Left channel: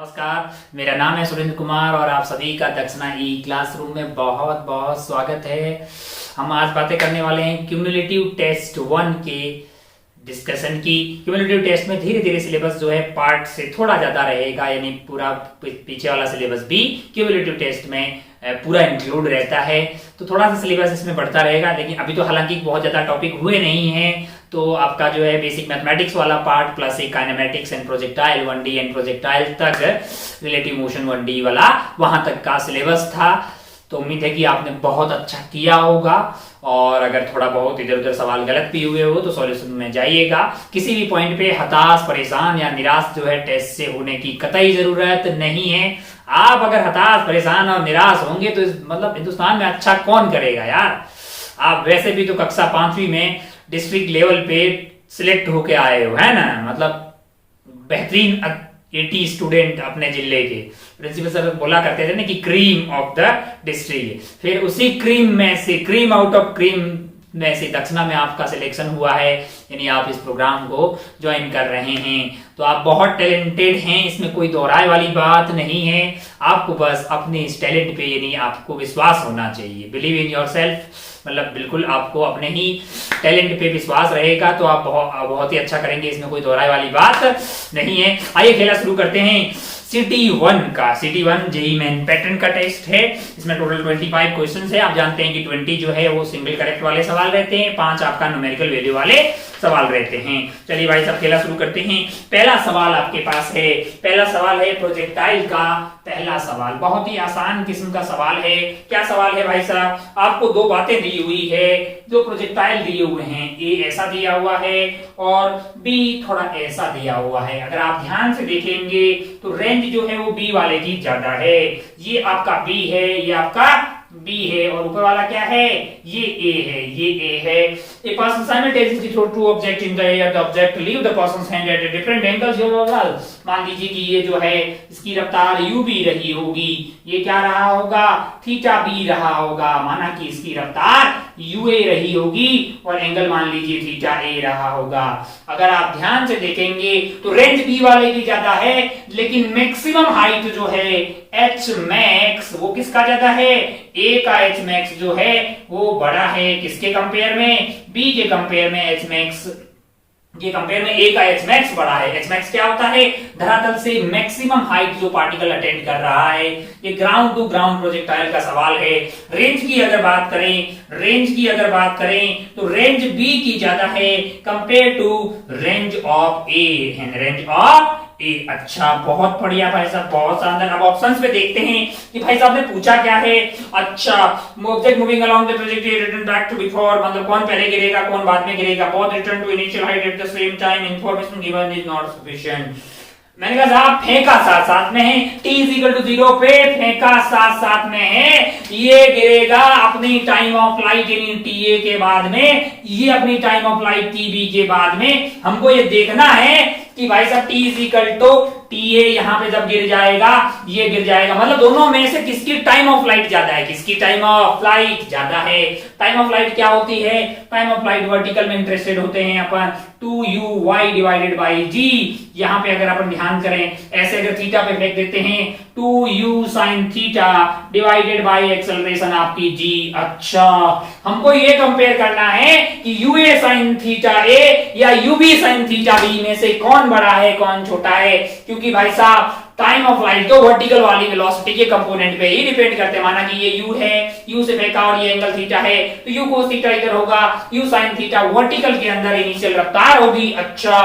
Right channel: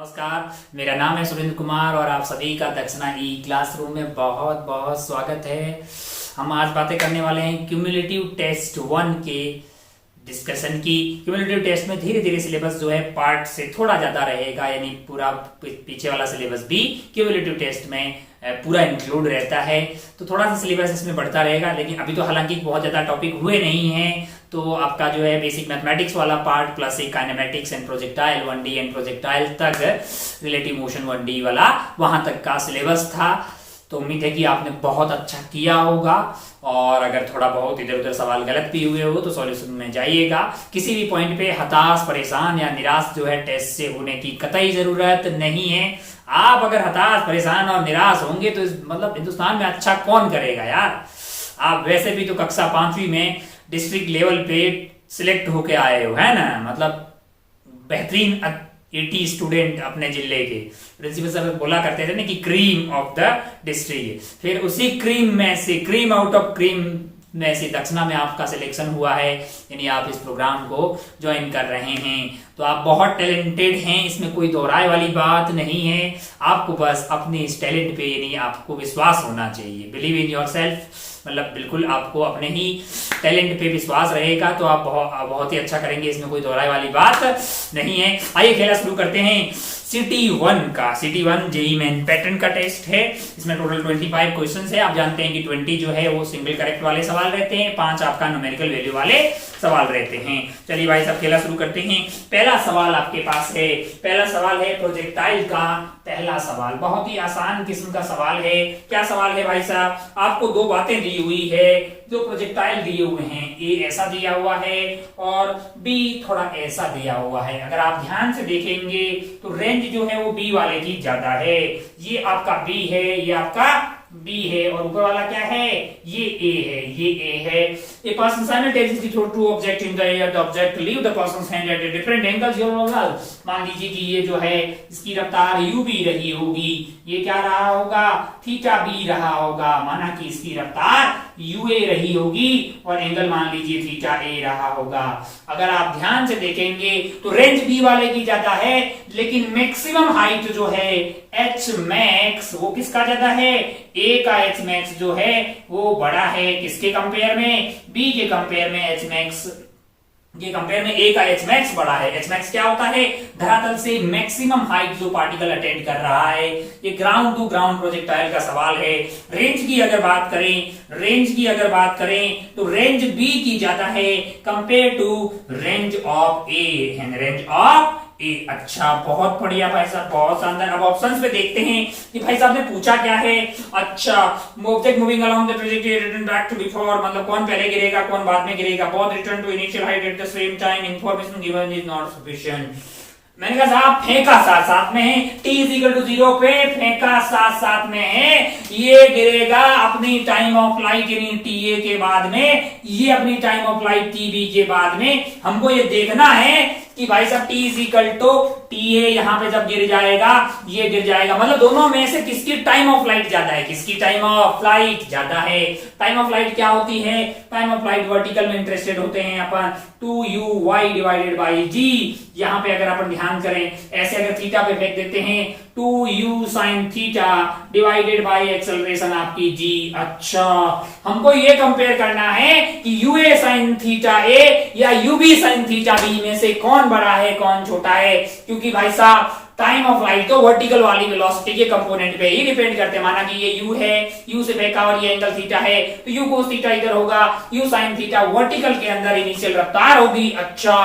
नमस्कार, मेरा नाम है सुरेंद्र कुमार और आप सभी का दक्षिणा ई क्लासरूम में बहुत बहुत स्वागत है। हम आज बातें करने वाले हैं क्यूमुलेटिव टेस्ट 1 के डिस्कशन की। क्यूमुलेटिव टेस्ट में धीरे धीरे सिलेबस जो है पार्ट से थोड़ा ज्यादा रहेगा, यानी पूरा पीछे वाला सिलेबस भी क्यूमुलेटिव टेस्ट में पूरा इंक्लूड रहता है, तो थोड़ा सा सिलेबस इसमें बढ़ता रहेगा। लेकिन अभी तो हालांकि बहुत ज्यादा टॉपिक हुए नहीं हैं, तो आपका जो है बेसिक मैथमेटिक्स वाला पार्ट प्लस एक kinematics and projectile 1D and projectile तक, रिलेटिव मोशन 1D वाला वहां तक का सिलेबस था। तो उम्मीद है कि आपने बहुत अच्छा किया होगा, और अगर थोड़ा बहुत इधर उधर सवाल गलत भी हुए हो तो सॉल्यूशन में जाइएगा। किसी भी पॉइंट पे हताश, परेशान या निराश जो है टेस्ट से होने की कतई जरूरत नहीं है। आप अगर हताश, परेशान और निराश होंगे तो मतलब हिंदुस्तान में अच्छा कौन करेगा यार। आप वैसे भी तो कक्षा 5वीं में डिस्ट्रिक्ट लेवल पे सिलेक्ट होके आए हो, है ना, मतलब बेहतरीन 80 स्टूडेंट अपने जिले के। प्रिंसिपल सर बोला करते थे ना कि क्रीम ऑफ द डिस्ट्रिक्ट, फिर उसी क्रीम में से, क्रीम आउट ऑफ क्रीम में से दक्षिणा में आपका सिलेक्शन हुआ है, यानी आप इस प्रोग्राम को ज्वाइन कर रहे हैं। तो आप बहुत टैलेंटेड हैं, इसमें कोई दोहराए वाली बात नहीं है। आपको बस अपने इस टैलेंट पे, यानी आपको विश्वास होना चाहिए, बिलीव इन योर सेल्फ। मतलब बिल्कुल आपको अपने ही टैलेंट पे विश्वास रहेगा तो आप बहुत ही अच्छा करेंगे, इसमें कोई दोहराए वाली बात नहीं है। आइए खेला शुरू करते हैं। सिटी 1 का, सिटी 1 जेईई मेन पैटर्न का टेस्ट है। इसमें टोटल 25 क्वेश्चन है। आप जानते हैं कि 20 जो है वो सिंगल करेक्ट वाले सवाल रहते हैं, 5 आपका न्यूमेरिकल वैल्यू वाले सवाल रहते हैं। चलिए भाई सब खेला शुरू करते हैं। पहला सवाल आपके पास है, पहला सवाल है प्रोजेक्टाइल का। पहला सवाल बहुत ही आसान किस्म का सवाल है। क्या सवाल है भाई साहब? आपको दो बातें दी हुई है, जो प्रोजेक्टाइल दिए हुए हैं, ए ऐसा दिया हुआ है और बी थोड़ा ऐसा दिया हुआ है। अगर आप ध्यान से देखेंगे तो रेंज जो है वो बी वाले की ज्यादा है। ये आपका बी है, ये आपका बी है, और ऊपर वाला क्या है? ये ए है, ये ए है। A person simultaneously throw two objects in the air. The object leave the person's hand at a different angles. मान लीजिए कि ये जो है इसकी रफ्तार u भी रही होगी, ये क्या रहा होगा? थीटा बी रहा होगा। माना कि इसकी रफ्तार ua रही होगी और एंगल मान लीजिए थीटा a रहा होगा। अगर आप ध्यान से देखेंगे तो रेंज बी वाले की ज्यादा है, लेकिन मैक्सिमम हाइट जो है h max वो किसका ज्यादा है? a का h max जो है वो बड़ा है। किसके कंपेयर में? b के कंपेयर में h max के कंपेयर में a का h max बड़ा है। h max क्या होता है? धरातल से मैक्सिमम हाइट जो पार्टिकल अटेंड कर रहा है। ये ग्राउंड टू ग्राउंड प्रोजेक्टाइल का सवाल है। रेंज की अगर बात करें, रेंज की अगर बात करें तो रेंज b की ज्यादा है compare to range of a, range of A. अच्छा, बहुत बढ़िया भाई साहब, बहुत शानदार। अब ऑप्शंस पे देखते हैं कि भाई साहब ने पूछा क्या है। अच्छा, object moving along the trajectory return back to before, मतलब कौन पहले गिरेगा कौन बाद में गिरेगा। Both return to initial height at the same time, information given is not sufficient. मैंने कहा साहब फेंका साथ साथ में है, t इक्वल टू 0 पे फेंका साथ साथ में है। ये गिरेगा अपनी टाइम ऑफ लाइट यानी TA के बाद में, ये अपनी टाइम ऑफ लाइट TB के बाद में। हमको ये देखना है कि भाई साहब t इक्वल टू TA यहाँ पे जब गिर जाएगा, ये गिर जाएगा, मतलब दोनों में से किसकी टाइम ऑफ लाइट ज्यादा है? किसकी टाइम ऑफ लाइट ज्यादा है? टाइम ऑफ लाइट क्या होती है? टाइम ऑफ लाइट वर्टिकल में इंटरेस्टेड होते हैं अपन, 2uy डिवाइडेड बाई g। यहाँ पे अगर अपन ध्यान करें, ऐसे अगर थीटा पे फेंक देते हैं 2u sine theta divided by acceleration आपकी g। अच्छा, हमको ये कंपेयर करना है कि ua साइन थीटा a या ub साइन थीटा b में से कौन बड़ा है कौन छोटा है। क्योंकि भाई साहब टाइम ऑफ लाइट तो वर्टिकल वाली वेलोसिटी के कंपोनेंट पे ही डिपेंड करते हैं। माना कि ये u है, u से फेंका और ये एंगल थीटा है, तो u cos थीटा इधर होगा, u sin थीटा वर्टिकल के अंदर इनिशियल रफ्तार होगी। अच्छा,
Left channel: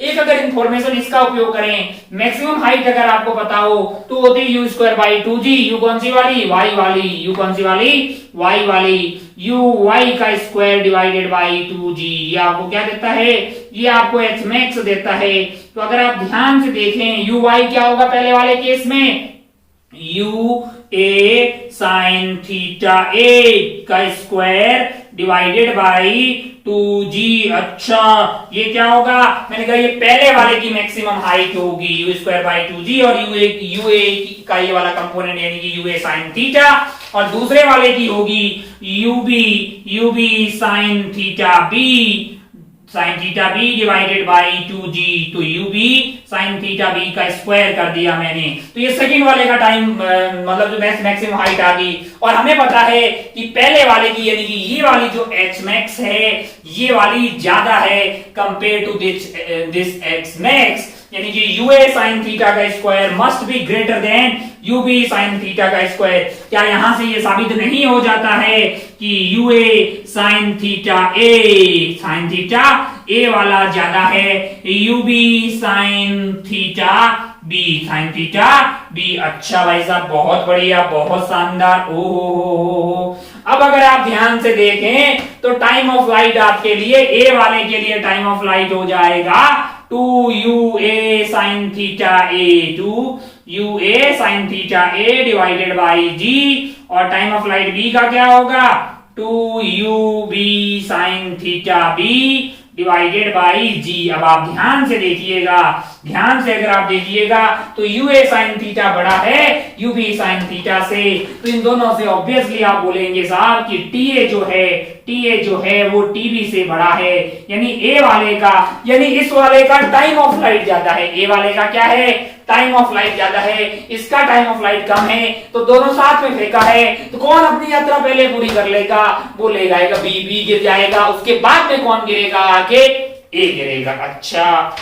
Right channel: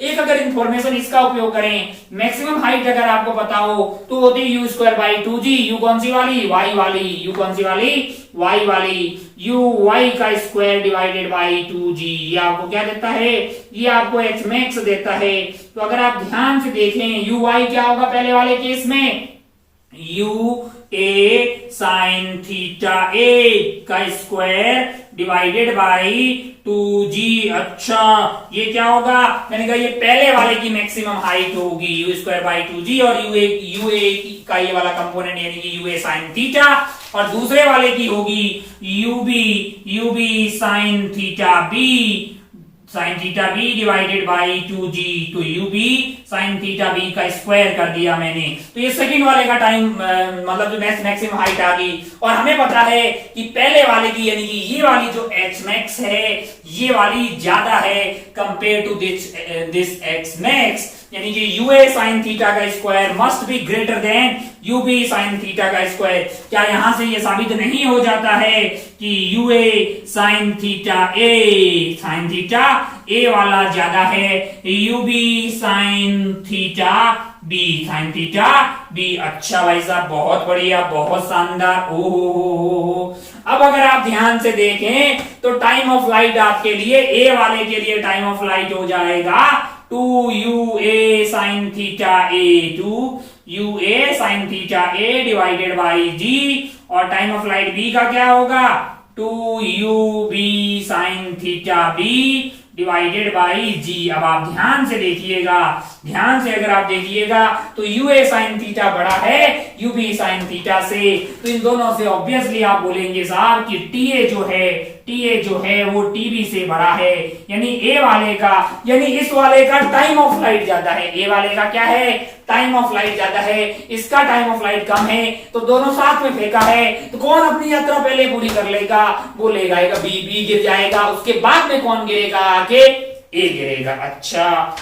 एक अगर इंफॉर्मेशन इसका उपयोग करें, मैक्सिमम हाइट अगर आपको पता हो तो होती है u²/2g। u कौन सी वाली? y वाली। u कौन सी वाली? y वाली। uy का स्क्वायर डिवाइडेड बाई 2g, ये आपको क्या देता है? ये आपको h max देता है। तो अगर आप ध्यान से देखें, uy क्या होगा पहले वाले केस में? ua साइन थीटा a का स्क्वायर डिवाइडेड बाई 2g। अच्छा, ये क्या होगा? मैंने कहा ये पहले वाले की मैक्सिमम हाइट होगी u²/2g, और ua का ये वाला कंपोनेंट यानी कि ua साइन थीटा, और दूसरे वाले की होगी ub sine theta b। Sine theta B divided by 2g, तो U B sine theta B का स्क्वायर कर दिया मैंने। तो ये सेकंड वाले का टाइम मतलब जो मैक्सिमम हाइट आ गई। और हमें पता है कि पहले वाले की यानी कि ये वाली जो एच मैक्स है ये वाली ज्यादा है compare to this X max, यानी कि यू ए साइन थीटा का square must be greater than U B sine theta का स्क्वायर। क्या यहां से ये साबित नहीं हो जाता है कि U A sine theta A वाला ज्यादा है U B sine theta B. अच्छा भाई साहब, बहुत बढ़िया, बहुत शानदार। ओहो। अब अगर आप ध्यान से देखें तो टाइम ऑफ लाइट आपके लिए ए वाले के लिए टाइम ऑफ लाइट हो जाएगा 2 sine theta A divided by G, और टाइम ऑफ लाइट बी का क्या होगा 2 sine theta B divided by G. अब आप ध्यान से देखिएगा, ध्यान से अगर आप देखिएगा तो यू ए साइन थीटा बड़ा है यू बी साइन थीटा से, तो इन दोनों से ऑब्वियसली आप बोलेंगे साहब कि टी ए जो है वो टीबी से बड़ा है, यानी ए वाले का, यानी इस वाले का टाइम ऑफ लाइट ज्यादा है। ए वाले का क्या है, टाइम ऑफ लाइट ज्यादा है, इसका टाइम ऑफ लाइट कम है, तो दोनों साथ में फेंका है, तो कौन अपनी यात्रा पहले पूरी कर लेगा, वो ले जाएगा बी गिर जाएगा, उसके बाद में कौन गिरेगा, आगे ए गिरेगा। अच्छा,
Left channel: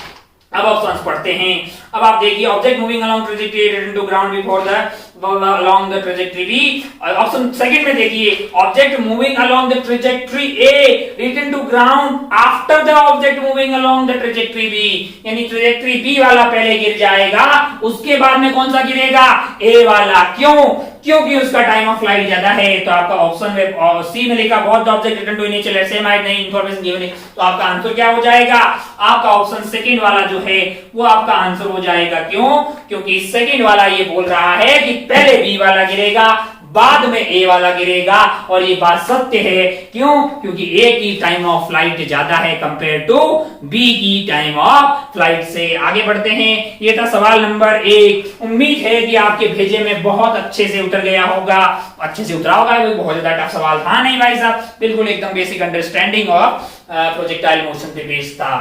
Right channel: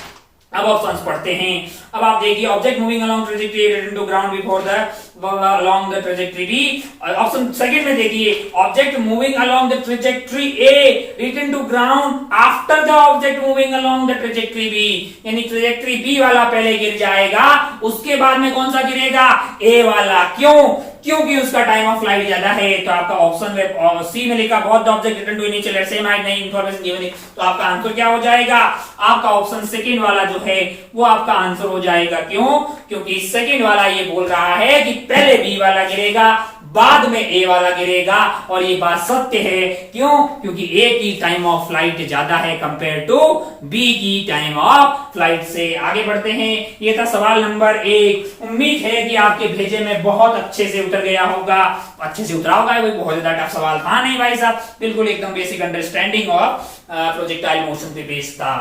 अब ऑप्शंस पढ़ते हैं। अब आप देखिए, object moving along trajectory return to ground before the along the trajectory B। Option second में देखिए, object moving along the trajectory A return to ground after the object moving along the trajectory B, यानी trajectory B वाला पहले गिर जाएगा, उसके बाद में कौन सा गिरेगा, A वाला। क्यों? क्योंकि उसका टाइम ऑफ फ्लाइट ज्यादा है। तो आपका ऑप्शन में सी में लिखा बहुत the object return to initial at same height, नहीं इंफॉर्मेशन गिवन है, तो आपका आंसर क्या हो जाएगा, आपका ऑप्शन सेकंड वाला जो है वो आपका आंसर हो जाएगा। क्यों? क्योंकि सेकंड वाला ये बोल रहा है कि पहले बी वाला गिरेगा बाद में ए वाला गिरेगा, और ये बात सत्य है। क्यों? क्योंकि ए की टाइम ऑफ फ्लाइट ज्यादा है कंपेयर टू बी की टाइम ऑफ फ्लाइट से। आगे बढ़ते हैं, ये था सवाल नंबर 1। उम्मीद है कि आपके भेजे में बहुत अच्छे से उतर गया होगा, अच्छे से उतरा होगा, कोई बहुत ज्यादा टफ सवाल था नहीं भाई साहब, बिल्कुल एकदम basic understanding of projectile motion पे बेस्ड था।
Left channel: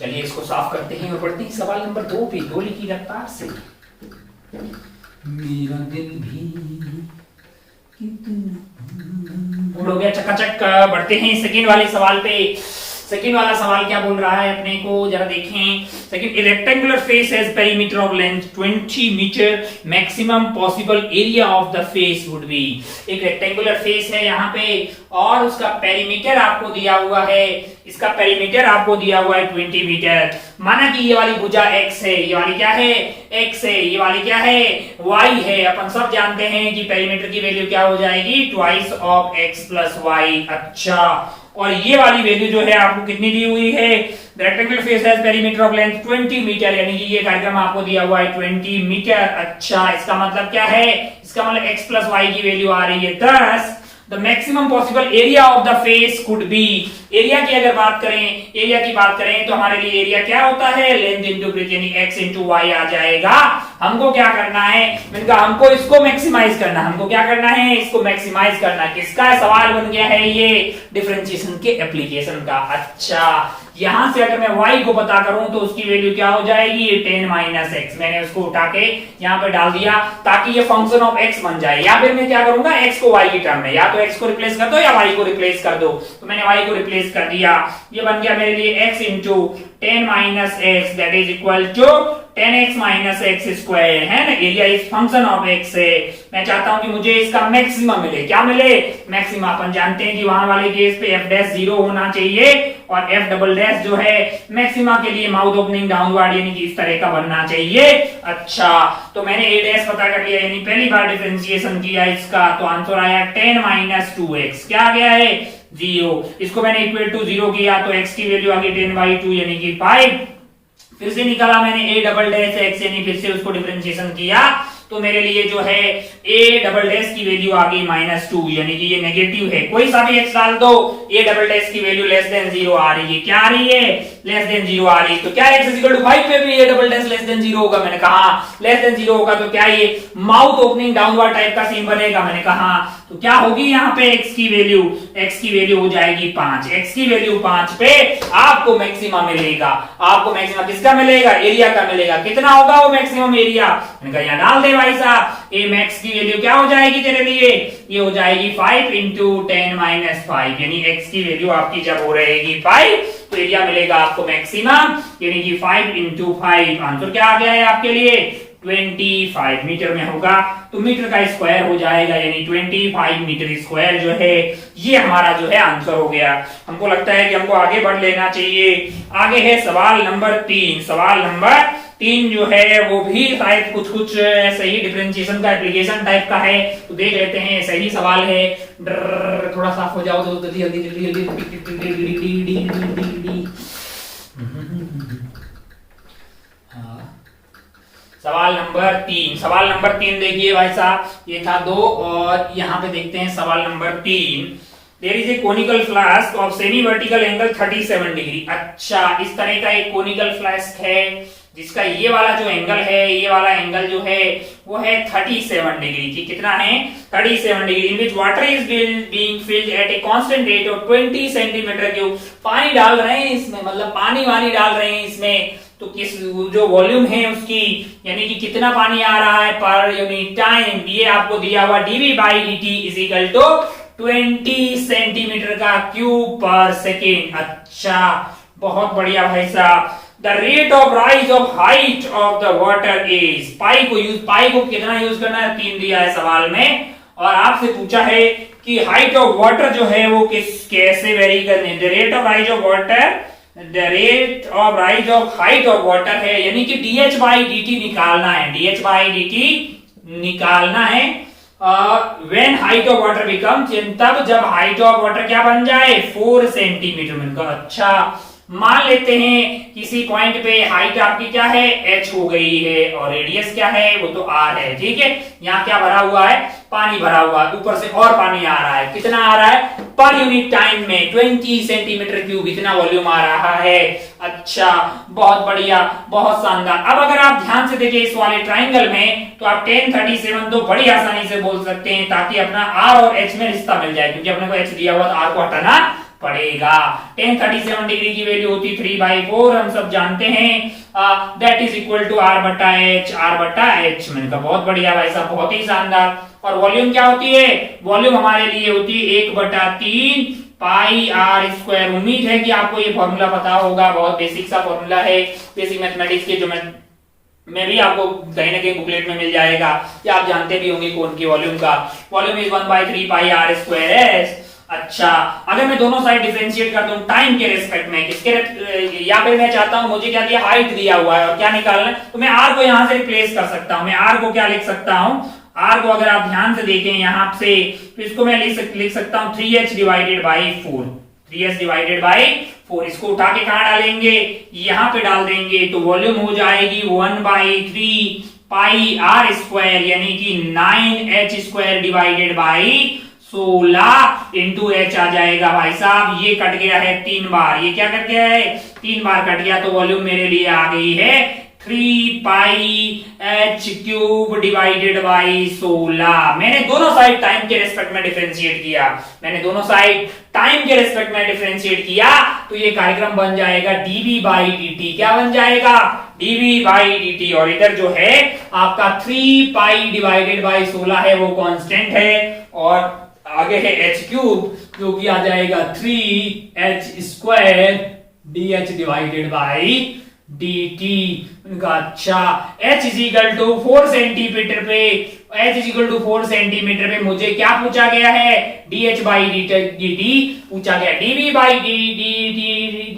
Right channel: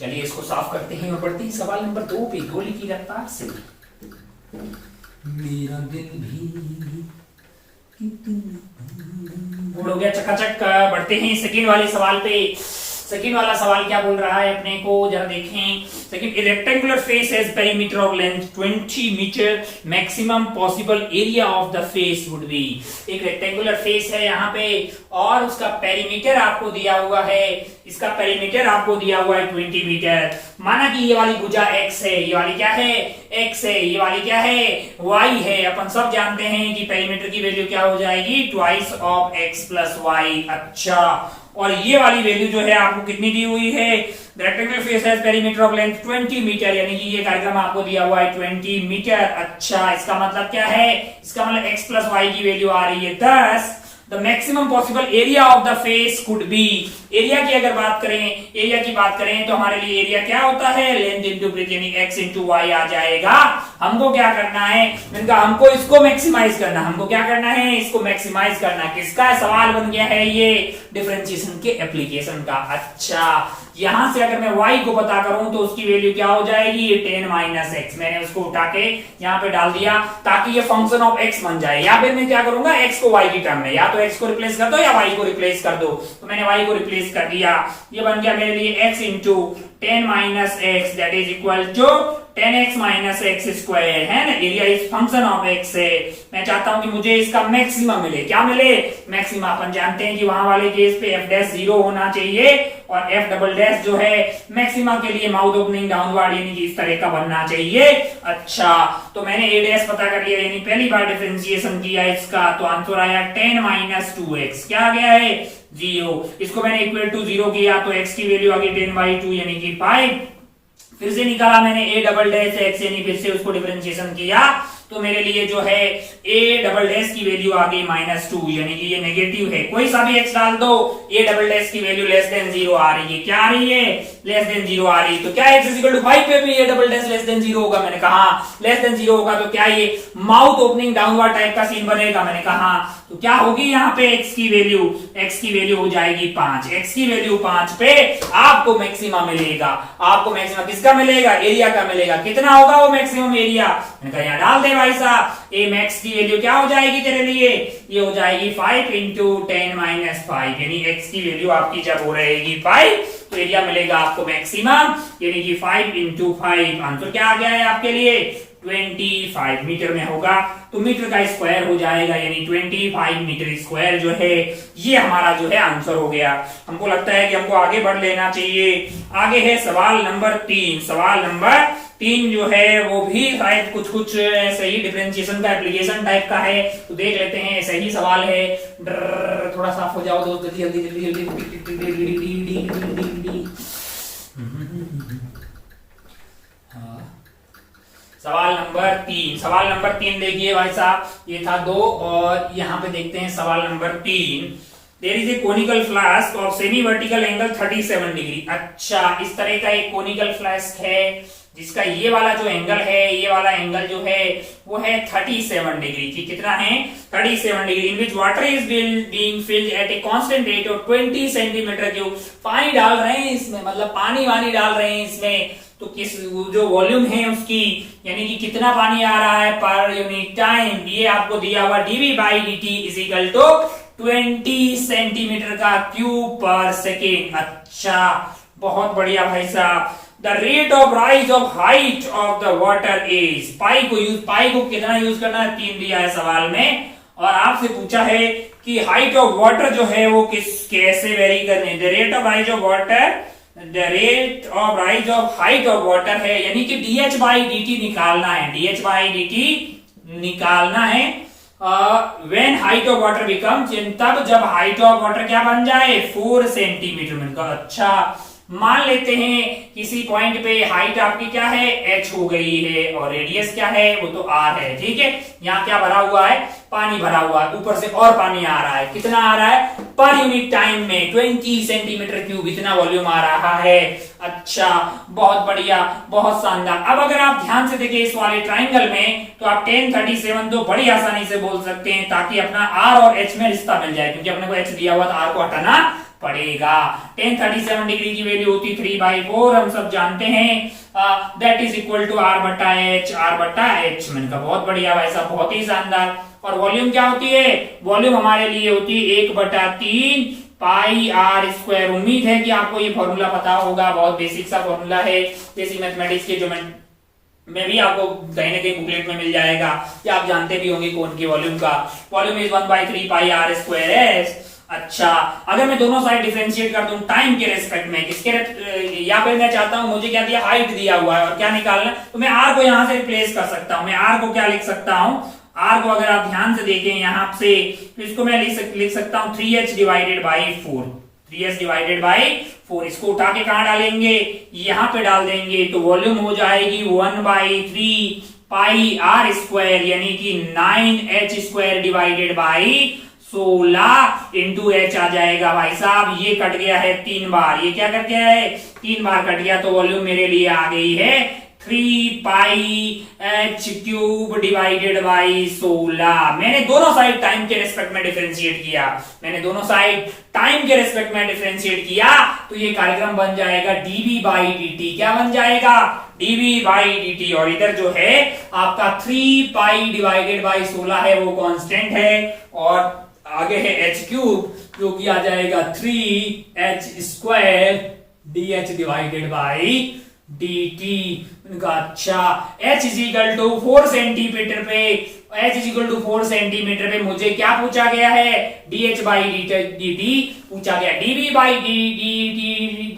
चलिए इसको साफ करते हैं और पढ़ते हैं सवाल नंबर 2 पे। गोली की रफ्तार से मेरा दिल भी हो गया चकाचक। बढ़ते हैं सेकंड वाले सवाल पे। सेकंड वाला सवाल क्या बोल रहा है अपने को जरा देखें। Second, rectangular face has perimeter of length 20 metre, maximum possible area of the face would be. एक रेक्टेंगुलर फेस है यहाँ पे और उसका पेरीमीटर आपको दिया हुआ है, इसका पेरीमीटर आपको दिया हुआ है 20 मीटर। माना कि ये वाली भुजा x है, ये वाली क्या है x है, ये वाली क्या है y है। अपन सब जानते हैं कि पेरीमीटर की वैल्यू क्या हो जाएगी, twice of x plus Y. अच्छा, और ये वाली वैल्यू जो है आपको कितनी दी हुई है, rectangular face has perimeter of length 20 metre, यानी कि ये कार्यक्रम आपको दिया हुआ है 20 मीटर। अच्छा, इसका मतलब क्या है, इसका मतलब x प्लस वाई की वैल्यू आ रही है 10। The maximum possible area of the face could be. Area की अगर बात करें, एरिया की बात करें तो हमारे लिए एरिया क्या होता है, लेंथ इंटू ब्रेथ, यानी x इंटू वाई आ जाएगा। हमको क्या करना है, मैंने कहा हमको इसको मैक्सिमाइज करना, हमको क्या करना है, इसको मैक्सिमाइज करना। किसका सवाल बन गया है ये, डिफरेंशिएशन के एप्लीकेशन का। अच्छा, यहां से अगर मैं y को पता करूं तो उसकी वैल्यू क्या हो जाएगी, 10 माइनस एक्स। मैंने उसको उठा के यहाँ पे डाल दिया ताकि ये फंक्शन ऑफ x बन जाए, या फिर मैं क्या करूंगा, x को y की टर्म में, या तो x को रिप्लेस कर दो या y को रिप्लेस कर दो। तो मैंने y को रिप्लेस कर दिया, ये बन गया मेरे लिए x into 10 minus X that is equal to 10x minus X square, है ना। Area is function of x है। मैं चाहता हूं कि मुझे इसका मैक्सिमम मिले। क्या मिले, मैक्सिमम। अपन जानते हैं कि वहां वाले केस पे f डैश 0 होना चाहिए और f डबल डैश जो है मैक्सिमा के लिए माउथ ओपनिंग डाउनवर्ड, यानी कि इस तरह का बनना चाहिए। अच्छा, तो मैंने a डैश पता कर लिया, यानी पहली बार डिफरेंशिएशन किया इसका, तो आंसर आया 10 माइनस 2x। क्या आ गया है, 0। इसको मैंने इक्वल टू 0 किया तो x की वैल्यू आ गई 10/2 यानी कि 5। फिर से निकाला मैंने a डबल डैश x, यानी फिर से उसको डिफरेंशिएशन किया तो मेरे लिए जो है a डबल डैश की वैल्यू आ गई -2, यानी कि ये नेगेटिव है। कोई सा भी x डाल दो, a डबल डैश की वैल्यू लेस देन 0 आ रही है। क्या आ रही है, लेस देन 0 आ रही है। तो क्या x इज इक्वल टू 5 पे भी a double dash less than 0 होगा, मैंने कहा लेस देन 0 होगा तो क्या ये माउथ ओपनिंग डाउनवर्ड टाइप का सीन बनेगा, मैंने कहा तो क्या होगी यहाँ पे x की वैल्यू हो जाएगी 5। x की वैल्यू 5 पे आपको मैक्सिमम मिलेगा। आपको मैक्सिमम किसका मिलेगा? एरिया का मिलेगा। कितना होगा वो मैक्सिमम एरिया? मैंने कहा यहाँ डाल दे भाई साहब। ए मैक्स की वैल्यू क्या हो जाएगी तेरे लिए? ये हो जाएगी 5 इंटू 10-5, यानी x की वैल्यू आपकी जब हो रहेगी 5 तो एरिया मिलेगा आपको मैक्सिमम, यानी कि 5 इंटू 5। आंसर क्या आ गया है आपके लिए? 25 मीटर में होगा, तो मीटर का स्क्वायर हो जाएगा, यानी 25 मीटर स्क्वायर जो है ये हमारा जो है आंसर हो गया। हमको लगता है कि हमको आगे बढ़ लेना चाहिए। आगे है सवाल नंबर 3। सवाल नंबर 3 जो है वो भी शायद कुछ सही डिफरेंशिएशन का एप्लीकेशन टाइप का है, तो देख लेते हैं। सही सवाल है। थोड़ा साफ हो जाओ तो जल्दी सवाल नंबर 3। सवाल नंबर 3 देखिए भाई साहब, ये था 2 और यहाँ पे देखते हैं सवाल number 3। There is a conical flask of semi vertical angle 37 degree. अच्छा, इस तरह का एक कोनिकल फ्लास्क है जिसका ये वाला जो एंगल है, ये वाला एंगल जो है वो है 37 डिग्री की। कितना है? 37 degree. In which water is being filled at a constant rate of 20 centimetre cube. पानी डाल रहे हैं इसमें, मतलब पानी डाल रहे हैं इसमें, तो किस जो वॉल्यूम है उसकी, यानी कि कितना पानी आ रहा है पर यूनिट टाइम, ये आपको दिया हुआ dv by dt is equal to 20 centimetre का क्यूब पर सेकेंड। अच्छा, बहुत बढ़िया भाई साहब। The rate of rise of height of the water is. Pi को कितना यूज करना है? 3 दिया है सवाल में, और आपसे पूछा है कि हाइट ऑफ वाटर जो है वो कैसे वेरी करने। The rate of rise of water, the rate of rise of height of water है, यानी कि dh बाई dt निकालना है। dh बाई dt निकालना है। When height of water becomes, तब जब हाइट ऑफ वाटर क्या बन जाए? 4 सेंटीमीटर में। अच्छा, मान लेते हैं किसी पॉइंट पे हाइट आपकी क्या है? h हो गई है, और रेडियस क्या है? वो तो r है। ठीक है, यहाँ क्या भरा हुआ है? पानी भरा हुआ है, ऊपर से और पानी आ रहा है। कितना आ रहा है? पर यूनिट टाइम में 20 सेंटीमीटर क्यूब इतना वॉल्यूम आ रहा है। अच्छा, बहुत बढ़िया, बहुत शानदार। अब अगर आप ध्यान से देखें इस वाले ट्राइंगल में, तो आप 1037 तो बड़ी आसानी से बोल सकते हैं, ताकि अपना r और h में रिश्ता मिल जाए, क्योंकि अपने को h दिया हुआ तो r को हटाना पड़ेगा। 1037 डिग्री की वैल्यू होती 3/4, हम सब जानते हैं। That is equal to r बटा h। मैंने कहा बहुत बढ़िया भाई साहब, बहुत ही शानदार। और वॉल्यूम क्या होती है? वॉल्यूम हमारे लिए होती है 1/3 पाई r स्क्वायर। उम्मीद है कि आपको ये फॉर्मूला पता होगा, बहुत बेसिक सा फॉर्मूला है बेसिक मैथमेटिक्स के, जो मैं भी आपको कहीं ना कहीं बुकलेट में मिल जाएगा, या आप जानते भी होंगे कौन की वॉल्यूम का। Volume is 1/3 pi r square S. अच्छा, अगर मैं दोनों साइड डिफरेंशिएट कर दूं टाइम के रेस्पेक्ट में, किसके या फिर मैं चाहता हूं, मुझे क्या दिया? हाइट दिया हुआ है और क्या निकालना है, तो मैं r को यहां से रिप्लेस कर सकता हूं। मैं r को क्या लिख सकता हूं? r को अगर आप ध्यान से देखें यहां से, तो इसको मैं लिख सकता हूं 3h divided by 4। 3h divided by 4। इसको उठा के कहां डालेंगे? यहां पे डाल देंगे, तो वॉल्यूम हो जाएगी 1/3 पाई r स्क्वायर, यानी कि 9h square divided by 16 into h आ जाएगा भाई साहब। ये कट गया है 3 बार, ये क्या कट गया है? 3 बार कट गया, तो वॉल्यूम मेरे लिए आ गई है 3 पाई h क्यूब डिवाइडेड बाई 16। मैंने दोनों साइड टाइम के रेस्पेक्ट में डिफरेंशिएट किया, तो ये कार्यक्रम बन जाएगा dv बाई dt। क्या बन जाएगा? dv by dt। और इधर जो है आपका 3 पाई डिवाइडेड बाई 16 है, वो कांस्टेंट है, और आगे है h क्यूब, जो कि आ जाएगा 3h square dh divided by dt। अच्छा, h is equal to 4 centimetre पे, मुझे क्या पूछा गया है? dh बाई dt पूछा गया। dv बाई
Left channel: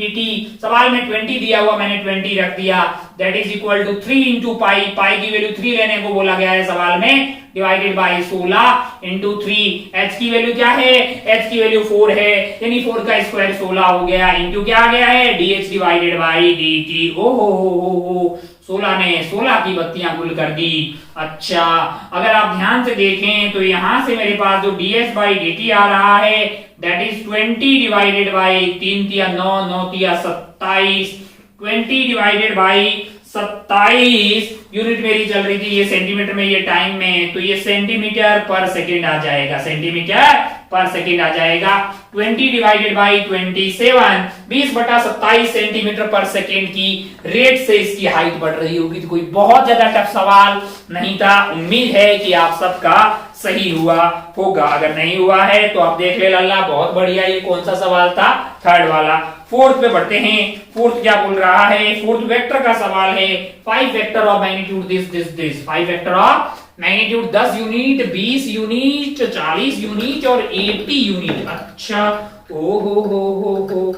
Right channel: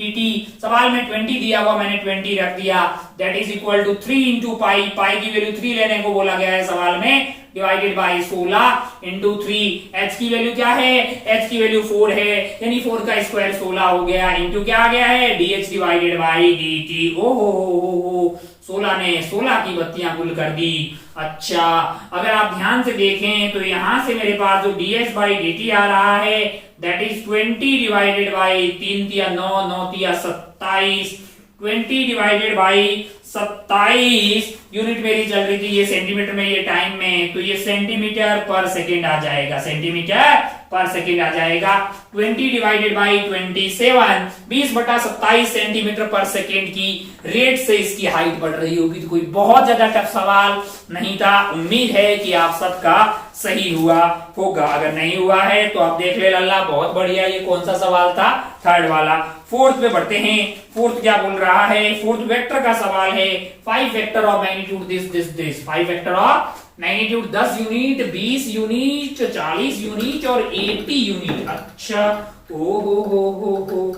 dt सवाल में 20 दिया हुआ, मैंने 20 रख दिया। That is equal to 3 into pi की वैल्यू 3 लेने को बोला गया है सवाल में, डिवाइडेड बाई 16 इंटू 3। h की वैल्यू क्या है? h की वैल्यू 4 है, यानी 4 का स्क्वायर 16 हो गया, इंटू क्या आ गया है? dh divided by dt। ओहो, 16 ने 16 की बत्तियां गुल कर दी। अच्छा, अगर आप ध्यान से देखें तो यहां से मेरे पास जो dh बाई dt आ रहा है, दैट इज 20 डिवाइडेड बाई 3 तिया 9, 9 तिया 27, 20 डिवाइडेड बाई 27 यूनिट मेरी चल रही थी, ये सेंटीमीटर में, ये टाइम में, तो ये सेंटीमीटर पर सेकेंड आ जाएगा, सेंटीमीटर पर सेकेंड आ जाएगा। 20 डिवाइडेड बाई 27, 20/27 सेंटीमीटर पर सेकेंड की रेट से इसकी हाइट बढ़ रही होगी। तो कोई बहुत ज्यादा टफ सवाल नहीं था। उम्मीद है कि आप सबका सही हुआ होगा। अगर नहीं हुआ है तो आप देख ले लल्ला, बहुत बढ़िया। ये कौन सा सवाल था? थर्ड वाला। फोर्थ पे बढ़ते हैं। फोर्थ क्या बोल रहा है? फोर्थ वेक्टर का सवाल है। 5 vector of magnitude this 5 vector of magnitude 10 unit, 20 unit, 40 unit और 80 यूनिट। अच्छा, ओ हो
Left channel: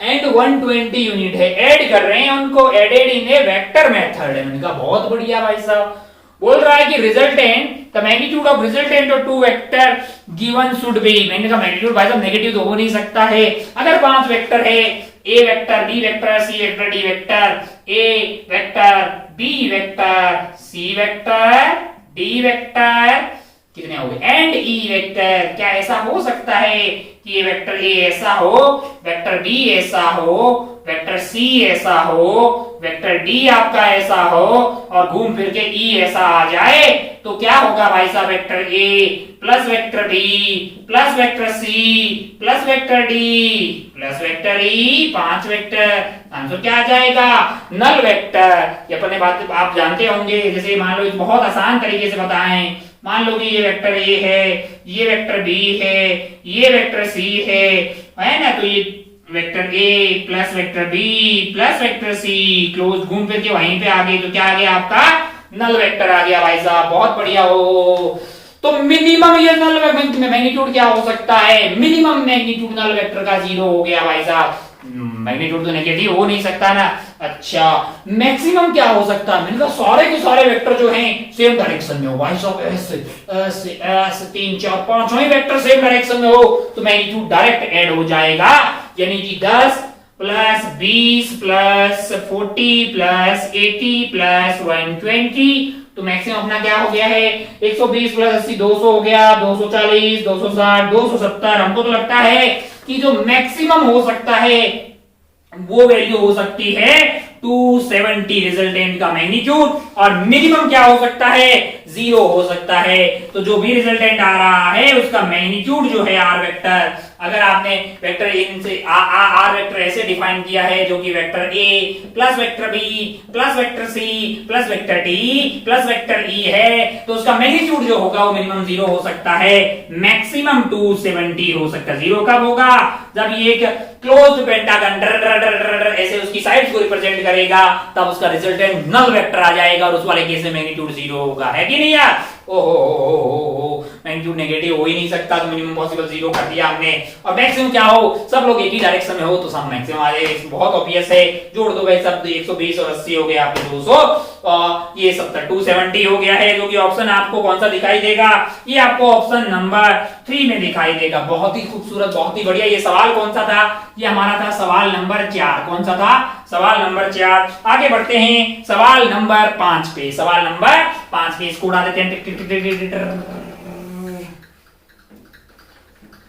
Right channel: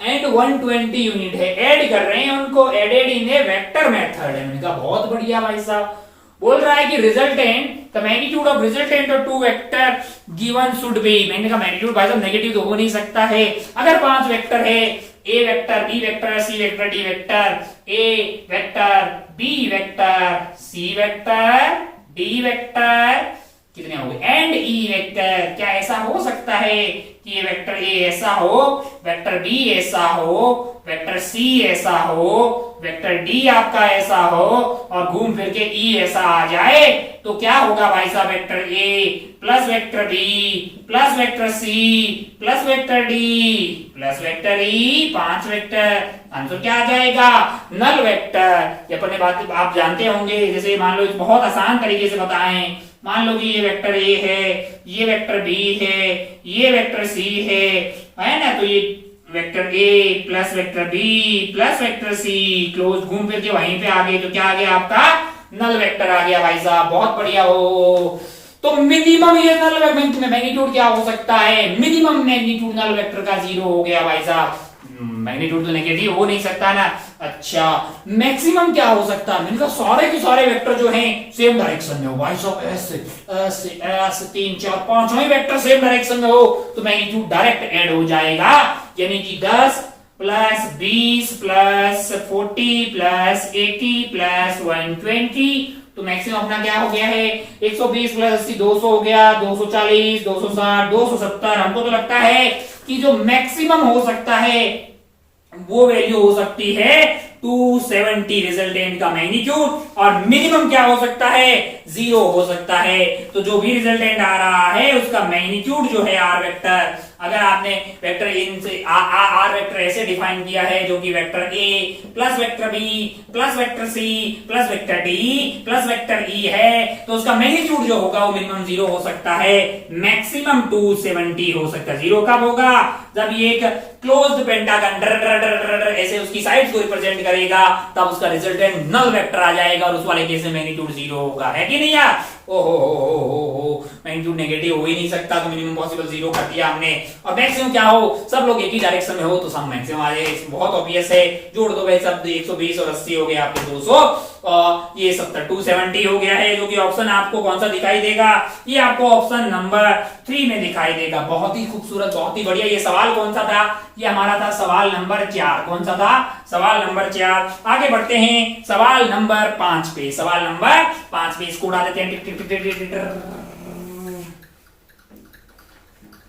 एंड 120 यूनिट है। ऐड कर रहे हैं उनको, added in a vector method है। मैंने कहा बहुत बढ़िया भाई साहब। बोल रहा है कि resultant the magnitude of resultant of two vector given should be. मैंने कहा मैग्नीट्यूड भाई साहब नेगेटिव तो हो नहीं सकता है। अगर 5 वेक्टर है, ए vector, B vector, C vector, D vector, ए vector, B vector, C vector, D vector, कितने हो गए? And E vector. क्या ऐसा हो सकता है कि ये वेक्टर ए ऐसा हो, वेक्टर बी ऐसा हो, वेक्टर सी ऐसा हो, वेक्टर डी आपका ऐसा हो और घूम फिर के ई ऐसा आ जाए? तो क्या होगा भाई साहब? Vector A plus vector B plus vector C plus vector D plus vector E, 5 vector. Answer क्या आ जाएगा? Null vector. ये अपने बात आप जानते होंगे। जैसे मान लो, बहुत आसान तरीके से बताएं। मान लो कि ये वेक्टर ए है, ये वेक्टर बी है, ये वेक्टर सी है ना? तो ये vector A plus vector B plus vector C close, घूम फिर के वहीं पे आ गई। तो क्या आ गया आपका? नल वेक्टर आ गया भाई साहब। बहुत बढ़िया हो। तो मिनिमम ये नल मैग्नीट्यूड क्या हो सकता है? मिनिमम मैग्नीट्यूड नल वेक्टर का 0 हो गया भाई साहब। मैग्नीट्यूड तो नेगेटिव हो नहीं सकता ना। अच्छा, मैक्सिमम क्या हो सकता है? मैंने कहा सारे के सारे वेक्टर जो हैं सेम डायरेक्शन में हो भाई साहब। ऐसे 3 4 5 वेक्टर सेम डायरेक्शन में हो तो मैग्नीट्यूड डायरेक्ट ऐड हो जाएगा। यानी कि 10 प्लस 20 प्लस 40 प्लस 80 प्लस 120। तो मैक्सिमम अपना क्या हो गया है? 120 प्लस 80 200 हो गया, 240 260 270। हमको तो लगता है कि जो मैक्सिमम हो सकता है वो वैल्यू हो सकती है 270 रिजल्टेंट का मैग्नीट्यूड। और मिनिमम क्या हो सकता है? 0 हो सकता है। तो जो भी रिजल्टेंट आ रहा है उसका मैग्नीट्यूड जो है आर वेक्टर, अगर आपने वेक्टर इन से आर वेक्टर ऐसे डिफाइन किया है, जो कि vector A plus vector B plus vector C plus vector D plus vector E है, तो उसका मैग्नीट्यूड जो होगा वो मिनिमम 0 हो सकता है, मैक्सिमम 270 हो सकता है। 0 कब होगा? जब ये एक क्लोज्ड पेंटागन ऐसे उसकी साइड्स को रिप्रेजेंट करेगा, तब उसका रिजल्टेंट नल वेक्टर आ जाएगा और उस वाले केस में मैग्नीट्यूड 0 होगा। है कि नहीं यार? ओहो, मैग्नीट्यूड नेगेटिव हो ही नहीं सकता, तो मिनिमम पॉसिबल 0 कर दिया हमने। और मैक्सिमम क्या हो? सब लोग एक ही डायरेक्शन में हो तो सब मैक्सिमम आ जाएगा। बहुत ऑब्वियस है। जोड़ दो भाई सब, 120 और 80 हो गया आपके 200 और ये 70 270 हो गया है, जो कि ऑप्शन आपको कौन सा दिखाई देगा? ये आपको ऑप्शन नंबर 3 में दिखाई देगा। बहुत ही खूबसूरत, बहुत ही बढ़िया। ये सवाल कौन सा था? ये हमारा था सवाल नंबर 4। कौन सा था? सवाल नंबर 4। आगे बढ़ते हैं सवाल नंबर 5 पे। सवाल नंबर 5 पे इसको उड़ा देते हैं।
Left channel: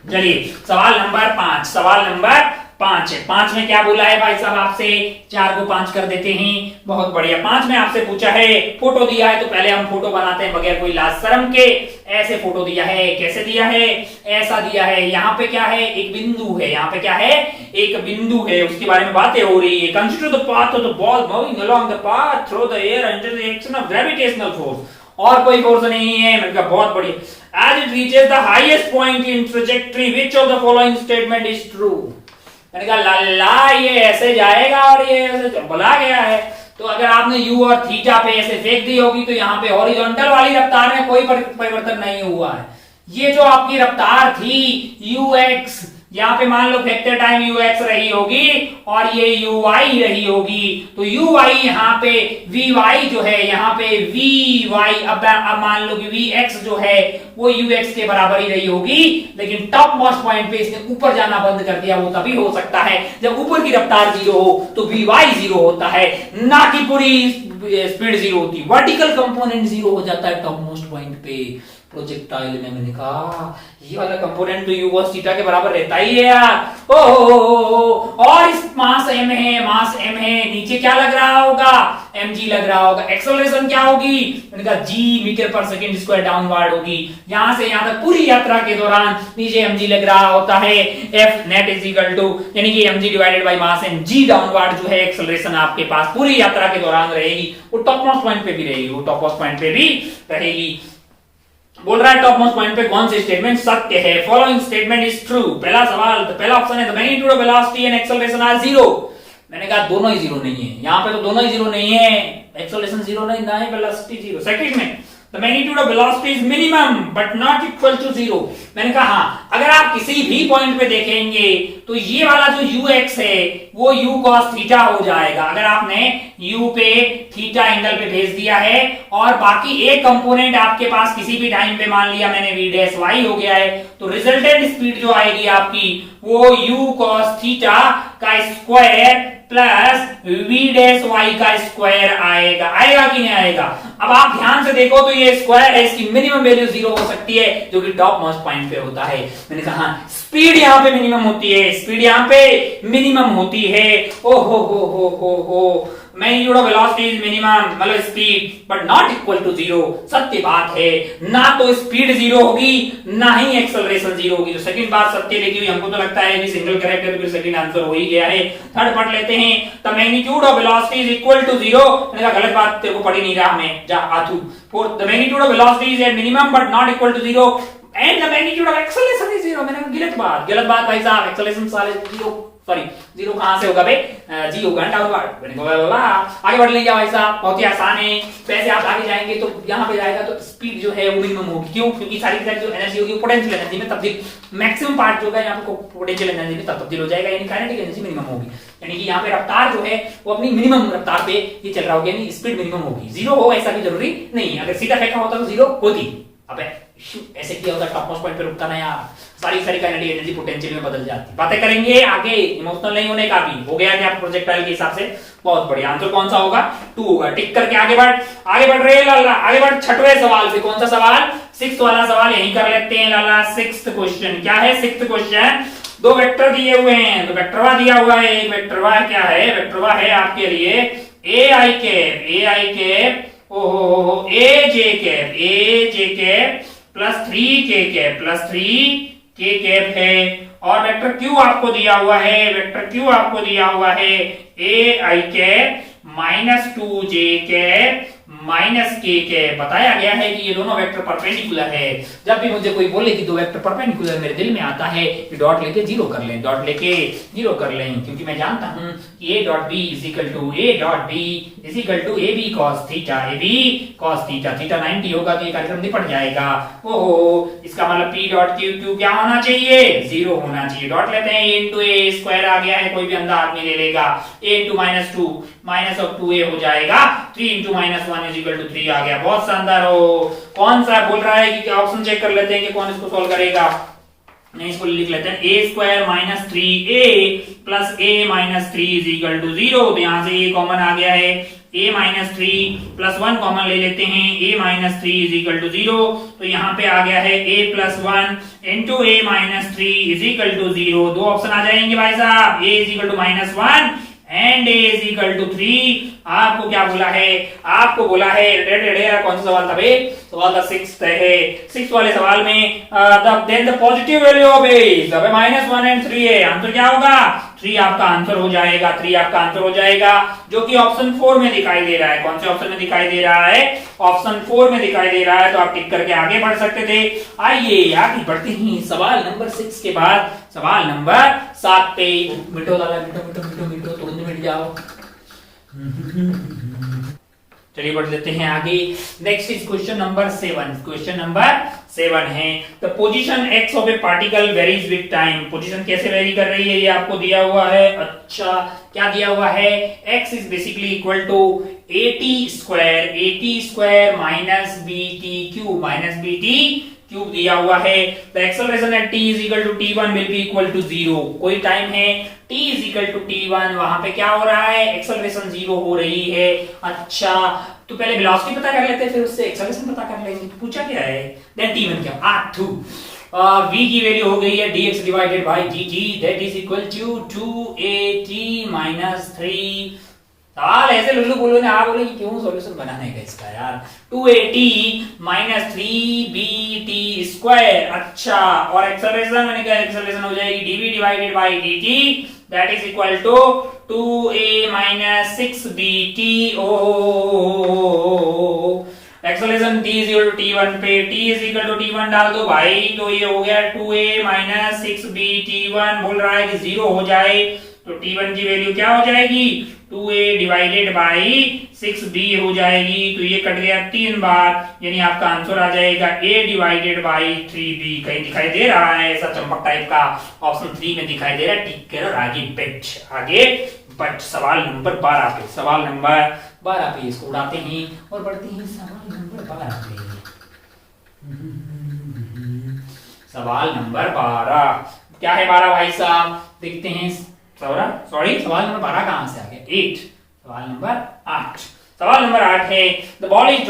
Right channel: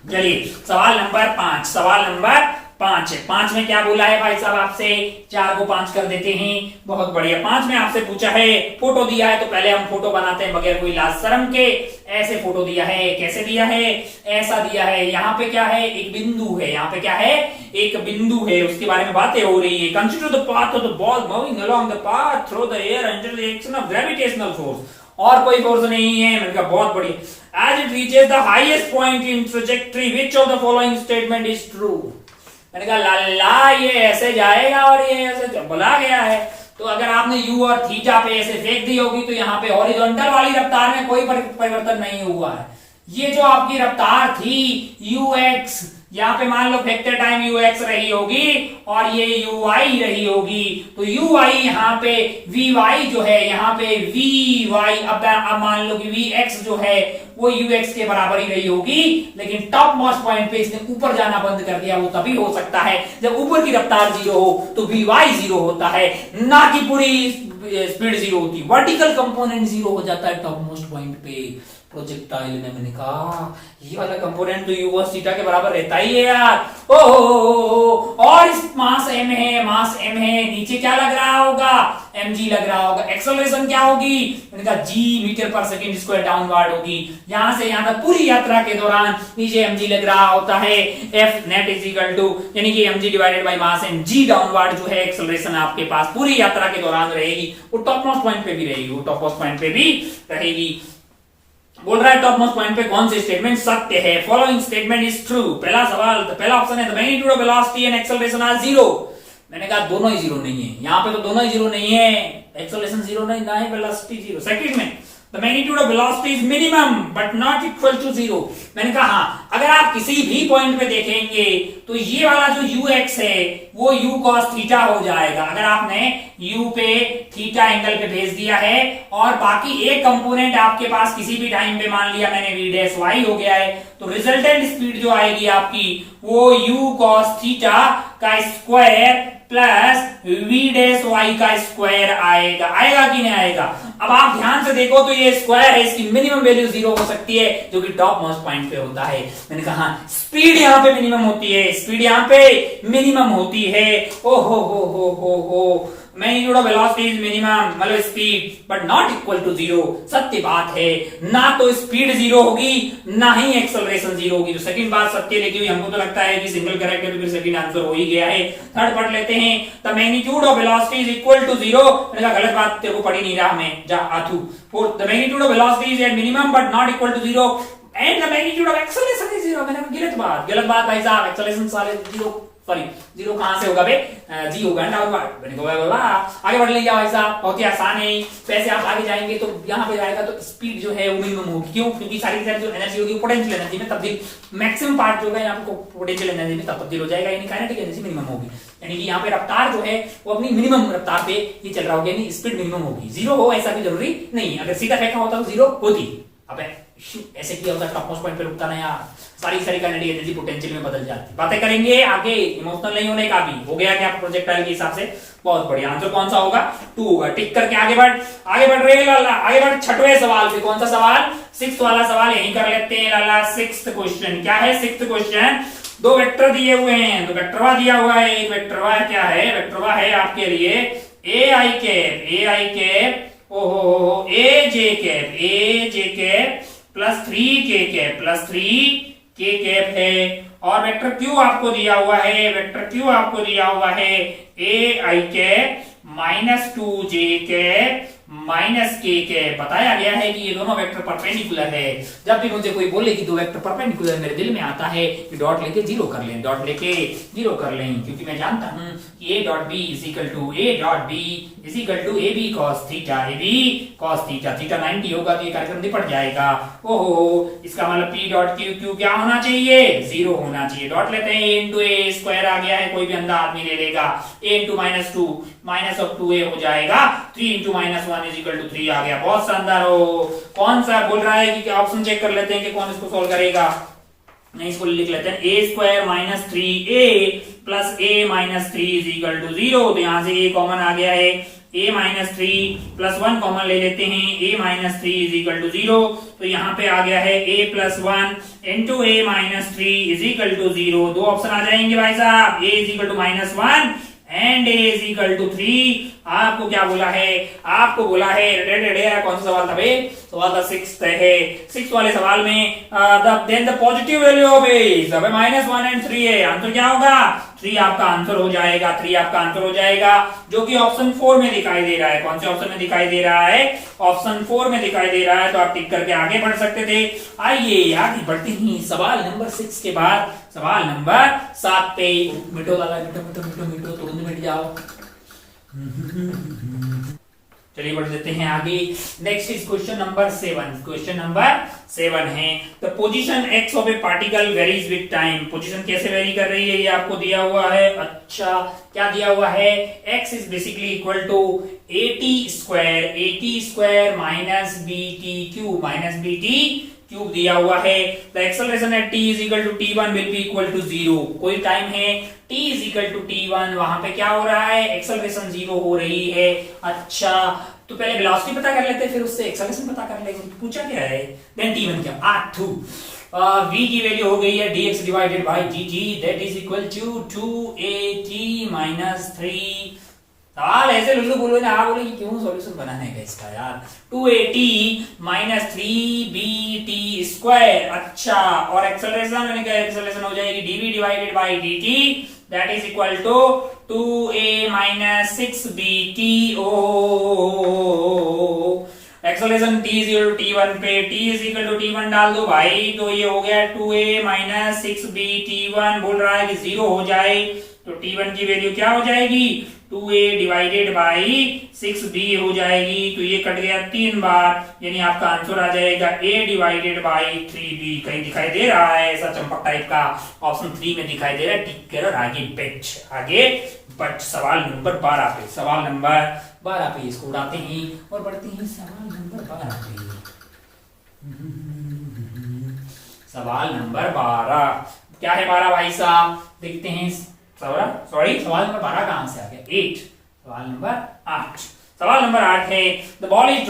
चलिए सवाल नंबर 5। सवाल नंबर 5 है। 5 में क्या बोला है भाई साहब आपसे? 4 को 5 कर देते हैं। बहुत बढ़िया। 5 में आपसे पूछा है, फोटो दिया है तो पहले हम फोटो बनाते हैं बगैर कोई लाज शर्म के। ऐसे फोटो दिया है। कैसे दिया है? ऐसा दिया है। यहाँ पे क्या है? एक बिंदु है। यहाँ पे क्या है? एक बिंदु है। उसके बारे में बातें हो रही है। Consider the path of the ball moving along the path through the air under the action of gravitational force. और कोई फोर्स नहीं है। मैंने कहा बहुत बढ़िया। As it reaches the highest point in trajectory which of the following statement is true? मैंने कहा लाला ये ऐसे जाएगा और ये ऐसे बोला गया है। तो अगर आपने u और थीटा पे ऐसे फेंक दी होगी तो यहाँ पे हॉरिजॉन्टल वाली रफ्तार में कोई परिवर्तन नहीं हुआ है। ये जो आपकी रफ्तार थी ux, यहाँ पे मान लो फेंकते टाइम ux रही होगी और ये uy रही होगी। तो uy यहाँ पे vy जो है, यहाँ पे vy, अब मान लो कि vx जो है वो ux के बराबर ही रही होगी। लेकिन टॉप मोस्ट पॉइंट पे इसने ऊपर जाना बंद कर दिया। वो तभी हो सकता है जब ऊपर की रफ्तार 0 हो तो vy 0 होता है, ना कि पूरी स्पीड 0 होती। वर्टिकल कंपोनेंट 0 हो जाता है टॉप मोस्ट पॉइंट पे। प्रोजेक्टाइल में मैंने कहा ये वाला कंपोनेंट तो u cos थीटा के बराबर रहता ही है यार। ओहो, और इस मास m है, मास m है। नीचे क्या लग रहा होगा? mg लग रहा होगा। एक्सेलरेशन क्या होगी? मैंने कहा g मीटर पर सेकंड स्क्वायर डाउनवर्ड होगी। यहां से यहां तक पूरी यात्रा के दौरान नीचे mg लग रहा होता है। f net is equal to यानी कि mg divided by mass and g downward जो है एक्सेलरेशन आपके पास पूरी यात्रा के दौरान रहेगी। वो टॉप मोस्ट पॉइंट पे भी रहेगी, वो टॉप मोस्ट पॉइंट पे भी रहेगी। बोल रहा है टॉप मोस्ट पॉइंट पे कौन सी स्टेटमेंट सत्य है? Following statement is true. पहला सवाल, पहला ऑप्शन है the magnitude of velocity and acceleration are zero. मैंने कहा दोनों ही जीरो नहीं है, यहां पे तो दोनों ही जीरो नहीं है, एक्सेलरेशन जीरो नहीं, ना ही वेलोसिटी जीरो। सेकंड में the magnitude of velocity is minimum but not equal to zero. मैंने कहा हाँ, अगर आप किसी भी पॉइंट पे देखेंगे तो ये वाला जो ux है वो u cos थीटा हो जाएगा। अगर आपने u पे थीटा एंगल पे भेज दिया है और बाकी एक कंपोनेंट आपके पास किसी भी टाइम पे मान लिया मैंने v डैश y हो गया है, तो रिजल्टेंट स्पीड जो आएगी आपकी वो u cos थीटा का square plus v dash y का स्क्वायर आएगा। आएगा कि नहीं आएगा? अब आप ध्यान से देखो तो ये स्क्वायर है, इसकी मिनिमम वैल्यू जीरो हो सकती है जो कि टॉप मोस्ट पॉइंट पे होता है। मैंने कहा स्पीड यहां पे मिनिमम होती है, स्पीड यहां पे मिनिमम होती है। ओ हो magnitude of velocity is minimum मतलब speed but not equal to zero. सत्य बात है, ना तो स्पीड जीरो होगी ना ही एक्सेलरेशन जीरो होगी। तो सेकंड बात सत्य लिखी हुई, हमको तो लगता है कि सिंगल करेक्ट है तो फिर सेकंड आंसर हो ही गया है। थर्ड पार्ट लेते हैं, the magnitude of velocity is equal to zero. मैंने कहा गलत बात, तेरे को पढ़ी नहीं रहा मैं, जा आतू। Fourth, the magnitude of velocity is at minimum but not equal to zero and the magnitude of acceleration is zero. मैंने कहा गलत बात भाई साहब, एक्सेलरेशन सारे जीरो, सॉरी जीरो कहां से होगा बे, जी होगा डाउनवर्ड। मैंने कहा बोला आगे बढ़ लेंगे भाई साहब, बहुत ही आसान है। वैसे आप आगे जाएंगे तो यहां पे जाएगा तो स्पीड जो है वो मिनिमम होगी। क्यों? क्योंकि सारी जो एनर्जी होगी पोटेंशियल एनर्जी में तब्दील, मैक्सिमम पार्ट जो है यहाँ पे पोटेंशियल एनर्जी में तब्दील हो जाएगा, यानी काइनेटिक एनर्जी मिनिमम होगी। यानी कि यहाँ पे रफ्तार जो है वो अपनी मिनिमम रफ्तार पे ही चल रहा होगा, यानी स्पीड मिनिमम होगी। जीरो हो ऐसा भी जरूरी नहीं, अगर सीधा फेंका होता तो जीरो होती। अब ऐसे किया होता टॉप मोस्ट पॉइंट पे रुकता ना यार, सारी काइनेटिक एनर्जी पोटेंशियल में बदल जाती। बातें करेंगे आगे, इमोशनल नहीं होने का भी हो गया क्या प्रोजेक्टाइल के हिसाब से? बहुत बढ़िया। आंसर कौन सा होगा? 2 होगा। टिक करके आगे बढ़ रहे लाला, आगे बढ़ छठवें सवाल पे। कौन सा सवाल? 6th वाला सवाल यही कर लेते हैं लाला। 6th क्वेश्चन क्या है? 6th क्वेश्चन, दो वेक्टर दिए हुए हैं, तो वेक्टरवा दिया हुआ है। एक वेक्टरवा क्या है? वेक्टरवा है आपके लिए ए आई कैप ओहो ए जे कैप प्लस 3 कैप है। और वेक्टर क्यू आपको दिया हुआ है, ए आई कैप माइनस 2 जे कैप माइनस के कैप। बताया गया है कि ये दोनों वेक्टर परपेंडिकुलर है। जब भी मुझे कोई बोले कि दो वेक्टर परपेंडिकुलर, मेरे दिल में आता है कि डॉट लेके जीरो कर लें, क्योंकि मैं जानता हूं कि A dot B is equal to A B cos theta, theta 90 होगा तो ये कार्यक्रम निपट जाएगा। ओहो, इसका मतलब पी डॉट क्यू क्या होना चाहिए? जीरो होना चाहिए। डॉट लेते हैं, ए इंटू ए स्क्वायर आ गया है, कोई भी अंधा आदमी ले लेगा। A into minus 2 minus of 2a हो जाएगा। 3 into minus 1 is equal to 3 आ गया। बहुत शानदार हो। कौन सा बोल रहा है कि ऑप्शन चेक कर लेते हैं कि कौन इसको सॉल्व करेगा। नहीं, इसको लिख लेते हैं, A square minus 3a plus a minus 3 is equal to 0। तो यहां से a कॉमन आ गया है, a माइनस 3 प्लस 1 कॉमन ले लेते हैं, a minus 3 is equal to 0। तो यहाँ पे आ गया है a plus 1 into a minus 3 is equal to 0। दो ऑप्शन आ जाएंगे भाई साहब, a is equal to minus 1 and a is equal to 3। आपको क्या बोला है? आपको बोला है कौन सा सवाल था भाई? सवाल था 6th है। 6th वाले सवाल में then the positive value of a is minus 1 and 3 है। आंसर क्या होगा? 3 आपका आंसर हो जाएगा, जो कि ऑप्शन 4 में दिखाई दे रहा है। कौन से ऑप्शन में दिखाई दे रहा है? ऑप्शन 4 में दिखाई दे रहा है। तो आप टिक करके आगे बढ़ सकते थे। आइए आगे बढ़ते ही सवाल नंबर 6 के बाद सवाल नंबर 7 पे। मिटो लाला, मिटो तुरंत मिट जाओ। चलिए बढ़ देते हैं आगे। नेक्स्ट इज क्वेश्चन नंबर 7 है the position x of A particle varies with time. Position कैसे वेरी कर रही है ये आपको दिया हुआ है। अच्छा, क्या दिया हुआ है? x is basically equal to at square minus bt cube दिया हुआ है। The acceleration at t is equal to t1 will be equal to 0। कोई टाइम है t is equal to t1, वहां पे क्या हो रहा है? एक्सेलरेशन 0 हो रही है। अच्छा, तो पहले वेलोसिटी पता कर लेते हैं, फिर उससे एक्सेलरेशन पता कर लेंगे। पूछा क्या है? देन t1 क्या? v की वैल्यू हो गई है dx divided by dt, that is equal to 2at minus 3 सवाल ऐसे लुल्लू बोलो ना, आप बोले कि क्यों सॉल्यूशन बनाने का इसका यार। 2at minus 3bt²। अच्छा, और एक्सेलरेशन मैंने कहा एक्सेलरेशन हो जाएगी dv divided by dt, that is equal to 2a minus 6bt। Acceleration t is equal to t1 पे, t is equal to t1 डाल दो भाई, तो ये हो गया 2a माइनस 6bt1। बोल रहा है कि 0 हो जाए, तो t1 की वैल्यू क्या हो जाएगी, 2a डिवाइडेड बाई 6b हो जाएगी। तो ये कट गया 3 बार, यानी आपका आंसर आ जाएगा a डिवाइडेड बाई 3b। कहीं दिखाई दे रहा है ऐसा चंपक टाइप का, ऑप्शन 3 में दिखाई दे रहा है। टिक करो, आगे बच सवाल नंबर 12 पे। सवाल नंबर 12 पे इसको उड़ाते हैं और बढ़ते हैं सवाल नंबर 12 पे। सवाल नंबर 12 क्या है? 12 भाई साहब देखते हैं। सॉरी, सवाल नंबर 12 कहां से आ गया? 8। सवाल नंबर 8। सवाल नंबर 8 है, the ball is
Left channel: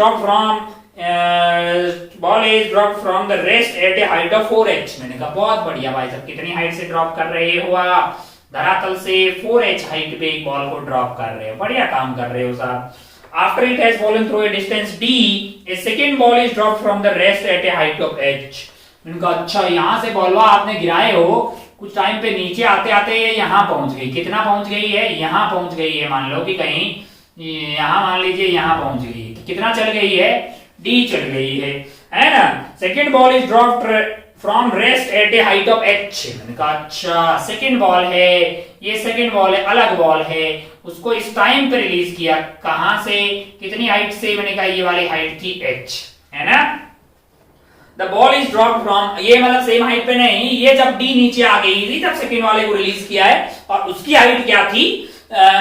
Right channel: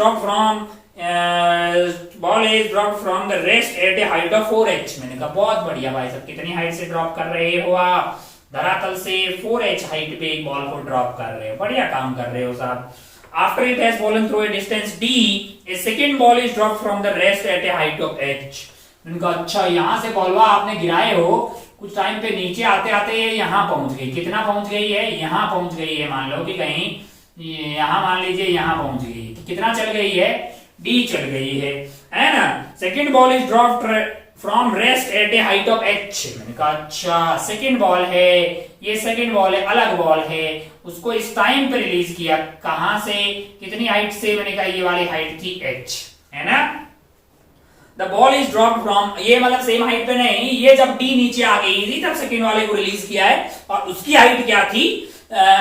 drop from the rest eight a height of 4h। मैंने कहा बहुत बढ़िया भाई साहब, कितनी हाइट से ड्रॉप कर रहे हो आप? धरातल से 4h हाइट पे एक बॉल को ड्रॉप कर रहे हो, बढ़िया काम कर रहे हो साहब। After it has fallen through a distance d, A second ball is drop from the rest eight a height of h। उनका अच्छा, यहां से बॉलवा आपने गिराए हो, कुछ टाइम पे नीचे आते आते ये यहाँ पहुंच गई। कितना पहुंच गई है? यहाँ पहुंच गई है। मान लो कि कहीं यहाँ, मान लीजिए यहाँ पहुंच गई है, तो कितना चल गई है? d चल गई है ना। Second ball is dropped from rest at a height of h। मैंने कहा अच्छा, सेकेंड बॉल है, ये सेकेंड बॉल है, अलग बॉल है, उसको इस टाइम पे रिलीज किया। कहां से, कितनी हाइट से? मैंने कहा ये वाली हाइट थी h, है ना। The ball is dropped from, ये मतलब सेम हाइट पे नहीं, ये जब d नीचे आ गई थी तब सेकेंड वाले को रिलीज किया है, और उसकी हाइट क्या थी?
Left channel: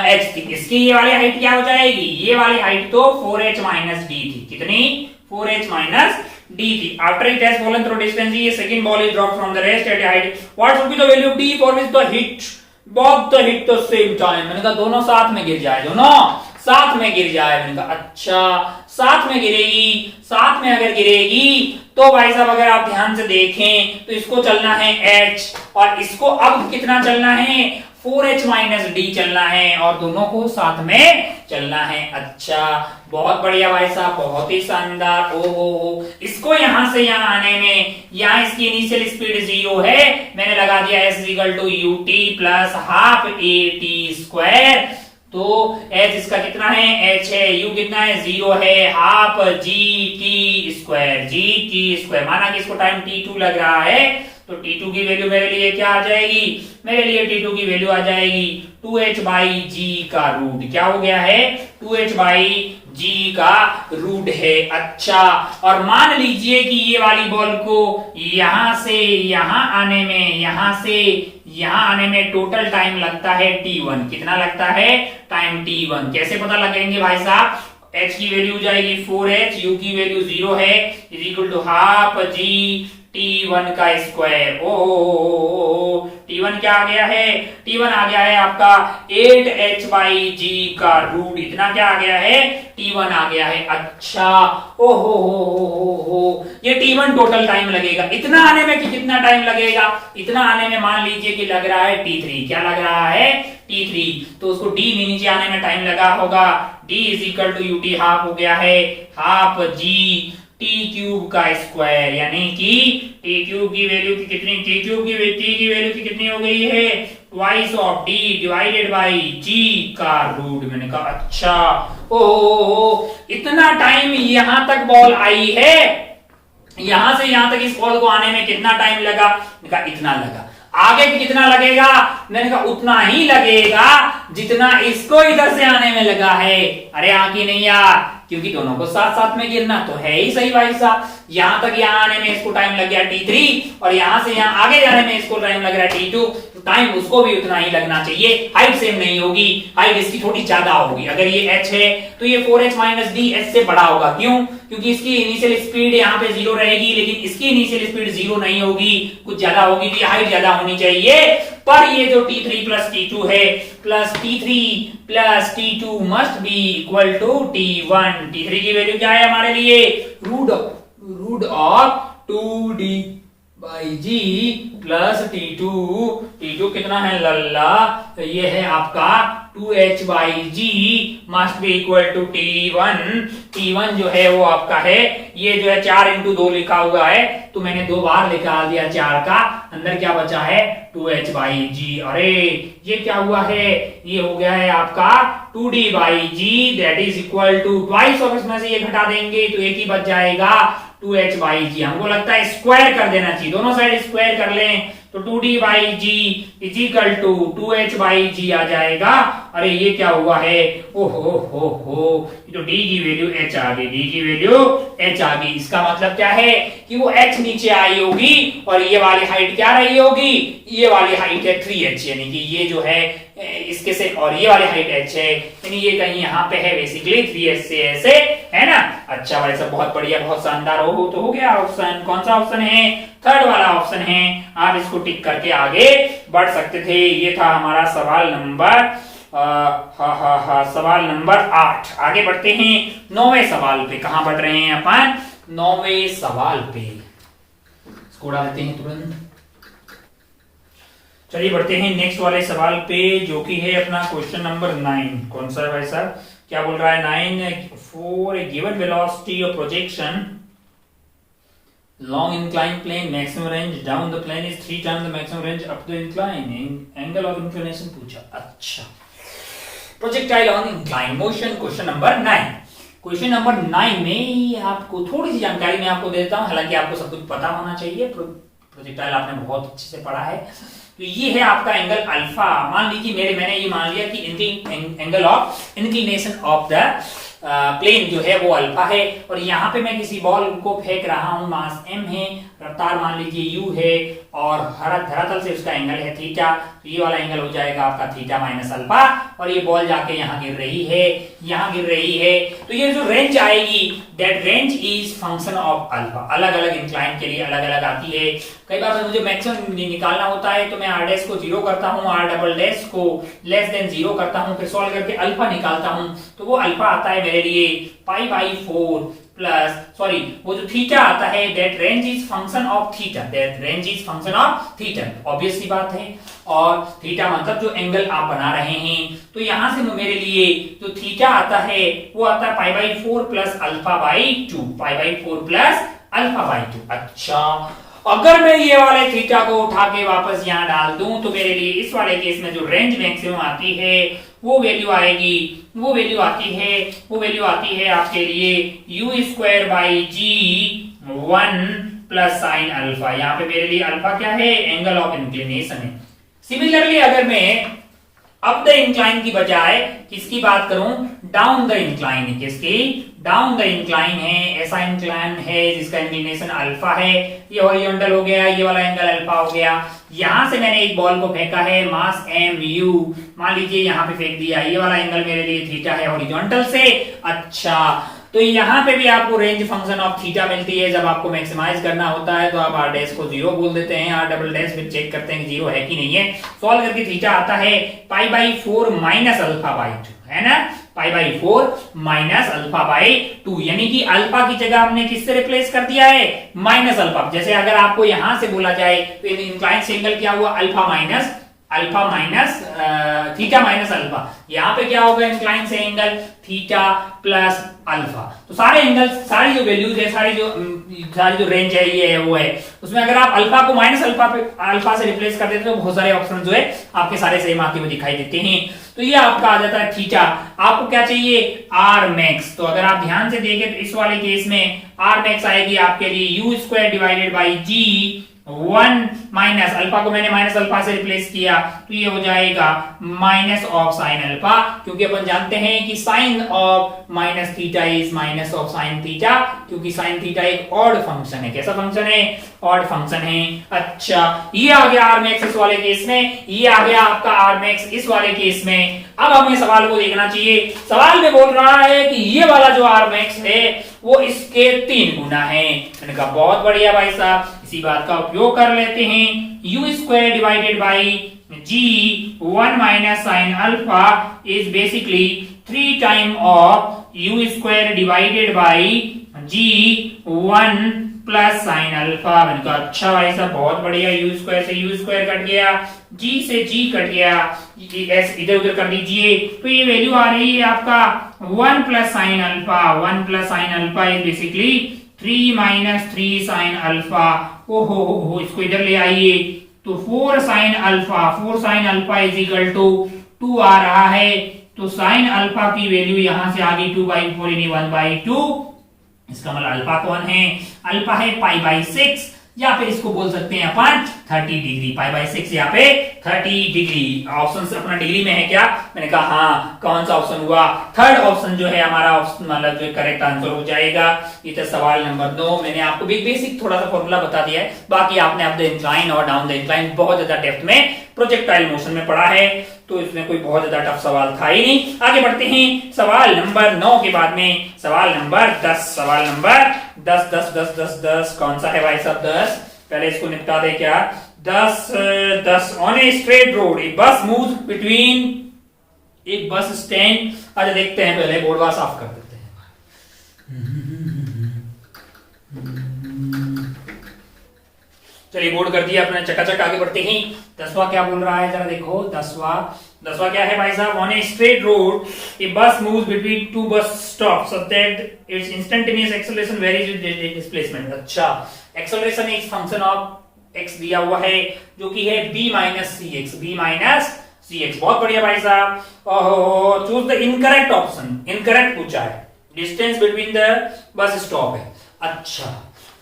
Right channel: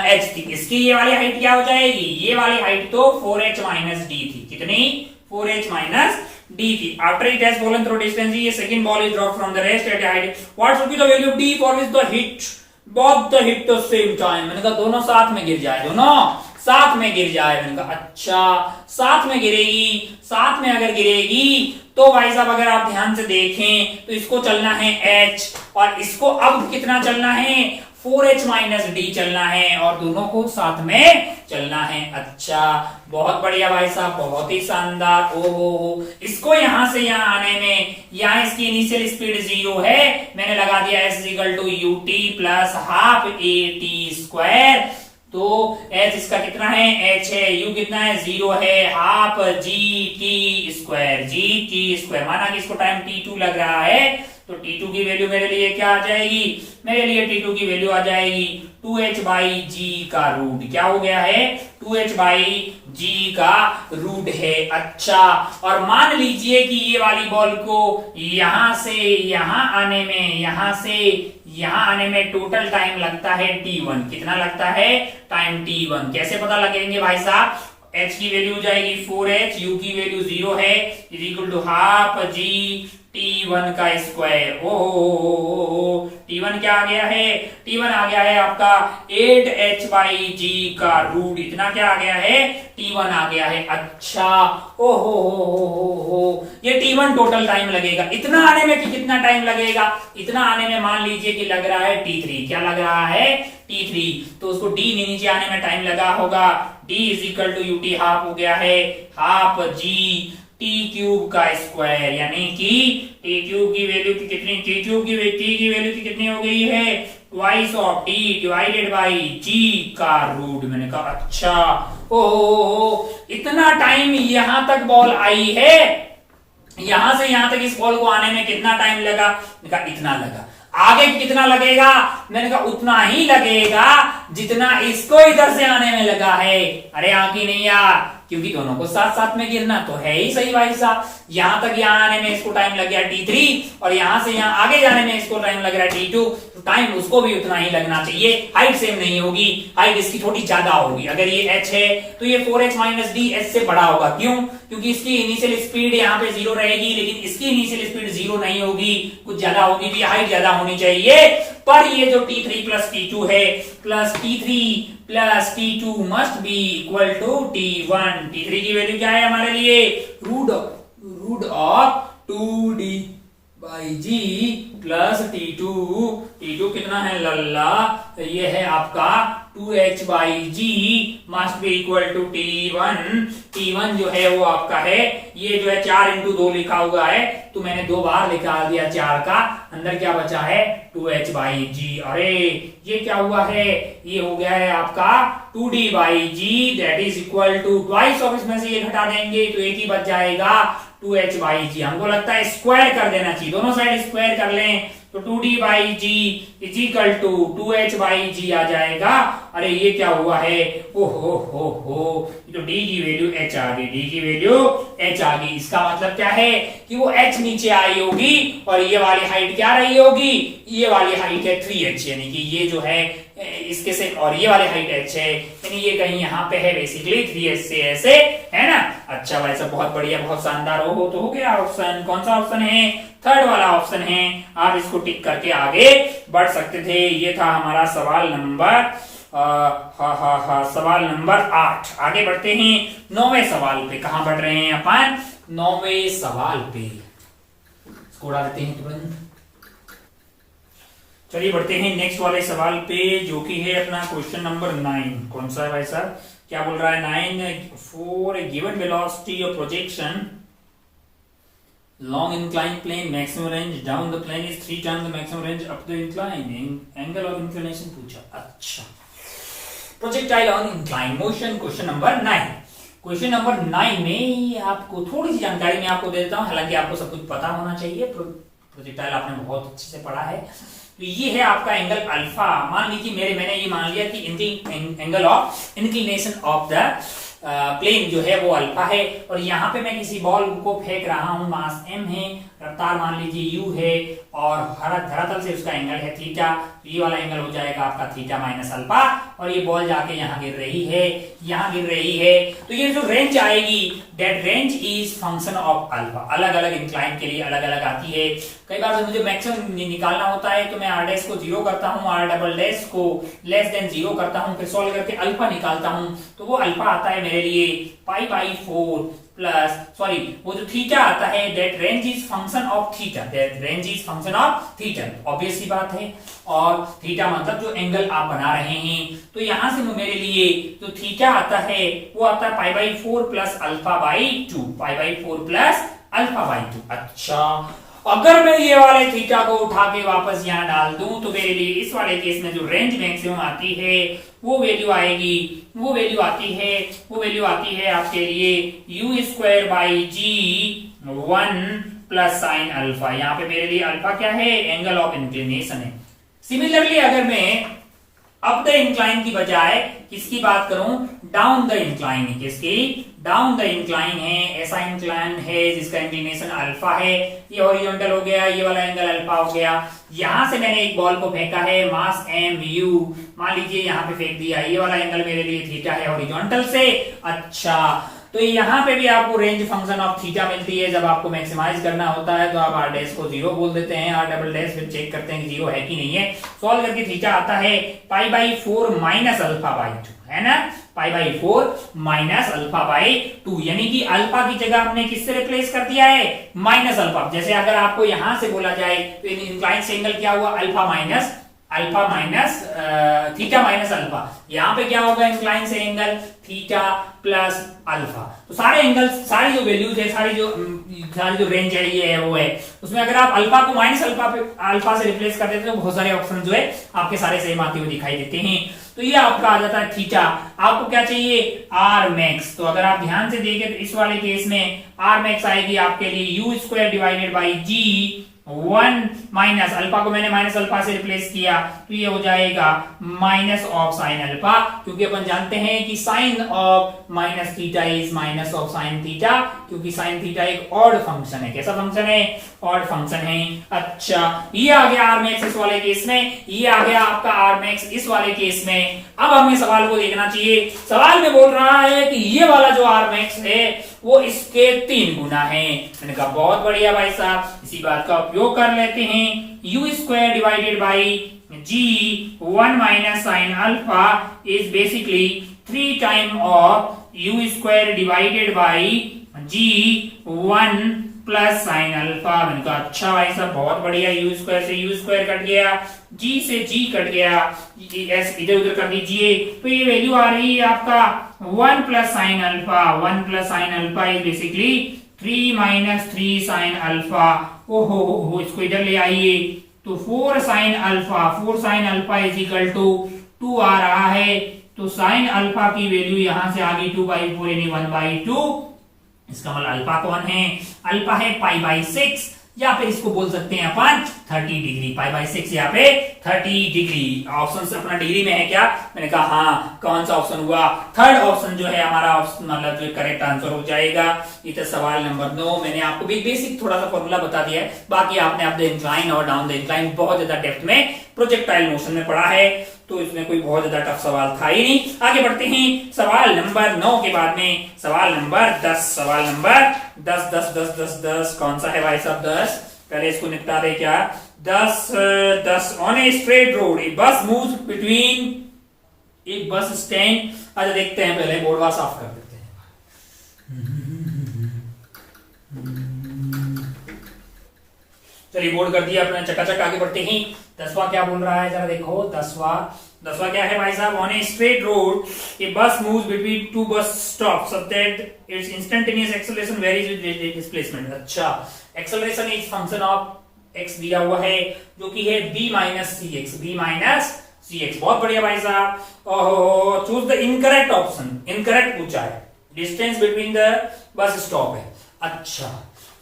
h थी। इसकी ये वाली हाइट क्या हो जाएगी? ये वाली हाइट तो 4h माइनस d थी। कितनी? 4h माइनस d थी। After it has fallen through distance, ये second ball is dropped from the rest at height, what will be the value of d for which the hit both the hit the same time। मैंने कहा दोनों साथ में गिर जाए, दोनों साथ में गिर जाए। मैंने कहा अच्छा, साथ में गिरेगी। साथ में अगर गिरेगी तो भाई साहब अगर आप ध्यान से देखें तो इसको चलना है h, और इसको अब कितना चलना है? 4h माइनस d चलना है, और दोनों को साथ में चलना है। अच्छा, बहुत बढ़िया भाई साहब, बहुत ही शानदार। ओहो, इसको यहां से यहां आने में, यहां इसकी इनिशियल स्पीड 0 है, मैंने लगा दिया s equal to ut plus half at²। तो h इसका कितना है? h है, u कितना है? 0 है, हाफ gt²। माना कि इसको टाइम t2 लग रहा है, तो t2 की वैल्यू मेरे लिए क्या आ जाएगी? मेरे लिए t2 की वैल्यू आ जाएगी 2h बाई g का रूट। क्या हो गया है? 2h बाई g का रूट है। अच्छा, और मान लीजिए कि ये वाली बॉल को यहां से यहां आने में, यहां से यहां आने में टोटल टाइम लगता है t1। कितना लगता है? Time t1। कैसे पता लगेंगे भाई साहब? h की वैल्यू जाएगी 4h, u की वैल्यू 0 है, is equal to half g t1 का स्क्वायर। ओ t1 क्या आ गया है? t1 आ गया है आपका 8h बाई g का रूट। इतना क्या आ गया है? t1 आ गया है। अच्छा, ओ ये t1 टोटल टाइम लगेगा। इतना आने में कि कितना टाइम लगेगा? इतना आने में मान लीजिए कि लग रहा है t3। क्या लग रहा है? t3। तो उसको d में नीचे आने में टाइम लगा होगा। d is equal to ut half हो गया है, हाफ g t क्यूब का स्क्वायर, यानी कि t क्यूब की वैल्यू की कितनी? t क्यूब की वैल्यू की कितनी हो गई है? Twice of t divided by g का रूट। मैंने कहा अच्छा, ओ इतना टाइम यहां तक बॉल आई है, यहां से यहां तक इस बॉल को आने में कितना टाइम लगा? मैंने कहा इतना लगा। आगे कितना लगेगा? मैंने कहा उतना ही लगेगा जितना इसको इधर से आने में लगा है। अरे आगे नहीं यार, क्योंकि दोनों को साथ साथ में गिरना तो है ही सही भाई साहब। यहां तक यहां आने में इसको टाइम लग गया t3, और यहां से यहां आगे जाने में इसको टाइम लग रहा है t2, तो टाइम उसको भी उतना ही लगना चाहिए। हाइट सेम नहीं होगी, हाइट इसकी थोड़ी ज्यादा होगी। अगर ये h है तो ये 4h माइनस d h से बड़ा होगा। क्यों? क्योंकि इसकी इनिशियल स्पीड यहाँ पे 0 रहेगी, लेकिन इसकी इनिशियल स्पीड 0 नहीं होगी, कुछ ज्यादा होगी, तो ये हाइट ज्यादा होनी चाहिए। पर ये जो t3 प्लस t2 है, plus t3 plus t2 must be equal to t1। t3 की वैल्यू क्या है हमारे लिए? Root of 2d by g plus t2 कितना है लल्ला? तो ये है आपका 2h/g must be equal to T1। T1 जो है वो आपका है, ये जो है 4 इंटू 2 लिखा हुआ है, तो मैंने 2 बार निकाल दिया 4 का, अंदर क्या बचा है 2h/g। अरे ये क्या हुआ है, ये हो गया है आपका 2d/g that is equal to twice of, इसमें से ये घटा देंगे तो एक ही बच जाएगा 2h/g। हमको लगता है स्क्वायर कर देना चाहिए, दोनों साइड स्क्वायर कर लें तो 2d/g is equal to 2h/g आ जाएगा। अरे ये क्या हुआ है, हो तो d की वैल्यू h आ गई, d की वैल्यू h आ गई। इसका मतलब क्या है कि वो h नीचे आई होगी और ये वाली हाइट क्या रही होगी, ये वाली हाइट है 3h, यानी कि ये जो है इसके से, और ये वाली हाइट h है, यानी ये कहीं यहाँ पे है बेसिकली 3h से ऐसे, है ना। अच्छा भाई साहब बहुत बढ़िया, बहुत शानदार। हो तो हो गया ऑप्शन, कौन सा ऑप्शन है, थर्ड वाला ऑप्शन है। आप इसको टिक करके आगे बढ़ सकते थे। ये था हमारा सवाल नंबर सवाल नंबर 8। आगे बढ़ते हैं 9वें सवाल पे। कहां बढ़ रहे हैं अपन, 9वें सवाल पे। इसको उड़ा देते हैं तुरंत। चलिए बढ़ते हैं नेक्स्ट वाले सवाल पे, जो कि है अपना क्वेश्चन नंबर 9। कौन सा है भाई साहब, क्या बोल रहा है 9, for a given velocity of projection long inclined plane, maximum range down the plane is 3 times the maximum range up the incline, angle of inclination पूछा। अच्छा, projectile on incline motion, question number 9। Question number 9 में आपको थोड़ी सी जानकारी मैं आपको देता हूं, हालांकि आपको सब कुछ पता होना चाहिए, प्रोजेक्टाइल आपने बहुत अच्छे से पढ़ा है। तो ये है आपका एंगल अल्फा। मान लीजिए मैंने ये मान लिया कि angle of inclination of the plane जो है वो अल्फा है, और यहाँ पे मैं किसी बॉल को फेंक रहा हूं, मास m है, रफ्तार मान लीजिए u है, और धरातल से उसका एंगल है थीटा। ये वाला एंगल हो जाएगा आपका थीटा माइनस अल्फा, और ये बॉल जाके यहाँ गिर रही है, यहाँ गिर रही है। तो ये जो रेंज आएगी that range is function of alpha. अलग अलग इंक्लाइन के लिए अलग अलग आती है। कई बार मुझे मैक्सिमम निकालना होता है तो मैं r डैश को 0 करता हूँ, r डबल डैश को लेस देन 0 करता हूँ, फिर सॉल्व करके अल्फा निकालता हूँ, तो वो अल्फा आता है मेरे लिए π/4 प्लस, सॉरी वो जो थीटा आता है that range is function of theta, that range is function of theta. Obvious सी बात है, और थीटा मतलब जो एंगल आप बना रहे हैं। तो यहां से मेरे लिए जो थीटा आता है वो आता है π/4 प्लस α/2, π/4 प्लस α/2। अच्छा, अगर मैं ये वाले थीटा को उठा के वापस यहाँ डाल दूं तो मेरे लिए इस वाले केस में जो रेंज मैक्सिमम आती है वो वैल्यू आएगी, वो वैल्यू आती है आपके लिए u²/g 1 प्लस साइन अल्फा। यहाँ पे मेरे लिए अल्फा क्या है, एंगल ऑफ इंक्लिनेशन है। सिमिलरली अगर मैं अप द इंक्लाइन की बजाय किसकी बात करूं, डाउन द इंक्लाइन, किसकी, डाउन द इंक्लाइन है, ऐसा इंक्लाइन है जिसका इंक्लिनेशन अल्फा है, ये हॉरिजॉन्टल हो गया, ये वाला एंगल अल्फा हो गया। यहां से मैंने एक बॉल को फेंका है, मास mu, मान लीजिए यहां पे फेंक दिया, ये वाला एंगल मेरे लिए थीटा है हॉरिजॉन्टल से। अच्छा, तो यहाँ पे भी आपको रेंज फंक्शन ऑफ थीटा मिलती है। जब आपको मैक्सिमाइज करना होता है तो आप r डैश को 0 बोल देते हैं, r डबल डैश फिर चेक करते हैं कि 0 है कि नहीं है। सॉल्व करके थीटा आता है π/4 माइनस α/2, है ना, π/4 माइनस α/2, यानी कि अल्फा की जगह आपने किससे रिप्लेस कर दिया है, माइनस अल्फा। जैसे अगर आपको यहां से बोला जाए तो इंक्लाइन से एंगल क्या हुआ, alpha minus theta minus alpha. यहाँ पे क्या होगा, इंक्लाइन से एंगल थीटा प्लस अल्फा। तो सारे एंगल, सारी जो वैल्यूज है, सारी जो रेंज है ये है वो है, उसमें अगर आप अल्फा को माइनस अल्फा से रिप्लेस कर देते तो बहुत सारे ऑप्शन जो है आपके सारे सेम आते हुए दिखाई देते हैं। तो ये आपका आ जाता है थीटा। आपको क्या चाहिए, आर मैक्स। तो अगर आप ध्यान से देखें तो इस वाले केस में आर मैक्स आएगी आपके लिए u²/g 1 माइनस अल्फा को मैंने माइनस अल्फा से रिप्लेस किया, तो ये हो जाएगा माइनस ऑफ साइन अल्फा, क्योंकि अपन जानते हैं कि sine of minus theta is minus of sine theta, क्योंकि साइन थीटा एक ऑड फंक्शन है। कैसा फंक्शन है, ऑड फंक्शन है। अच्छा, ये आ गया आर मैक्स इस वाले केस में, ये आ गया आपका आर मैक्स इस वाले केस में। अब हमें सवाल को देखना चाहिए। सवाल में बोल रहा है कि ये वाला जो आर मैक्स है वो इसके 3 गुना है। मैंने कहा बहुत बढ़िया भाई साहब, इसी बात का उपयोग कर लेते हैं। u²/g 1 minus sign alpha is basically 3 time of u²/g 1 plus sine alpha. मैंने कहा अच्छा भाई साहब बहुत बढ़िया, यू स्क्वायर से यू स्क्वायर कट गया, जी से जी कट गया, एस इधर उधर कर दीजिए, तो ये वैल्यू आ रही है आपका 1 plus sine alpha. 1 plus sine alpha is basically 3 minus 3 sine alpha. ओहो, इसको इधर ले आइए तो 4 sine alpha, 4 sine alpha is equal to 2 आ रहा है। तो साइन अल्फा की वैल्यू यहां से आ गई 2/4 यानी 1/2। इसका मतलब अल्फा कौन है? अल्फा है π/6, या फिर इसको बोल सकते हैं अपन 30 डिग्री। π/6 यहाँ पे 30 डिग्री। ऑप्शन अपना डिग्री में है क्या? मैंने कहा हाँ। कौन सा ऑप्शन हुआ? थर्ड ऑप्शन जो है हमारा ऑप्शन, मतलब जो करेक्ट आंसर हो जाएगा। ये तो सवाल नंबर 9। मैंने आपको भी बेसिक थोड़ा सा फॉर्मूला बता दिया है, बाकी आपने अप द इंक्लाइन और डाउन द इंक्लाइन बहुत ज्यादा डेप्थ में प्रोजेक्टाइल मोशन में पढ़ा है, तो इसमें कोई बहुत ज्यादा टफ सवाल था ही नहीं। आगे बढ़ते हैं सवाल नंबर 9 के बाद में सवाल नंबर 10। सवाल नंबर 10 10 10 10 10 कौन सा है भाई साहब? 10 पहले इसको निपटा दे क्या? 10 on a straight road a बस मूव बिटवीन एक बस स्टैंड। अच्छा देखते हैं, पहले बोर्ड साफ कर देते हैं। चलिए बोर्ड कर दिया अपना, चकाचक आगे बढ़ते हैं। 10वां क्या बोल रहा है जरा देखो। 10वां क्या है भाई साहब? On a straight road a bus moves between two bus stop so that it's instantaneous acceleration varies with displacement. अच्छा, acceleration is function of X दिया हुआ है जो कि है b minus C X. b minus C X, बहुत बढ़िया भाई साहब। Choose the incorrect option. Incorrect पूछा है, distance between the bus stop है। अच्छा,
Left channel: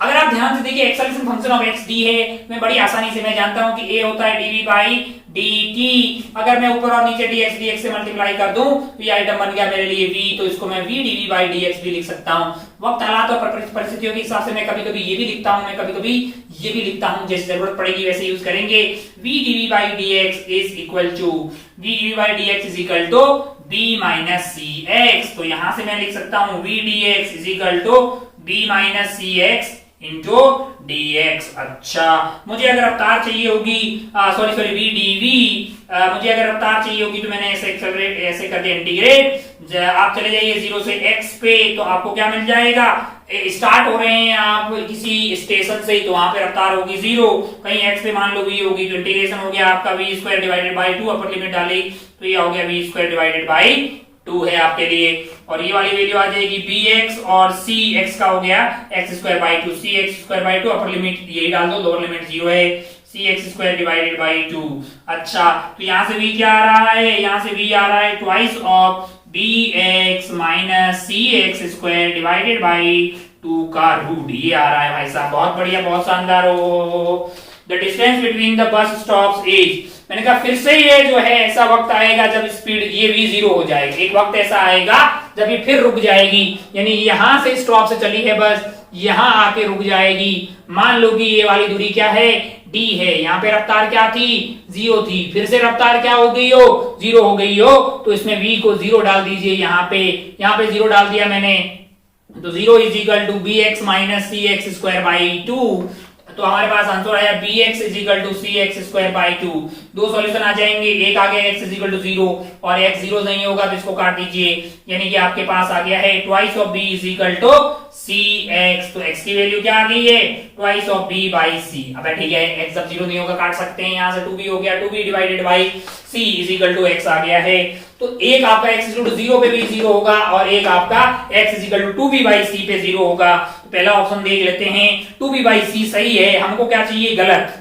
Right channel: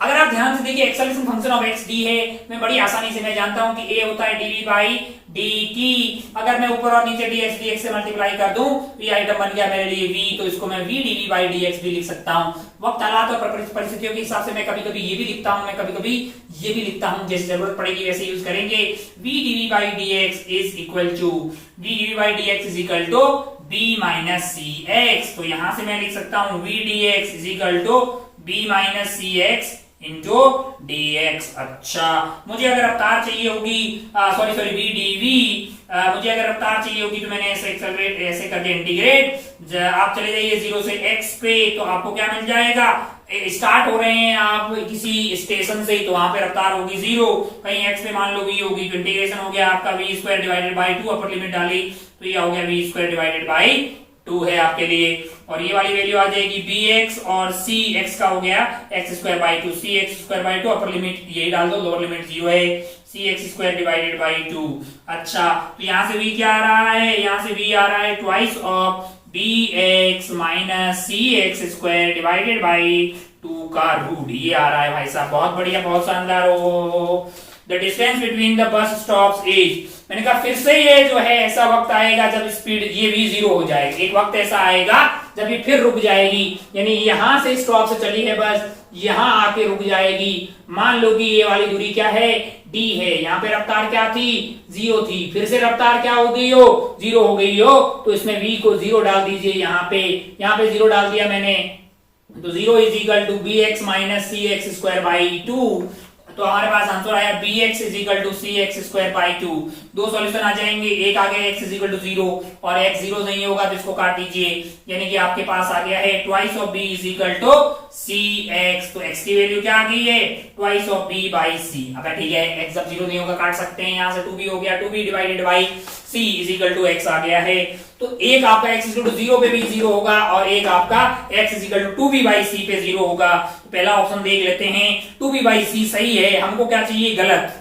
अगर आप ध्यान से देखिए acceleration function of x D है, मैं बड़ी आसानी से मैं जानता हूं कि ए होता है डीवी बाई डी टी। अगर मैं ऊपर और नीचे dx से मल्टीप्लाई कर दूं तो ये आइटम बन गया मेरे लिए v, तो इसको मैं v dv बाई dx भी लिख सकता हूं। वक्त हालात और परिस्थितियों के हिसाब से मैं कभी कभी ये भी लिखता हूं, मैं कभी कभी ये भी लिखता हूं, जैसे जरूरत पड़ेगी वैसे यूज करेंगे। v dv by dx is equal to v dv by dx is equal to b minus C x. तो यहां से मैं लिख सकता हूं v dx is equal to b minus C X into dx। अच्छा, मुझे अगर रफ्तार चाहिए होगी, सॉरी वी डीवी, मुझे अगर रफ्तार चाहिए होगी तो मैंने ऐसे कर दिया इंटीग्रेट। आप चले जाइए 0 से x पे, तो आपको क्या मिल जाएगा? स्टार्ट हो रहे हैं आप किसी स्टेशन से, तो वहां पे रफ्तार होगी 0, कहीं x पे मान लो v होगी, तो इंटीग्रेशन हो गया आपका v square divided by 2, upper limit डाली तो ये हो गया v स्क्वायर डिवाइडेड बाई 2 है आपके लिए। और ये वाली वैल्यू आ जाएगी bx और cx का हो गया x square by 2, cx square by 2, upper limit यही डाल दो, लोअर लिमिट 0 है, cx स्क्वायर डिवाइडेड बाई 2। अच्छा, तो यहां से v क्या आ रहा है? यहां से v आ रहा है twice of bx minus cx square divided by 2 का रूट, ये आ रहा है भाई साहब। बहुत बढ़िया, बहुत शानदार। हो the distance between the bus stops is, मैंने कहा फिर से ये जो है ऐसा वक्त आएगा जब स्पीड ये v 0 हो जाएगी। एक वक्त ऐसा आएगा जब ये फिर रुक जाएगी, यानी यहां से स्टॉप से चली है बस, यहां आके रुक जाएगी। मान लो कि ये वाली दूरी क्या है? d है। यहाँ पे रफ्तार क्या थी? 0 थी। फिर से रफ्तार क्या हो गई हो? 0 हो गई हो, तो इसमें v को 0 डाल दीजिए। यहाँ पे 0 डाल दिया मैंने, तो 0 is equal to bx minus C X square by 2। तो हमारे पास आंसर आया bx is equal to C X square by 2। दो सॉल्यूशन आ जाएंगे, एक आ गया x इज इक्वल टू 0 और x 0 नहीं होगा तो इसको काट दीजिए, यानी कि आपके पास आ गया है twice of b is equal to C x. तो x की वैल्यू क्या आ गई है? Twice of b by c. अब ठीक है, x जब 0 नहीं होगा काट सकते हैं, यहां से 2b हो गया, 2b divided by c is equal to x आ गया है। तो एक आपका x इज इक्वल टू 0 पे भी 0 होगा और एक आपका x is equal to 2b by c पे 0 होगा। पहला ऑप्शन देख लेते हैं, 2b बाई सी सही है, हमको क्या चाहिए? गलत।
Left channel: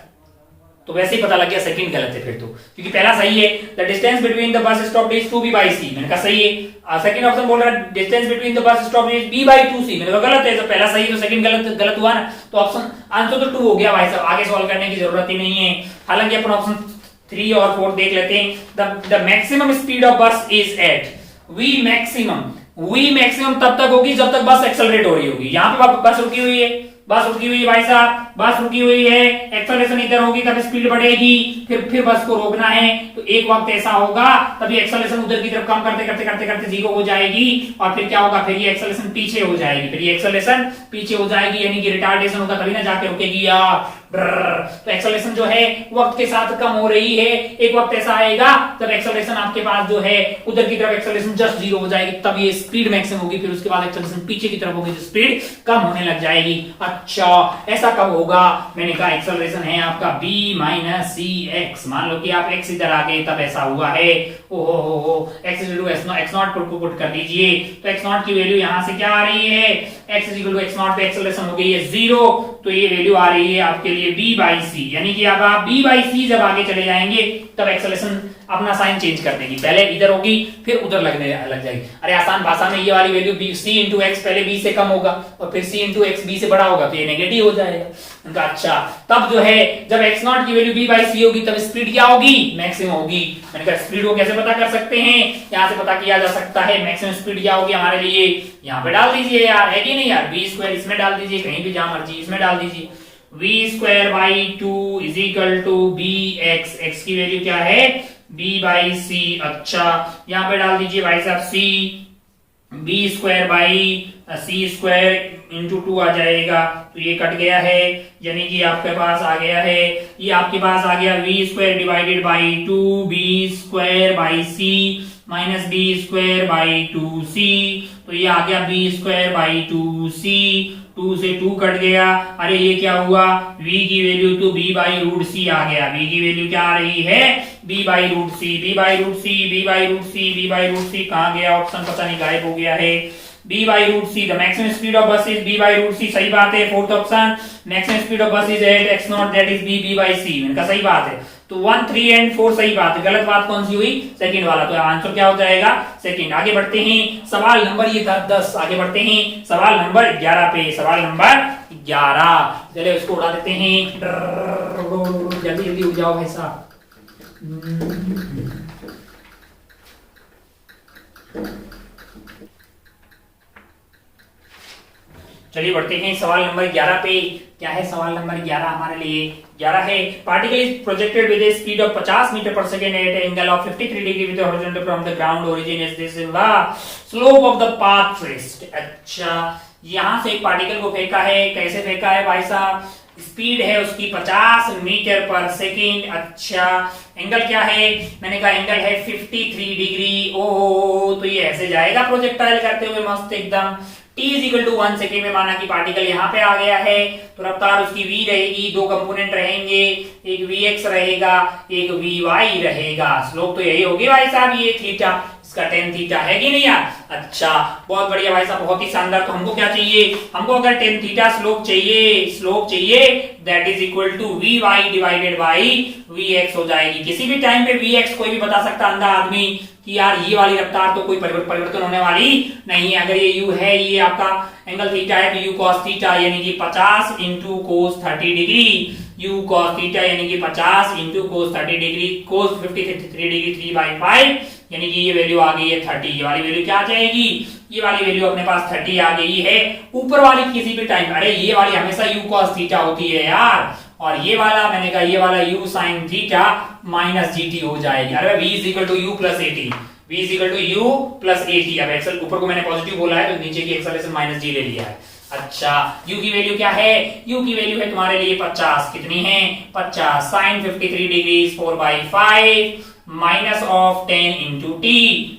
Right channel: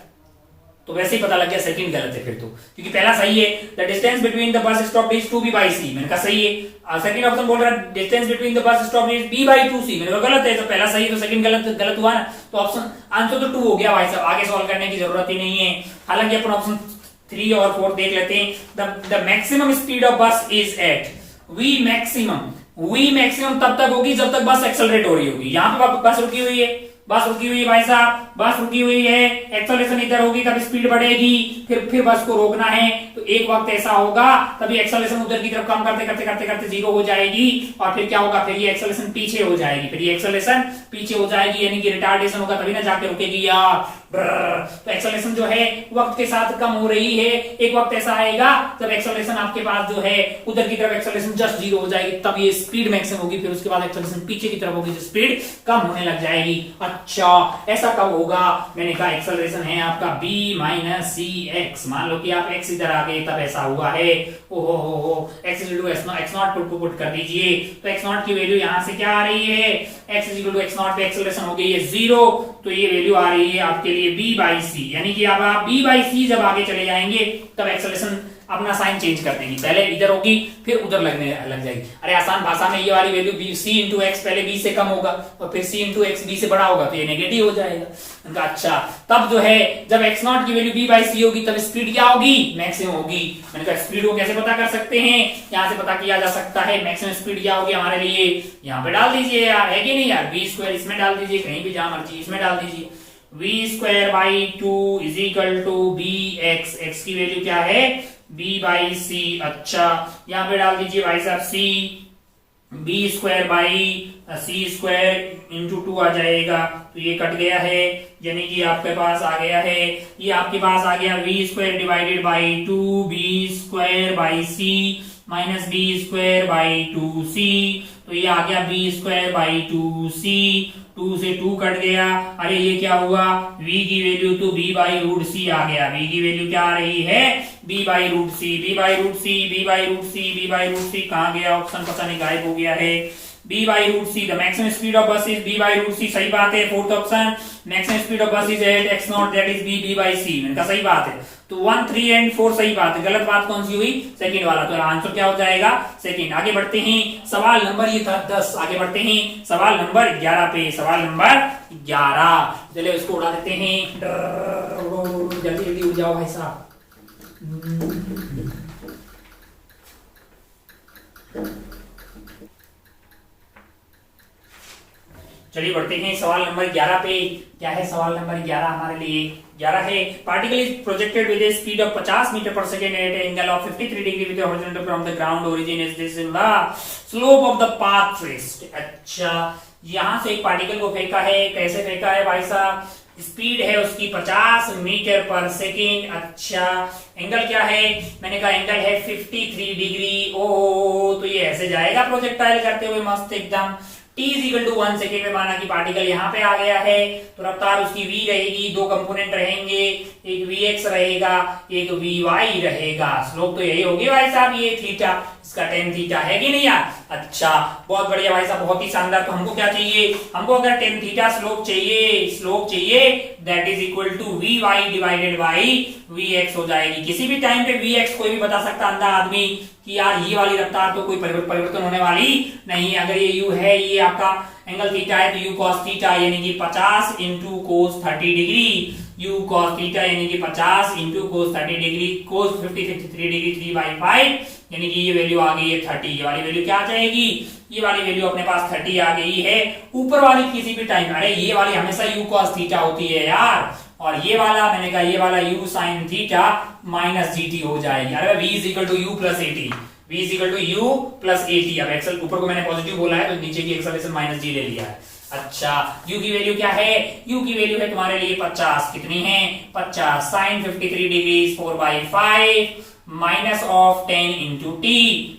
तो वैसे ही पता लग गया सेकंड गलत है फिर तो, क्योंकि पहला सही है, the distance between the bus stop is 2b by C, मैंने कहा सही है। सेकंड ऑप्शन बोल रहा है distance between the bus stop is b by 2c, मैंने कहा गलत है। तो पहला सही है तो सेकंड गलत हुआ ना, तो ऑप्शन आंसर तो 2 हो गया भाई साहब, आगे सॉल्व करने की जरूरत ही नहीं है। हालांकि अपन ऑप्शन 3 और 4 देख लेते हैं। The maximum speed of bus is eight v maximum तब तक होगी जब तक बस एक्सेलरेट हो रही होगी। यहाँ पे बस रुकी हुई है, भाई साहब, बस रुकी हुई है, एक्सेलरेशन इधर होगी तब स्पीड बढ़ेगी, फिर बस को रोकना है, तो एक वक्त ऐसा होगा तभी एक्सेलरेशन उधर की तरफ कम करते करते 0 हो जाएगी और फिर क्या होगा? फिर ये एक्सेलरेशन पीछे हो जाएगी, यानी कि रिटार्डेशन होगा तभी ना जाके रुकेगी यार। तो एक्सेलरेशन जो है वक्त के साथ कम हो रही है। एक वक्त ऐसा आएगा जब एक्सेलरेशन आपके पास जो है उधर की तरफ एक्सेलरेशन जस्ट 0 हो जाएगी, तब ये स्पीड मैक्सिमम होगी। फिर उसके बाद एक्सेलरेशन पीछे की तरफ होगी, स्पीड कम होने लग जाएगी। अच्छा, ऐसा कब होगा? मैंने कहा एक्सेलरेशन है आपका b माइनस सी एक्स। मान लो कि आप x इधर आ गए, तब ऐसा हुआ है। ओहो, x x नॉट पुट कर दीजिए, तो x नॉट की वैल्यू यहां से क्या आ रही है? x x नॉट पे एक्सेलरेशन हो गई है 0, तो ये वैल्यू आ रही है आपके लिए b बाई सी। यानी कि अब आप b बाई सी जब आगे चले जाएंगे तब एक्सेलरेशन अपना साइन चेंज कर देंगी, पहले इधर होगी फिर उधर लगने लग जाएगी। अरे आसान भाषा में ये वाली value b c into x पहले b से कम होगा और फिर c इंटू एक्स b से बड़ा होगा, तो ये नेगेटिव हो जाएगा। उनका अच्छा, तब जो है जब x नॉट की वैल्यू b बाई सी होगी तब स्पीड क्या होगी? मैक्सिमम होगी। मैंने कहा स्पीड को कैसे पता कर सकते हैं? यहाँ से पता किया जा सकता है। मैक्सिमम स्पीड क्या होगी हमारे लिए? यहाँ पे डाल दीजिए यार, है कि नहीं यार? v स्क्वायर इसमें डाल दीजिए, कहीं भी जहां मर्जी इसमें डाल दीजिए। v square by 2 is equal to b x. X की वैल्यू क्या है? b by c. अच्छा, यहाँ पे डाल दीजिए भाई साहब c, b square by c square into 2 आ जाएगा, तो ये कट गया है, यानी कि आपके पास आ गया है, ये आपके पास आ गया v square divided by 2b square by c minus b square by 2c, तो ये आ गया b स्क्वायर बाई 2c। 2 से 2 कट गया। अरे ये क्या हुआ? v की वैल्यू तो b बाई रूट सी आ गया। v की वैल्यू क्या आ रही है? b by root C, b by root C, b by root C, b by root C. कहाँ गया ऑप्शन? पता नहीं, गायब हो गया है। b by root C, the maximum speed of bus is b by root C. सही बात है, fourth option. Maximum speed of bus is at x naught, that is b by C. इनका सही बात है। तो 1, 3 एंड 4 सही बात है। गलत बात कौन सी हुई? सेकंड वाला। तो आंसर क्या हो जाएगा? सेकंड। आगे बढ़ते हैं, सवाल नंबर ये था 10। आगे बढ़ते हैं सवाल नंबर 11 पे। सवाल नंबर 11, चलिए उसको उड़ा देते हैं। जल्दी जल्दी उड़ जाओ भाई साहब। चलिए बढ़ते हैं सवाल नंबर 11 पे। क्या है सवाल नंबर 11 हमारे लिए? 11 है, particle is projected with a speed of 50 metre per second at angle of 53 degree with horizontal from the ground origin is this the slope of the path traced. अच्छा, यहां से एक पार्टिकल को फेंका है। कैसे फेंका है भाई साहब? स्पीड है उसकी 50 मीटर पर सेकेंड। अच्छा, एंगल क्या है? मैंने कहा एंगल है 53 डिग्री। ओ, तो ये ऐसे जाएगा प्रोजेक्टाइल करते हुए मस्त एकदम। t is equal to 1 second में माना कि पार्टिकल यहाँ पे आ गया है, तो रफ्तार उसकी v रहेगी। दो कंपोनेंट रहेंगे, एक vx रहेगा, एक vy रहेगा। स्लोप तो यही होगी भाई साहब, ये थीटा, इसका tan थीटा है कि नहीं यार? अच्छा, बहुत बढ़िया भाई साहब, बहुत ही शानदार। तो हमको क्या चाहिए? हमको अगर tan थीटा स्लोप चाहिए that is equal to vy divided by vx हो जाएगी। किसी भी टाइम पे vx कोई भी बता सकता अंधा आदमी कि यार ये वाली रफ्तार तो कोई परिवर्तन होने वाली नहीं है। अगर ये u है, ये आपका एंगल थीटा है, तो u cos थीटा यानी कि 50 into cos 30 degree. u cos theta यानी कि 50 इंटू कोस 30 डिग्री, कोस 53 डिग्री 3/5 यानी कि ये वैल्यू आ गई है 30। ये वाली वैल्यू क्या आ जाएगी? ये वाली वैल्यू अपने पास 30 आ गई है। ऊपर वाली किसी भी टाइम, अरे ये वाली हमेशा u cos थीटा होती है यार, और ये वाला मैंने कहा ये वाला u sin theta minus gt हो जाएगी। अरे v is equal to u plus 80, v is equal to u plus 80। अब एक्सल ऊपर को मैंने पॉजिटिव बोला है, तो नीचे की एक्सेलरेशन माइनस g ले लिया है। अच्छा, u की वैल्यू क्या है? u की वैल्यू है तुम्हारे लिए 50। कितनी है? 50 sin 53 degree 4/5 minus of 10 into T,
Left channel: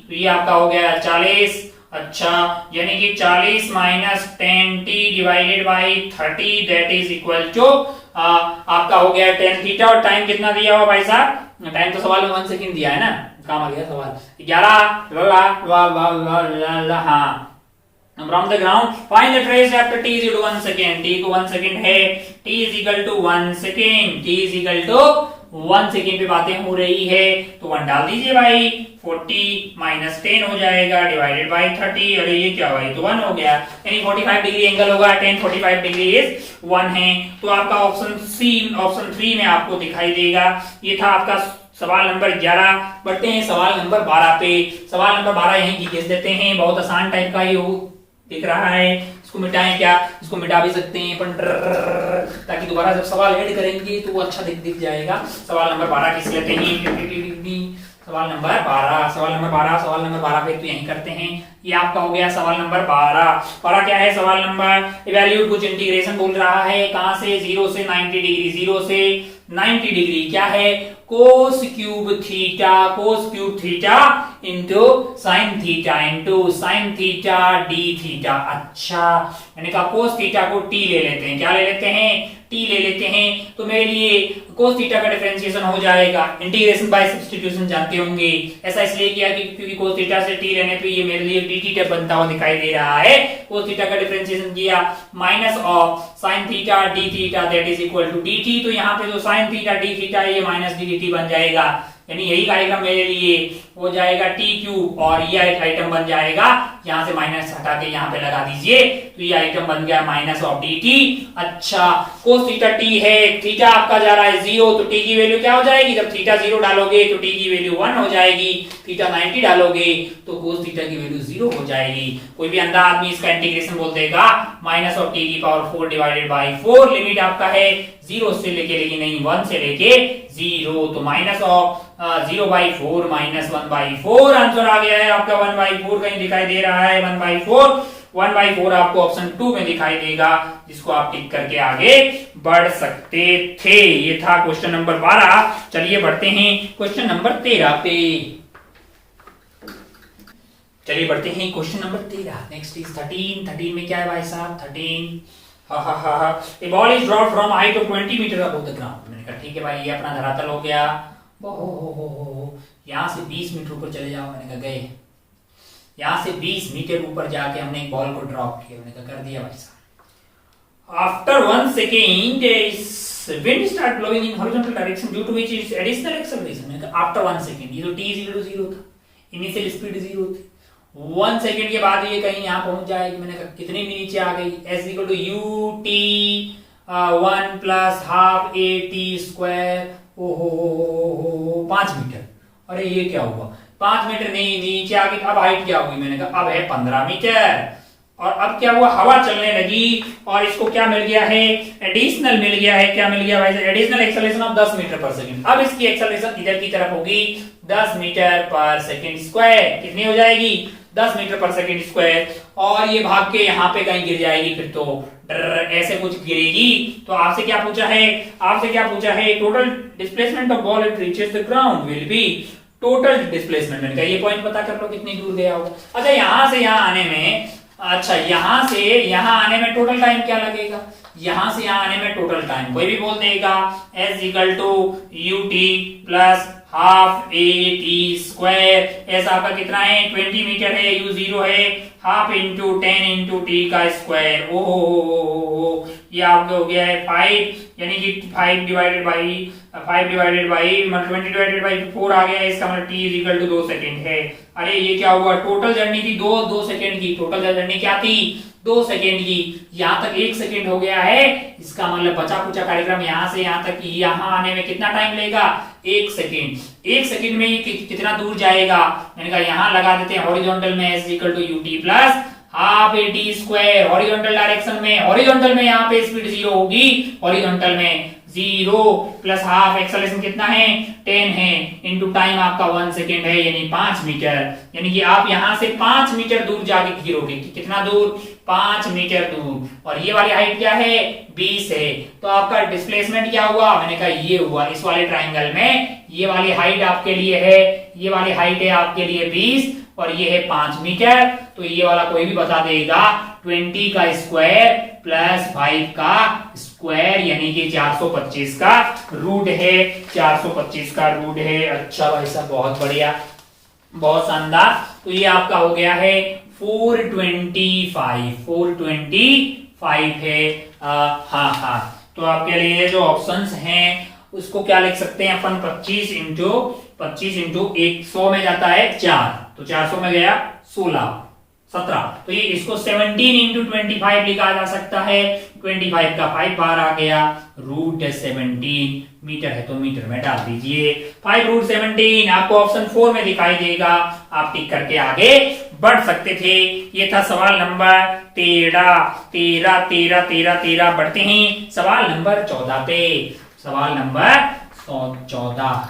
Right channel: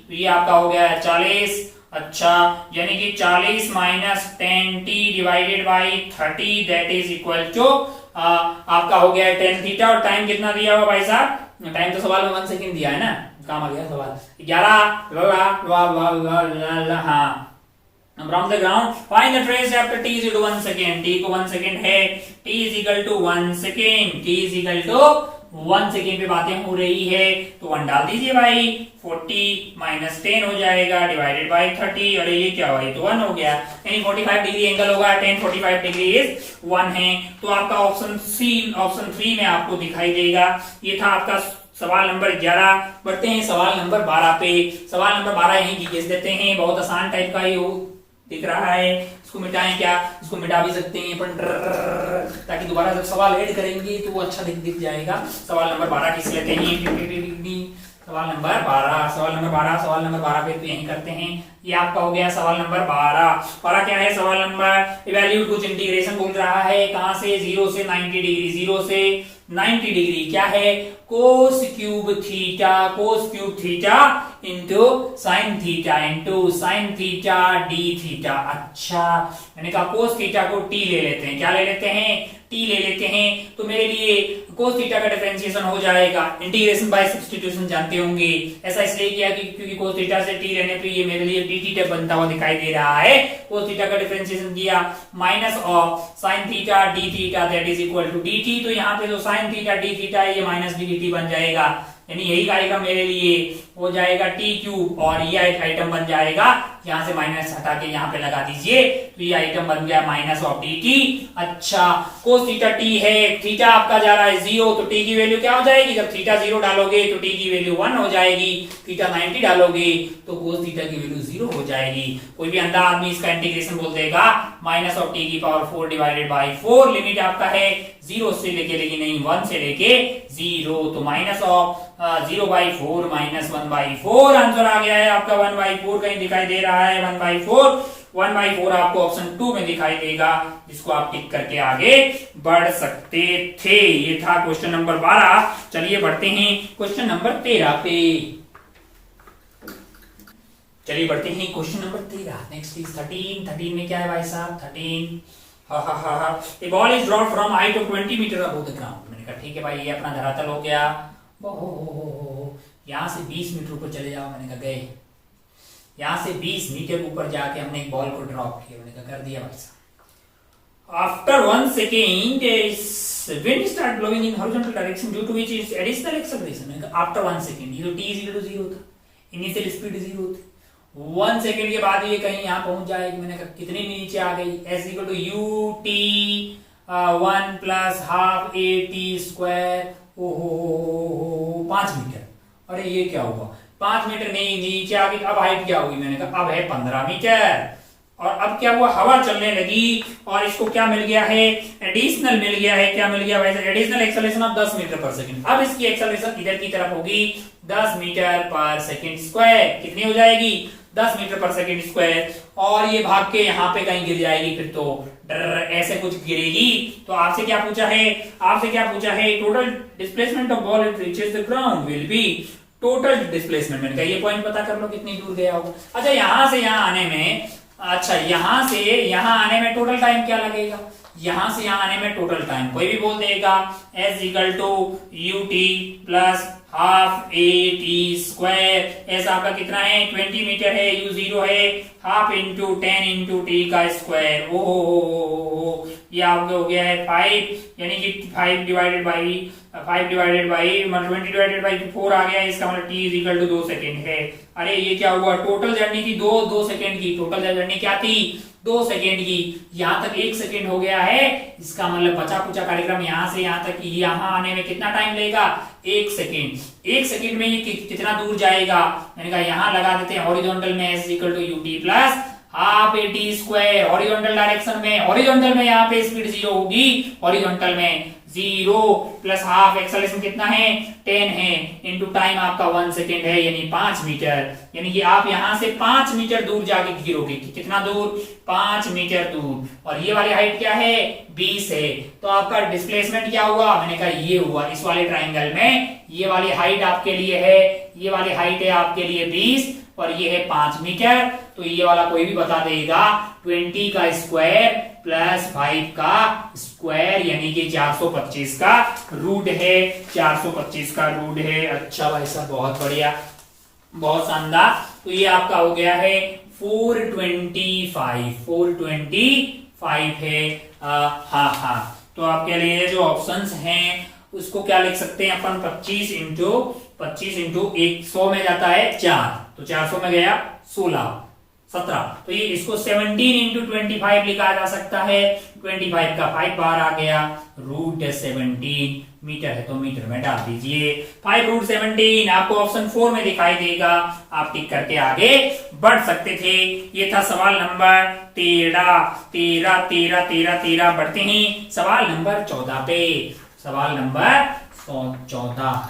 तो ये आपका हो गया 40। अच्छा, यानी कि 40 minus 10t divided by 30 that is equal to आपका हो गया 10 थीटा। और टाइम कितना दिया हुआ भाई साहब? टाइम तो सवाल में 1 सेकंड दिया है ना, काम आ गया सवाल 11। हाँ, from the ground find the trace after t is equal to 1 second। t को 1 सेकंड है, t is equal to 1 second, t is equal to 1 second पे बातें हो रही है, तो 1 डाल दीजिए भाई। 40 माइनस 10 हो जाएगा डिवाइडेड बाई 30। अरे ये क्या भाई? तो 1 हो गया, यानी 45 डिग्री एंगल होगा। 10 45 डिग्री इज 1 है। तो आपका ऑप्शन सी, ऑप्शन 3 में आपको दिखाई देगा। ये था आपका सवाल नंबर 11। बढ़ते हैं सवाल नंबर 12 पे। सवाल नंबर 12 यहीं की घिस देते हैं, बहुत आसान टाइप का ये दिख रहा है। इसको मिटाएं क्या? इसको मिटा भी सकते हैं अपन, ताकि दोबारा जब सवाल ऐड करेंगे तो वो अच्छा दिख जाएगा। सवाल नंबर 12 किस लेते हैं? सवाल नंबर 12, सवाल नंबर 12 फिर तो यही करते हैं। ये आपका हो गया सवाल नंबर 12 क्या है सवाल नंबर, इवैल्यूएट कुछ इंटीग्रेशन बोल रहा है, कहां से, 0 से 90 डिग्री, 0 से 90 डिग्री क्या है, cos cube theta into sine theta d theta. अच्छा, मैंने कहा कोस थीटा को टी ले लेते हैं, क्या ले लेते हैं, टी ले लेते हैं, तो मेरे लिए कोस थीटा का डिफरेंशिएशन हो जाएगा, इंटीग्रेशन बाय सब्स्टिट्यूशन जानते होंगे, ऐसा इसलिए किया क्योंकि कोस थीटा से टी लेने पे ये मेरे लिए डी थीटा बनता हुआ दिखाई दे रहा है। कोस थीटा का डिफरेंशिएशन किया, minus of sine theta d theta that is equal to d t, तो यहाँ पे जो साइन थीटा डी थीटा है ये माइनस डी टी बन जाएगा, यानी यही आइटम मेरे लिए हो जाएगा टी क्यूब, और ये आइटम बन जाएगा, यहां से माइनस हटा के यहां पे लगा दीजिए, तो ये आइटम बन गया माइनस ऑफ डी टी। अच्छा, कोस थीटा टी है, थीटा आपका जा रहा है 0, तो टी की वैल्यू क्या हो जाएगी, जब थीटा 0 डालोगे तो टी की वैल्यू 1 हो जाएगी, थीटा 90 डालोगे तो कोस थीटा की वैल्यू 0 हो जाएगी। कोई भी अंधा आदमी इसका इंटीग्रेशन बोल देगा, माइनस ऑफ टी की पावर 4 डिवाइडेड बाई 4, लिमिट आपका है 0 से लेके, लेकिन नहीं 1 से लेके 0, तो माइनस ऑफ 0/4 माइनस 1/4 आंसर आ गया है आपका। 1/4 कहीं दिखाई दे रहा है, 1/4 आपको ऑप्शन 2 में दिखाई देगा, जिसको आप टिक करके आगे बढ़ सकते थे। ये था क्वेश्चन नंबर 12। चलिए बढ़ते हैं क्वेश्चन नंबर 13 पे। चलिए बढ़ते हैं क्वेश्चन नंबर 13। नेक्स्ट इज 13 में क्या है भाई साहब, 13 A ball is dropped from height of 20 meter above the ground। मैंने कहा ठीक है भाई, ये अपना धरातल हो गया, यहां से 20 मीटर ऊपर चले जाओ, मैंने कहा गए, यहां से 20 मीटर ऊपर जाके हमने एक बॉल को ड्रॉप किया, मैंने कहा कर दिया भाई साहब। After 1 second wind start blowing in horizontal direction due to which is additional acceleration। मैंने कहा आफ्टर 1 सेकेंड, ये तो t इक्वल टू 0 था, इनिशियल स्पीड 0 थी, 1 सेकेंड के बाद ये कहीं यहां पहुंच जाएगी, मैंने कहा कितनी भी नीचे आ गई, s equal to u t 1 plus half a t square, ओहो 5 मीटर। अरे ये क्या हुआ, 5 मीटर नहीं, नीचे आ गई, अब हाइट क्या होगी, मैंने कहा अब है 15 मीटर। और अब क्या हुआ, हवा चलने लगी और इसको क्या मिल गया है, एडिशनल मिल गया है, क्या मिल गया भाई, एडिशनल एक्सेलरेशन ऑफ 10 मीटर पर सेकंड। अब इसकी एक्सेलरेशन इधर की तरफ होगी 10 मीटर पर सेकंड स्क्वायर, कितनी हो जाएगी, 10 मीटर पर सेकंड स्क्वायर, और ये भाग के यहाँ पे कहीं गिर जाएगी, फिर तो ऐसे कुछ गिरेगी। तो आपसे क्या पूछा है, total displacement of ball it reaches the ground will be total displacement. मैंने कहा ये पॉइंट पता कर लो कितनी दूर गया होगा। अच्छा, यहां से यहां आने में, अच्छा यहां से यहां आने में टोटल टाइम क्या लगेगा, यहां से यहां आने में टोटल टाइम कोई भी बोल देगा, s equal to u t plus half a t square. S आपका कितना है, 20 मीटर है, यू 0 है, हाफ इंटू 10 इंटू टी का स्क्वायर, ओ ये आपका हो गया है 5, यानी कि 5 डिवाइडेड बाई 20 डिवाइडेड बाई 4 आ गया है, इसका मतलब t is equal to 2 second है। अरे ये क्या हुआ, टोटल जर्नी थी 2 सेकेंड की, टोटल जर्नी क्या थी 2 सेकेंड की, यहां तक 1 सेकेंड हो गया है, इसका मतलब बचा कुचा कार्यक्रम यहां से यहां तक, यहां आने में कितना टाइम लगेगा, 1 सेकेंड। 1 सेकेंड में ये कितना दूर जाएगा, मैंने कहा यहां लगा देते हैं हॉरिजॉन्टल में s equal to u t plus half a t square, horizontal direction में, हॉरिजॉन्टल में यहाँ पे स्पीड 0 होगी, हॉरिजॉन्टल में 0 प्लस हाफ, एक्सेलरेशन कितना है 10 है, इनटू टाइम आपका 1 सेकेंड है, यानी 5 मीटर, यानी कि आप यहां से 5 मीटर दूर जाके गिरोगे, कितना दूर 5 मीटर दूर, और ये वाली हाइट क्या है 20 है, तो आपका डिस्प्लेसमेंट क्या हुआ, मैंने कहा ये हुआ, इस वाले ट्राइंगल में ये वाली हाइट आपके लिए है, ये वाली हाइट है आपके लिए 20 और ये है 5 मीटर, तो ये वाला कोई भी बता देगा 20 का स्क्वायर प्लस 5 का स्क्वायर, यानी कि 425 का रूट है, 425 का रूट है। अच्छा भाई साहब, बहुत बढ़िया, बहुत शानदार। तो ये आपका हो गया है 425 है। हाँ, तो आपके लिए जो ऑप्शंस हैं उसको क्या लिख सकते हैं अपन, 25 इंटू 100 में जाता है 4, तो 400 में गया 16, 17, तो ये इसको 17 इंटू 25 लिखा जा सकता है, 25 का 5 बार आ गया, रूट 17 मीटर है तो मीटर में डाल दीजिए, 5 रूट 17 आपको ऑप्शन 4 में दिखाई देगा, आप टिक करके आगे बढ़ सकते थे। ये था सवाल नंबर 13। बढ़ते हैं सवाल नंबर 14 पे, सवाल नंबर 14।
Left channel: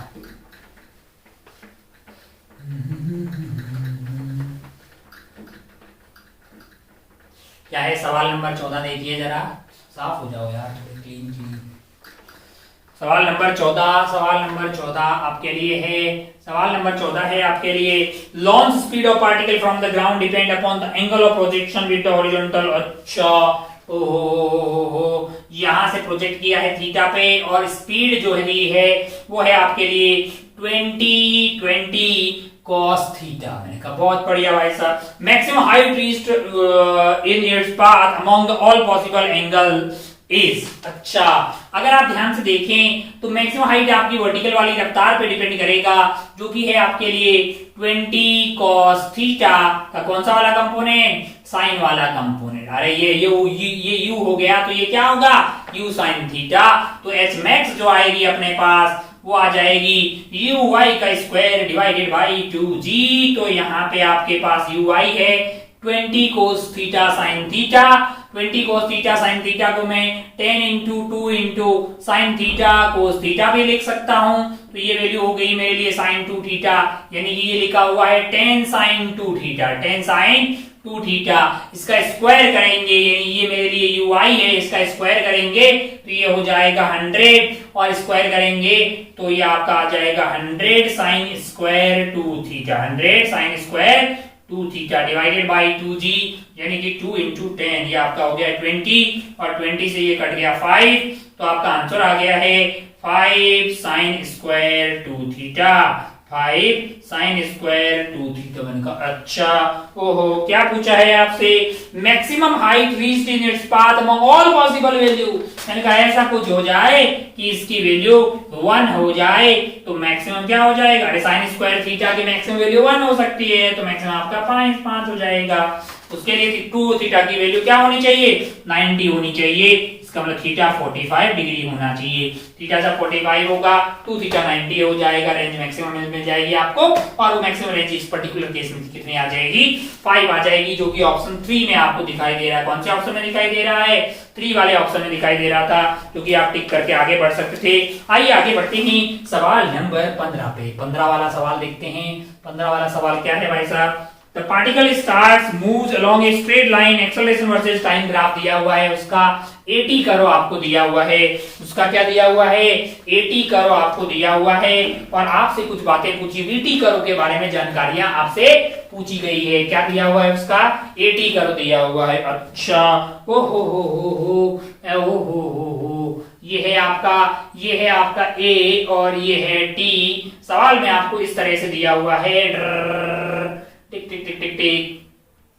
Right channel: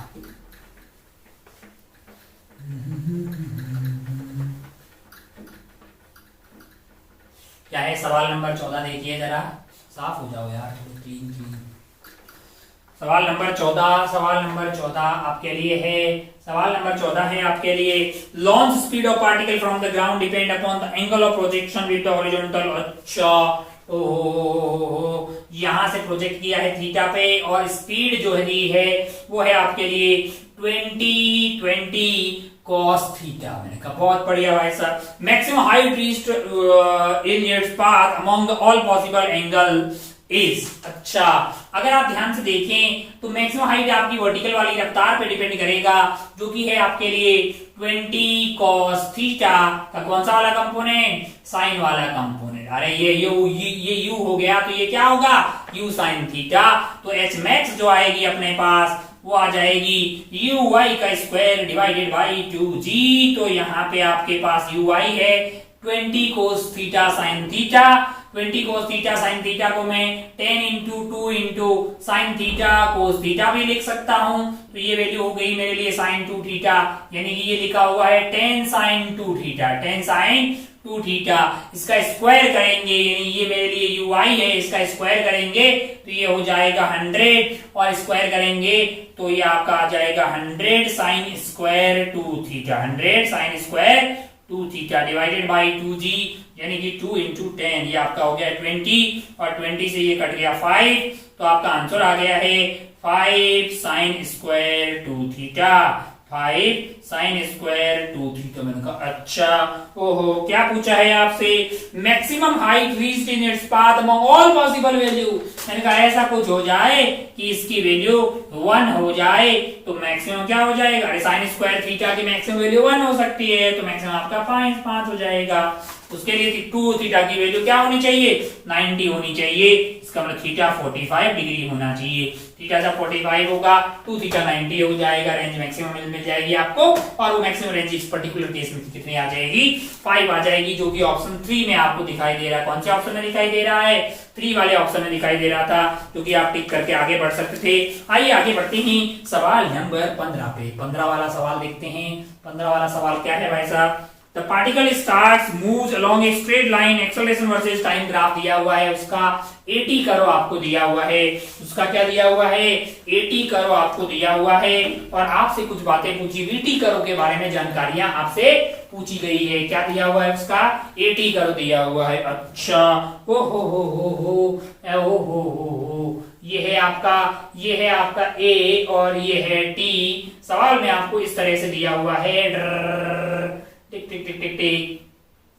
क्या है सवाल नंबर 14, देखिए जरा, साफ हो जाओ यार, थोड़ी क्लीन क्लीन। सवाल नंबर 14 आपके लिए है, सवाल नंबर 14 है आपके लिए, launch speed of particle from the ground depend upon the angle of projection with the horizontal. अच्छा, ओहो, यहां से प्रोजेक्ट किया है थीटा पे, और स्पीड जो है वो है आपके लिए 20 cos थीटा। मैंने कहा बहुत बढ़िया भाई साहब। Maximum height reached in its path among the all possible angle is. अच्छा, अगर आप ध्यान से देखें तो मैक्सिमम हाइट आपकी वर्टिकल वाली रफ्तार पे डिपेंड करेगा, जो कि है आपके लिए 20 cos थीटा का कौन सा वाला कंपोनेंट, साइन वाला कंपोनेंट। अरे ये u हो गया, तो ये क्या होगा, u साइन थीटा। तो एच मैक्स जो आएगी अपने पास वो आ जाएगी यू वाई का स्क्वायर डिवाइडेड बाई 2g। तो यहाँ पे आपके पास यू वाई है 20 cos theta sine theta. 20 cos theta sine theta को मैं 10 into 2 into sine theta cos theta भी लिख सकता हूं। तो ये वैल्यू हो गई मेरे लिए साइन 2 थीटा, यानी कि ये लिखा हुआ है 10 साइन 2 थीटा, 10 साइन 2 थीटा। इसका स्क्वायर करेंगे, यानी ये मेरे लिए यू आई है, इसका स्क्वायर करेंगे तो ये हो जाएगा 100, और स्क्वायर करेंगे तो ये आपका आ जाएगा 100 sine square 2 theta, 100 sine square 2 theta divided by 2g, यानी कि 2 इंटू 10, ये आपका हो गया 20, और 20 से ये कट गया 5, तो आपका आंसर आ गया है 5 sine square 2 theta, 5 sine square 2 theta. मैंने कहा अच्छा, ओहो, क्या पूछा है आपसे, maximum height reached in its path among all possible value. मैंने कहा ऐसा कुछ हो जाए कि इसकी वैल्यू 1 हो जाए तो मैक्सिमम क्या हो जाएगा, अरे साइन स्क्वायर थीटा की मैक्सिमम वैल्यू 1 हो सकती है, तो मैक्सिमम आपका 5 हो जाएगा। उसके लिए 2 थीटा की वैल्यू क्या होनी चाहिए, 90 होनी चाहिए। इसका मतलब थीटा 45 डिग्री होना चाहिए। थीटा जब 45 होगा 2 थीटा 90 हो जाएगा, रेंज मैक्सिमम मिल जाएगी आपको, और वो मैक्सिमम रेंज इस पर्टिकुलर केस में कितनी आ जाएगी, 5 आ जाएगी, जो कि ऑप्शन 3 में आपको दिखाई दे रहा है। कौन से ऑप्शन में दिखाई दे रहा है, 3 वाले ऑप्शन में दिखाई दे रहा था, जो कि आप टिक करके आगे बढ़ सकते थे। आइए आगे बढ़ते हैं सवाल नंबर 15 पे। 15 वाला सवाल देखते हैं। 15 वाला सवाल क्या है भाई साहब, The particle starts moves along a straight line, acceleration versus time graph दिया हुआ है, उसका 80 करो आपको दिया हुआ है, उसका क्या दिया हुआ है, 80 करो आपको दिया हुआ है, और आपसे कुछ बातें पूछी, VT करो के बारे में जानकारियां आपसे पूछी गई है। क्या दिया हुआ है, उसका 80 करो दिया हुआ है। अच्छा, ओ हो, ये है आपका A और ये है T। सवाल में आपको इस तरह से दिया हुआ है, टिक टिक टिक टिक टिक,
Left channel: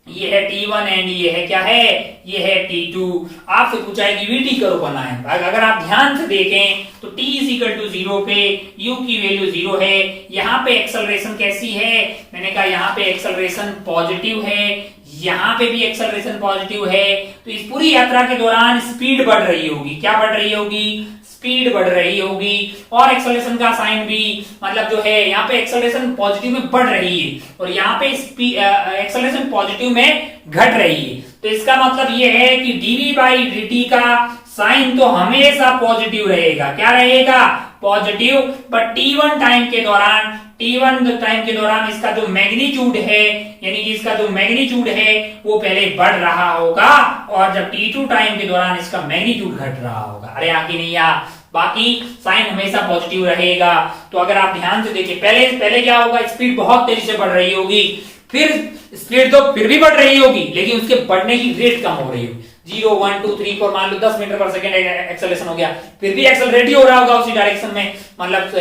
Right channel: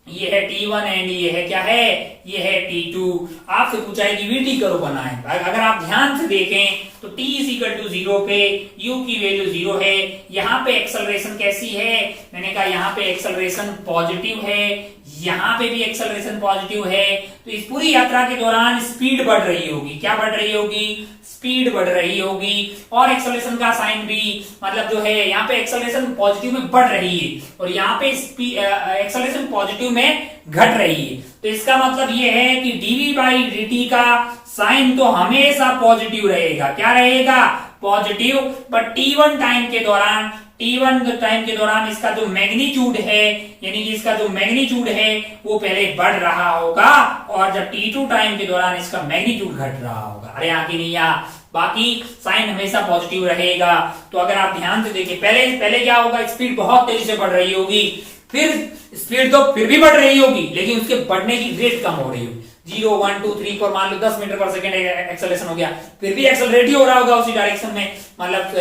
ये है T1 एंड ये है क्या है, ये है T2। आपसे पूछा है कि VT करो बनाएं। अगर आप ध्यान से देखें तो T = 0 पे U की वैल्यू 0 है। यहाँ पे एक्सेलरेशन कैसी है, मैंने कहा यहाँ पे एक्सेलरेशन पॉजिटिव है, यहाँ पे भी एक्सेलरेशन पॉजिटिव है। तो इस पूरी यात्रा के दौरान स्पीड बढ़ रही होगी। क्या बढ़ रही होगी, स्पीड बढ़ रही होगी। और एक्सेलरेशन का साइन भी, मतलब जो है यहाँ पे एक्सेलरेशन पॉजिटिव में बढ़ रही है और यहाँ पे एक्सेलरेशन पॉजिटिव में घट रही है। तो इसका मतलब ये है कि dv/dt का साइन तो हमेशा पॉजिटिव रहेगा। क्या रहेगा, पॉजिटिव। बट t1 टाइम के दौरान इसका जो मैग्नीट्यूड है, यानी कि इसका जो मैग्नीट्यूड है वो पहले बढ़ रहा होगा, और जब t2 टाइम के दौरान इसका मैग्नीट्यूड घट रहा होगा। अरे आगे नहीं आ, बाकी साइन हमेशा पॉजिटिव रहेगा। तो अगर आप ध्यान से देखिए, पहले क्या होगा, स्पीड बहुत तेजी से बढ़ रही होगी, फिर स्पीड तो फिर भी बढ़ रही होगी, लेकिन उसके बढ़ने की रेट कम हो रही होगी। 0 1 2 3 4 मान लो 10 मीटर पर सेकंड एक्सेलरेशन हो गया, फिर भी एक्सेलरेट ही हो रहा होगा उसी डायरेक्शन में, मतलब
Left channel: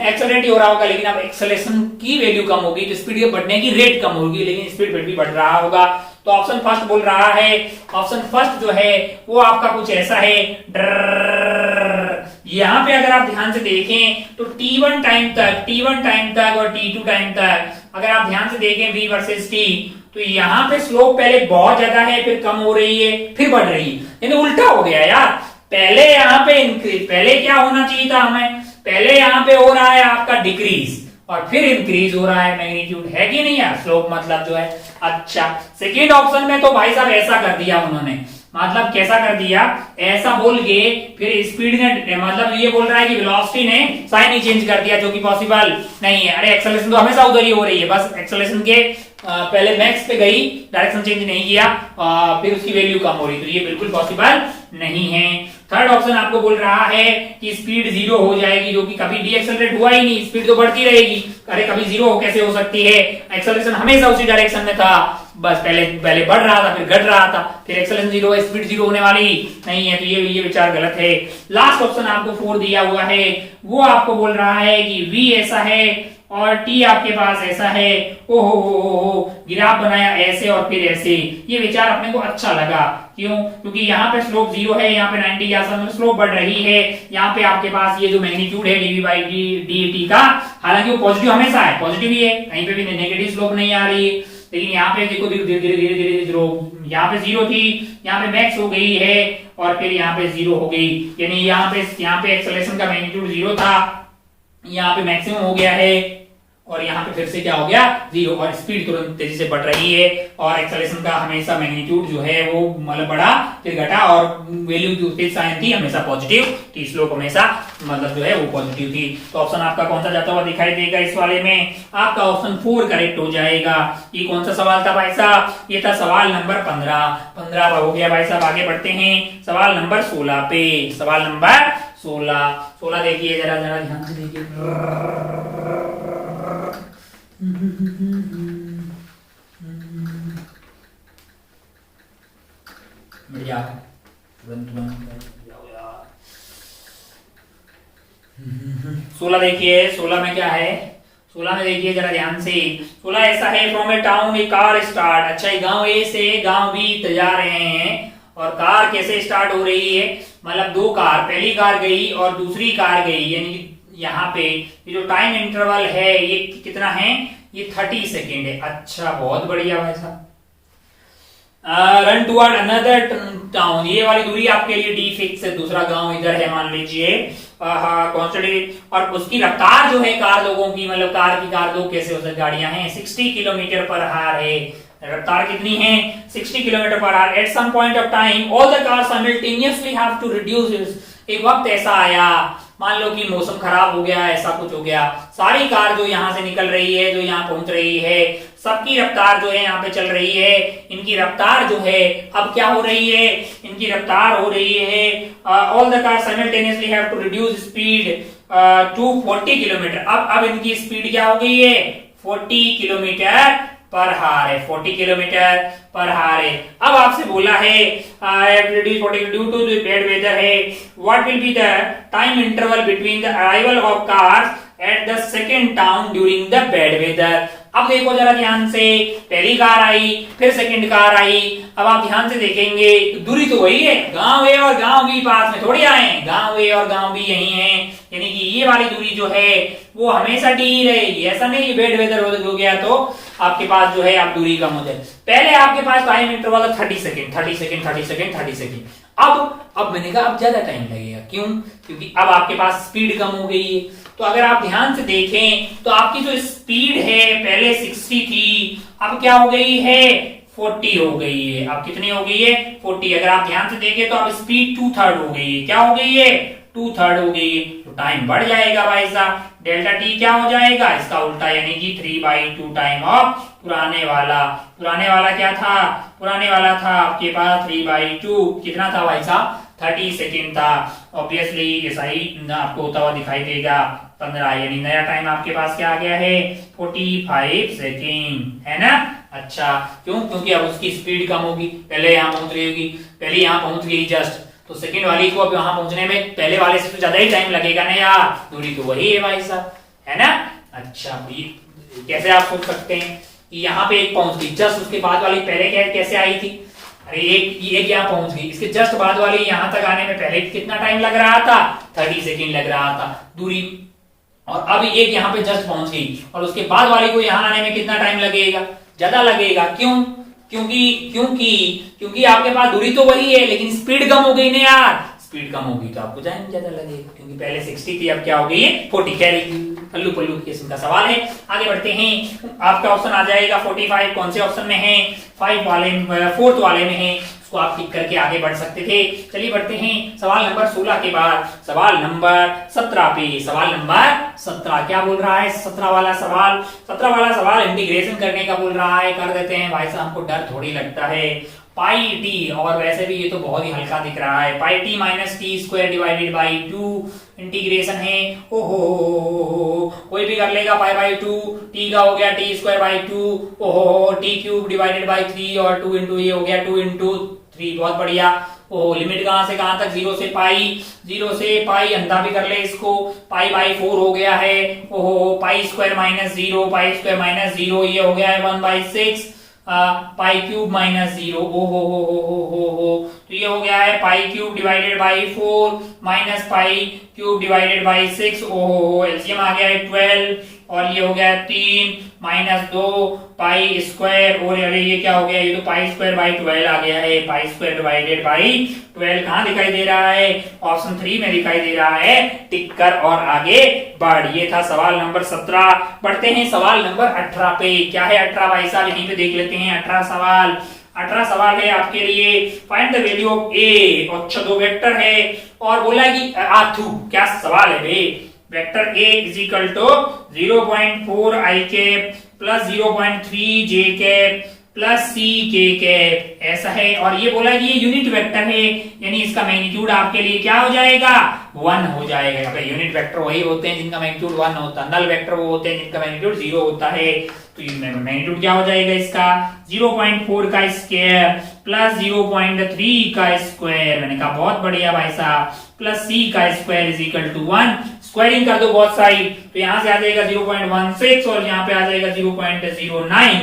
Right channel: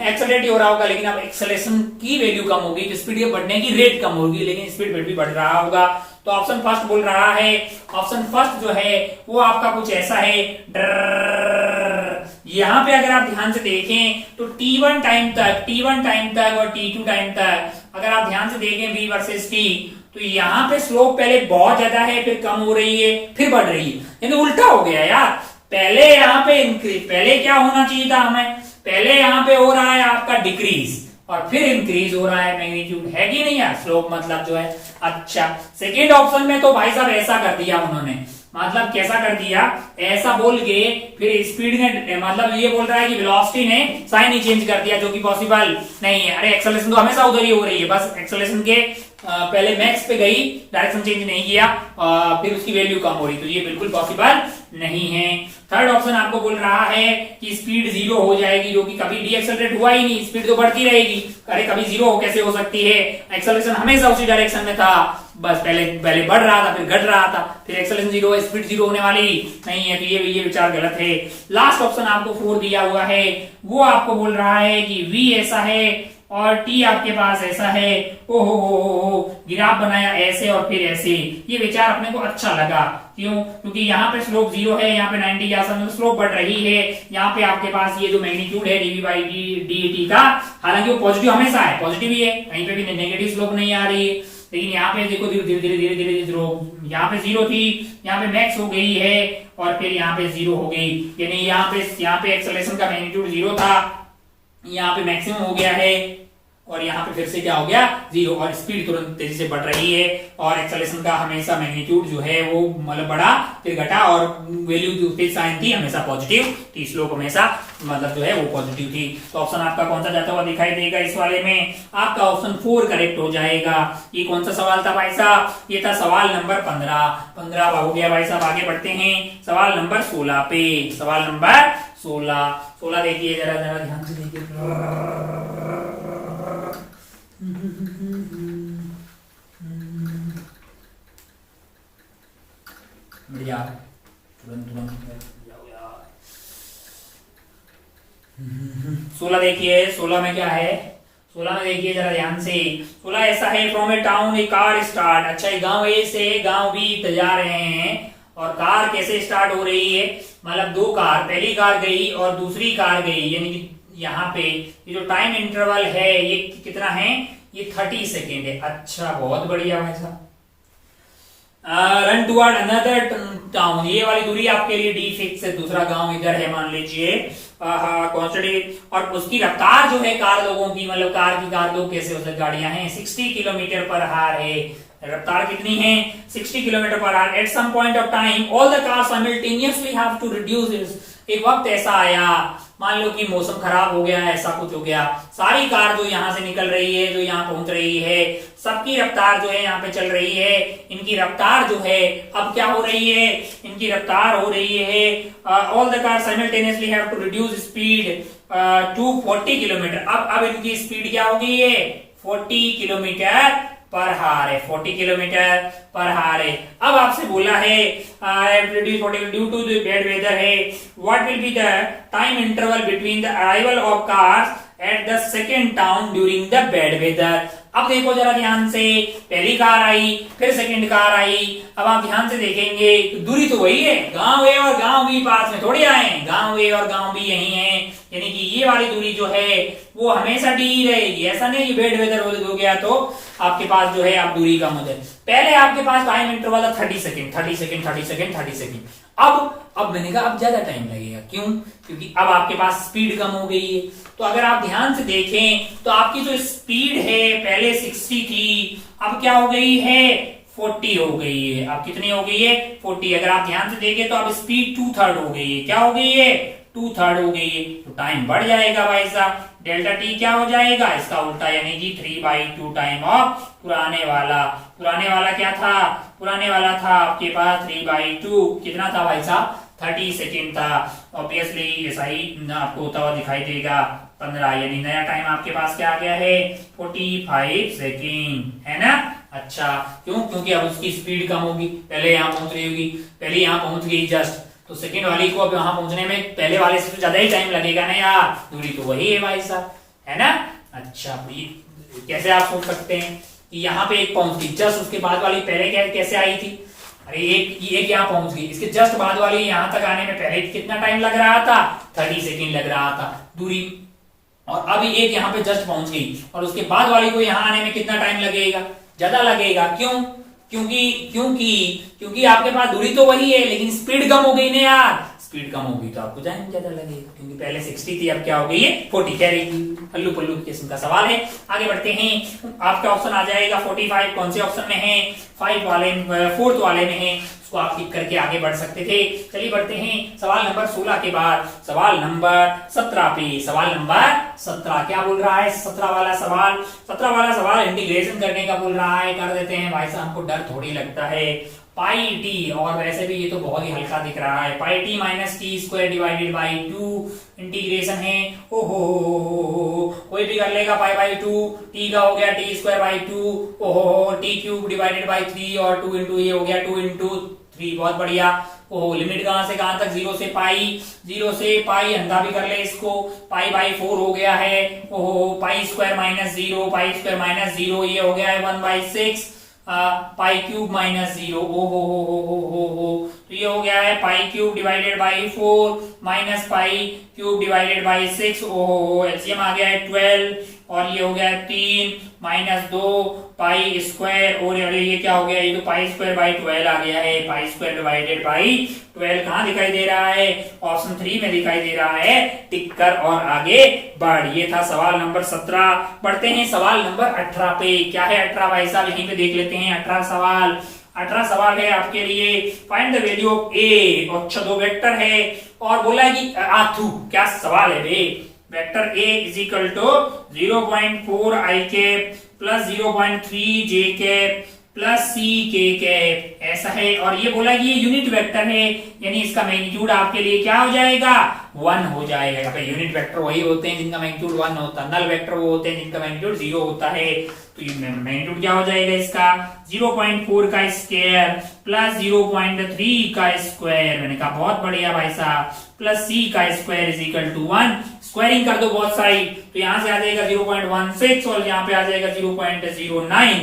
एक्सेलरेट ही हो रहा होगा, लेकिन अब एक्सेलरेशन की वैल्यू कम होगी तो स्पीड के बढ़ने की रेट कम होगी, लेकिन स्पीड फिर भी बढ़ रहा होगा। तो ऑप्शन फर्स्ट बोल रहा है, ऑप्शन फर्स्ट जो है वो आपका कुछ ऐसा है। यहाँ पे अगर आप ध्यान से देखें तो T1 टाइम तक और T2 टाइम तक अगर आप ध्यान से देखें V वर्सेस T, तो यहाँ पे स्लोप पहले बहुत ज्यादा है, फिर कम हो रही है, फिर बढ़ रही है, यानी उल्टा हो गया यार। पहले यहाँ पे इंक्रीज, पहले क्या होना चाहिए था हमें, पहले यहाँ पे हो रहा है आपका डिक्रीज और फिर इंक्रीज हो रहा है मैग्नीट्यूड, है कि नहीं यार, स्लोप मतलब जो है। अच्छा, सेकेंड ऑप्शन में तो भाई साहब ऐसा कर दिया उन्होंने, मतलब कैसा कर दिया, ऐसा बोल के फिर स्पीड ने, मतलब ये बोल रहा है कि वेलोसिटी ने साइन ही चेंज कर दिया, जो कि पॉसिबल नहीं है। अरे एक्सेलरेशन तो हमेशा उधर ही हो रही है, बस एक्सेलरेशन के पहले मैक्स पे गई, डायरेक्शन चेंज नहीं किया, फिर उसकी वैल्यू कम हो रही, तो ये बिल्कुल पॉसिबल नहीं है। थर्ड ऑप्शन आपको बोल रहा है कि स्पीड 0 हो जाएगी, जो कि कभी डीएक्सेलरेट हुआ ही नहीं, स्पीड तो बढ़ती रहेगी। अरे कभी 0 कैसे हो सकती है, एक्सेलरेशन हमेशा उसी डायरेक्शन में था, बस पहले बढ़ रहा था फिर घट रहा था, फिर एक्सेलरेशन 0 है, स्पीड 0 होने वाली नहीं है, तो ये विचार गलत है। लास्ट ऑप्शन आपको 4 दिया हुआ है, वो आपको बोल रहा है कि v ऐसा है और t आपके पास ऐसा है, ओहो ग्राफ बनाया ऐसे और फिर ऐसे। ये विचार अपने को अच्छा लगा, क्यों? क्योंकि यहाँ पे स्लोप 0 है, यहाँ पे 90 के आसपास स्लोप बढ़ रही है, यहाँ पे आपके पास ये जो मैग्नीट्यूड है dv/dt का, हालांकि वो पॉजिटिव हमेशा है, पॉजिटिव ही है, कहीं पे भी नेगेटिव स्लोप नहीं आ रही है, लेकिन यहाँ पे देखो धीरे धीरे यहाँ पे 0 थी, यहाँ पे मैक्स हो गई है और फिर यहाँ पे 0 हो गई, यानी यहाँ पे एक्सेलरेशन का मैग्नीट्यूड 0 था, यहाँ पे मैक्सिमम हो गया है और यहाँ पे फिर से क्या हो गया 0, और स्पीड तुरंत तेजी से बढ़ रही है, और एक्सेलरेशन का हमेशा मैग्नीट्यूड जो है वो मतलब बढ़ा फिर घटा, और वैल्यू जो साइन थी हमेशा पॉजिटिव थी, स्लोप हमेशा मतलब जो है वो पॉजिटिव थी। तो ऑप्शन आपका कौन सा जाता हुआ दिखाई देगा इस वाले में? आपका ऑप्शन 4 करेक्ट हो जाएगा। ये कौन सा सवाल था भाई साहब? ये था सवाल नंबर 15 हो गया भाई साहब। आगे बढ़ते हैं सवाल नंबर 16 पे। सवाल नंबर 16 देखिए, जरा ध्यान से देखिए। बढ़िया, तुरंत 16 देखिए, 16 में क्या है? 16 में देखिए जरा ध्यान से। 16 ऐसा है, from A town A car start. अच्छा, गांव ए से गांव बी जा रहे हैं, और कार कैसे स्टार्ट हो रही है? मतलब 2 कार, पहली कार गई और दूसरी कार गई, यानी यहाँ पे ये जो टाइम इंटरवल है ये कितना है? ये 30 सेकेंड है। अच्छा, बहुत बढ़िया भाई साहब। रन टुवर्ड अनदर टाउन, ये वाली दूरी आपके लिए डी फिक्स है, दूसरा गांव इधर है मान लीजिए, और उसकी रफ्तार जो है कार लोगों की, मतलब कार लोग कैसे उसे गाड़ियां हैं 60 किलोमीटर पर आवर है। रफ्तार कितनी है? 60 kilometre per hour. At some point of time all the cars simultaneously have to reduce. एक वक्त ऐसा आया, मान लो कि मौसम खराब हो गया, ऐसा कुछ हो गया, सारी कार जो यहाँ से निकल रही है, जो यहाँ पहुंच रही है, सबकी रफ्तार जो है यहाँ पे चल रही है, इनकी रफ्तार जो है अब क्या हो रही है? इनकी रफ्तार हो रही है, all the car simultaneously have to reduce speed to 40 kilometre. अब इनकी स्पीड क्या हो गई है? 40 किलोमीटर पर हार है, 40 किलोमीटर पर हार है। अब आपसे बोला है due to the bad weather है, what will be the time interval between the arrival of cars at the second town during the bad weather. अब देखो जरा ध्यान से, पहली कार आई, फिर सेकंड कार आई। अब आप ध्यान से देखेंगे, दूरी तो वही है, गांव ए और गांव बी पास में थोड़ी आए हैं, गांव ए और गांव बी यही है, यानी कि ये वाली दूरी जो है वो हमेशा टी ही रहेगी। ऐसा नहीं कि बैड वेदर हो गया तो आपके पास जो है आप दूरी कम हो जाए। पहले आपके पास टाइम इंटरवल 30 सेकेंड। अब मैंने कहा अब ज्यादा टाइम लगेगा, क्यों? क्योंकि अब आपके पास स्पीड कम हो गई है। तो अगर आप ध्यान से देखें तो आपकी जो स्पीड है पहले 60 थी, अब क्या हो गई है? 40 हो गई है। अब कितनी हो गई है? 40। अगर आप ध्यान से देखें तो अब स्पीड 2/3 हो गई है। क्या हो गई है? 2/3 हो गई है, तो टाइम बढ़ जाएगा भाई साहब। डेल्टा टी क्या हो जाएगा? इसका उल्टा, यानी कि 3/2 टाइम ऑफ पुराने वाला क्या था? पुराने वाला था आपके पास 3/2, कितना था भाई साहब? 30 सेकेंड था। ऑब्वियसली ऐसा ही आपको होता हुआ दिखाई देगा 15, यानी नया टाइम आपके पास क्या आ गया है? 45 सेकेंड, है ना? अच्छा, क्यों? क्योंकि अब उसकी स्पीड कम होगी, पहले यहाँ पहुंच रही होगी, पहले यहाँ पहुंच गई जस्ट, तो सेकंड वाली को अब यहाँ पहुंचने में पहले वाले से ज्यादा ही टाइम लगेगा ना यार, दूरी तो वही है भाई साहब, है ना? अच्छा, कैसे आप सोच सकते हैं कि यहाँ पे एक पहुंच गई, जस्ट उसके बाद वाली पहले कैसे आई थी? अरे एक यहाँ पहुंच गई, इसके जस्ट बाद वाली यहाँ तक आने में पहले कितना टाइम लग रहा था? 30 सेकेंड लग रहा था दूरी, और अभी एक यहाँ पे जस्ट पहुंच गई, और उसके बाद वाली को यहाँ आने में कितना टाइम लगेगा? ज्यादा लगेगा। क्यों? क्योंकि आपके पास दूरी तो वही है, लेकिन स्पीड कम हो गई ना यार। स्पीड कम होगी तो आपको टाइम ज्यादा लगेगा, क्योंकि पहले 60 थी, अब क्या हो गई है? 40। कह रही पल्लू किस्म का सवाल है। आगे बढ़ते हैं, आपका ऑप्शन आ जाएगा 45। कौन से ऑप्शन में है? 4th वाले में है। उसको आप टिक करके आगे बढ़ सकते थे। चलिए बढ़ते हैं सवाल नंबर 16 के बाद सवाल नंबर 17 पे। सवाल नंबर 17 क्या बोल रहा है? 17 वाला सवाल इंटीग्रेशन करने का बोल रहा है। कर देते हैं भाई साहब, हमको डर थोड़ी लगता है। पाई टी, और वैसे भी ये तो बहुत ही हल्का दिख रहा है, pi t minus t square divided by 2 integration है। ओहो, कोई भी कर लेगा। पाई बाई 2, टी का हो गया टी स्क्वायर बाई 2, ओहो, टी क्यूब डिवाइडेड बाई 3 और 2 इंटू ये हो गया 2 इंटू 3। बहुत बढ़िया। ओहो, लिमिट कहां से कहां तक? 0 से पाई अंधा भी कर ले इसको। पाई बाई 4 हो गया है। ओहो, पाई स्क्वायर माइनस 0, ये हो गया है 1/6। पाई क्यूब माइनस 0, हो, तो ये हो गया है पाई cube divided by 4 minus pi cube divided by 6। ओहो, एलसीएम आ गया है 12, और ये हो गया है 3 माइनस 2 पाई स्क्वायर, और अरे ये क्या हो गया? ये तो पाई स्क्वायर बाई 12 आ गया है। पाई स्क्वायर डिवाइडेड बाई 12 कहाँ दिखाई दे रहा है? ऑप्शन 3 में दिखाई दे रहा है। टिक कर और आगे बढ़। ये था सवाल नंबर 17। बढ़ते हैं सवाल नंबर 18 पे। क्या है 18 भाई साहब? यहीं पे देख लेते हैं 18 सवाल है आपके लिए। Find the value of A. अच्छा, दो वेक्टर है और बोला कि आथू, क्या सवाल है बे? Vector a is equal to 0.4 i cap plus 0.3 j cap plus c k cap, ऐसा है। और ये बोला कि ये यूनिट वेक्टर है, यानी इसका मैग्नीट्यूड आपके लिए क्या हो जाएगा? 1 हो जाएगा। यूनिट वेक्टर वही होते हैं जिनका मैग्नीट्यूड 1 होता है, नल वेक्टर वो होते हैं जिनका मैग्नीट्यूड 0 होता है। तो मैग्नीट्यूड क्या हो जाएगा इसका? 0.4 का स्क्वायर प्लस 0.3 का स्क्वायर। मैंने कहा बहुत बढ़िया भाई साहब, प्लस सी का square is equal to 1। Squaring कर दो बहुत साइड, तो यहां से आ जाएगा 0.16 और यहाँ पे आ जाएगा 0.09।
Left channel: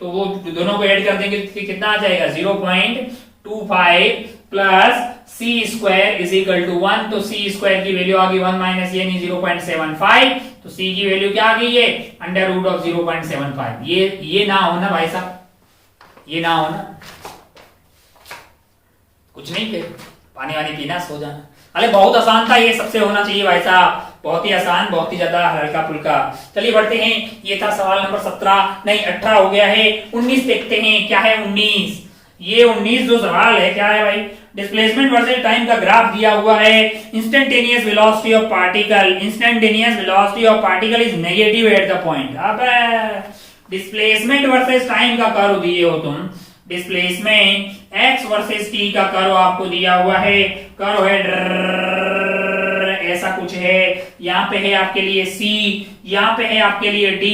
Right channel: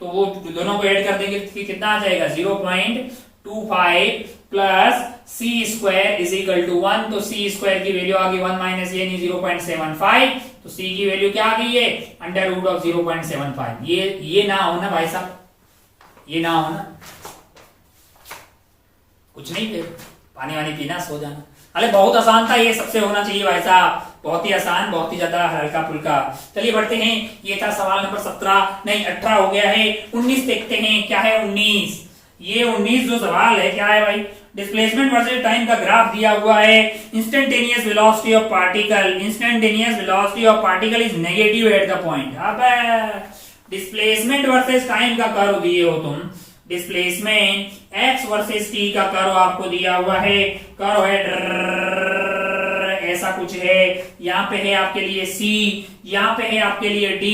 तो वो दोनों को ऐड कर देंगे तो कितना आ जाएगा? 0.25 plus c square is equal to 1। तो सी स्क्वायर की वैल्यू आ गई 1 माइनस यानी 0.75। तो सी की वैल्यू क्या आ गई है? Under root of 0.75। ये ना हो ना भाई साहब, ये ना हो ना, कुछ नहीं थे, पानी वानी पीना, सो जाना। अरे बहुत आसान था ये, सबसे होना चाहिए भाई साहब, बहुत ही आसान, बहुत ही ज्यादा हल्का फुल्का। चलिए बढ़ते हैं। ये था सवाल नंबर 17, नहीं 18 हो गया है। 19 देखते हैं क्या है 19। ये 19 जो सवाल है क्या है भाई? डिस्प्लेसमेंट वर्सेस टाइम का ग्राफ दिया हुआ है। Instantaneous velocity of particle is negative at the point. अब डिस्प्लेसमेंट वर्सेस टाइम का कर्व दिए हो तुम, डिस्प्लेसमेंट एक्स वर्सेस टी का कर्व आपको दिया हुआ है। कर्व है ऐसा कुछ है। यहाँ पे है आपके लिए C, यहाँ पे है आपके लिए D,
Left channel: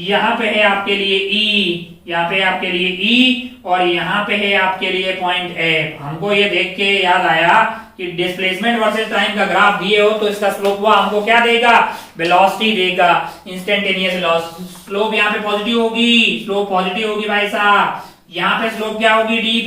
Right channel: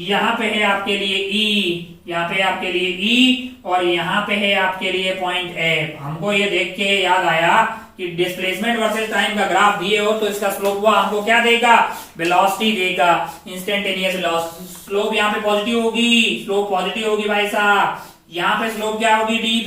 यहाँ पे है आपके लिए E, यहाँ पे आपके लिए E, और यहाँ पे है आपके लिए पॉइंट F। हमको ये देख के याद आया कि डिस्प्लेसमेंट वर्सेस टाइम का ग्राफ दिए हो तो इसका स्लोप हुआ हमको क्या देगा? वेलोसिटी देगा, इंस्टेंटेनियस वेलोसिटी। स्लोप यहाँ पे पॉजिटिव होगी, स्लोप पॉजिटिव होगी भाई साहब। यहाँ पे स्लोप क्या होगी? डी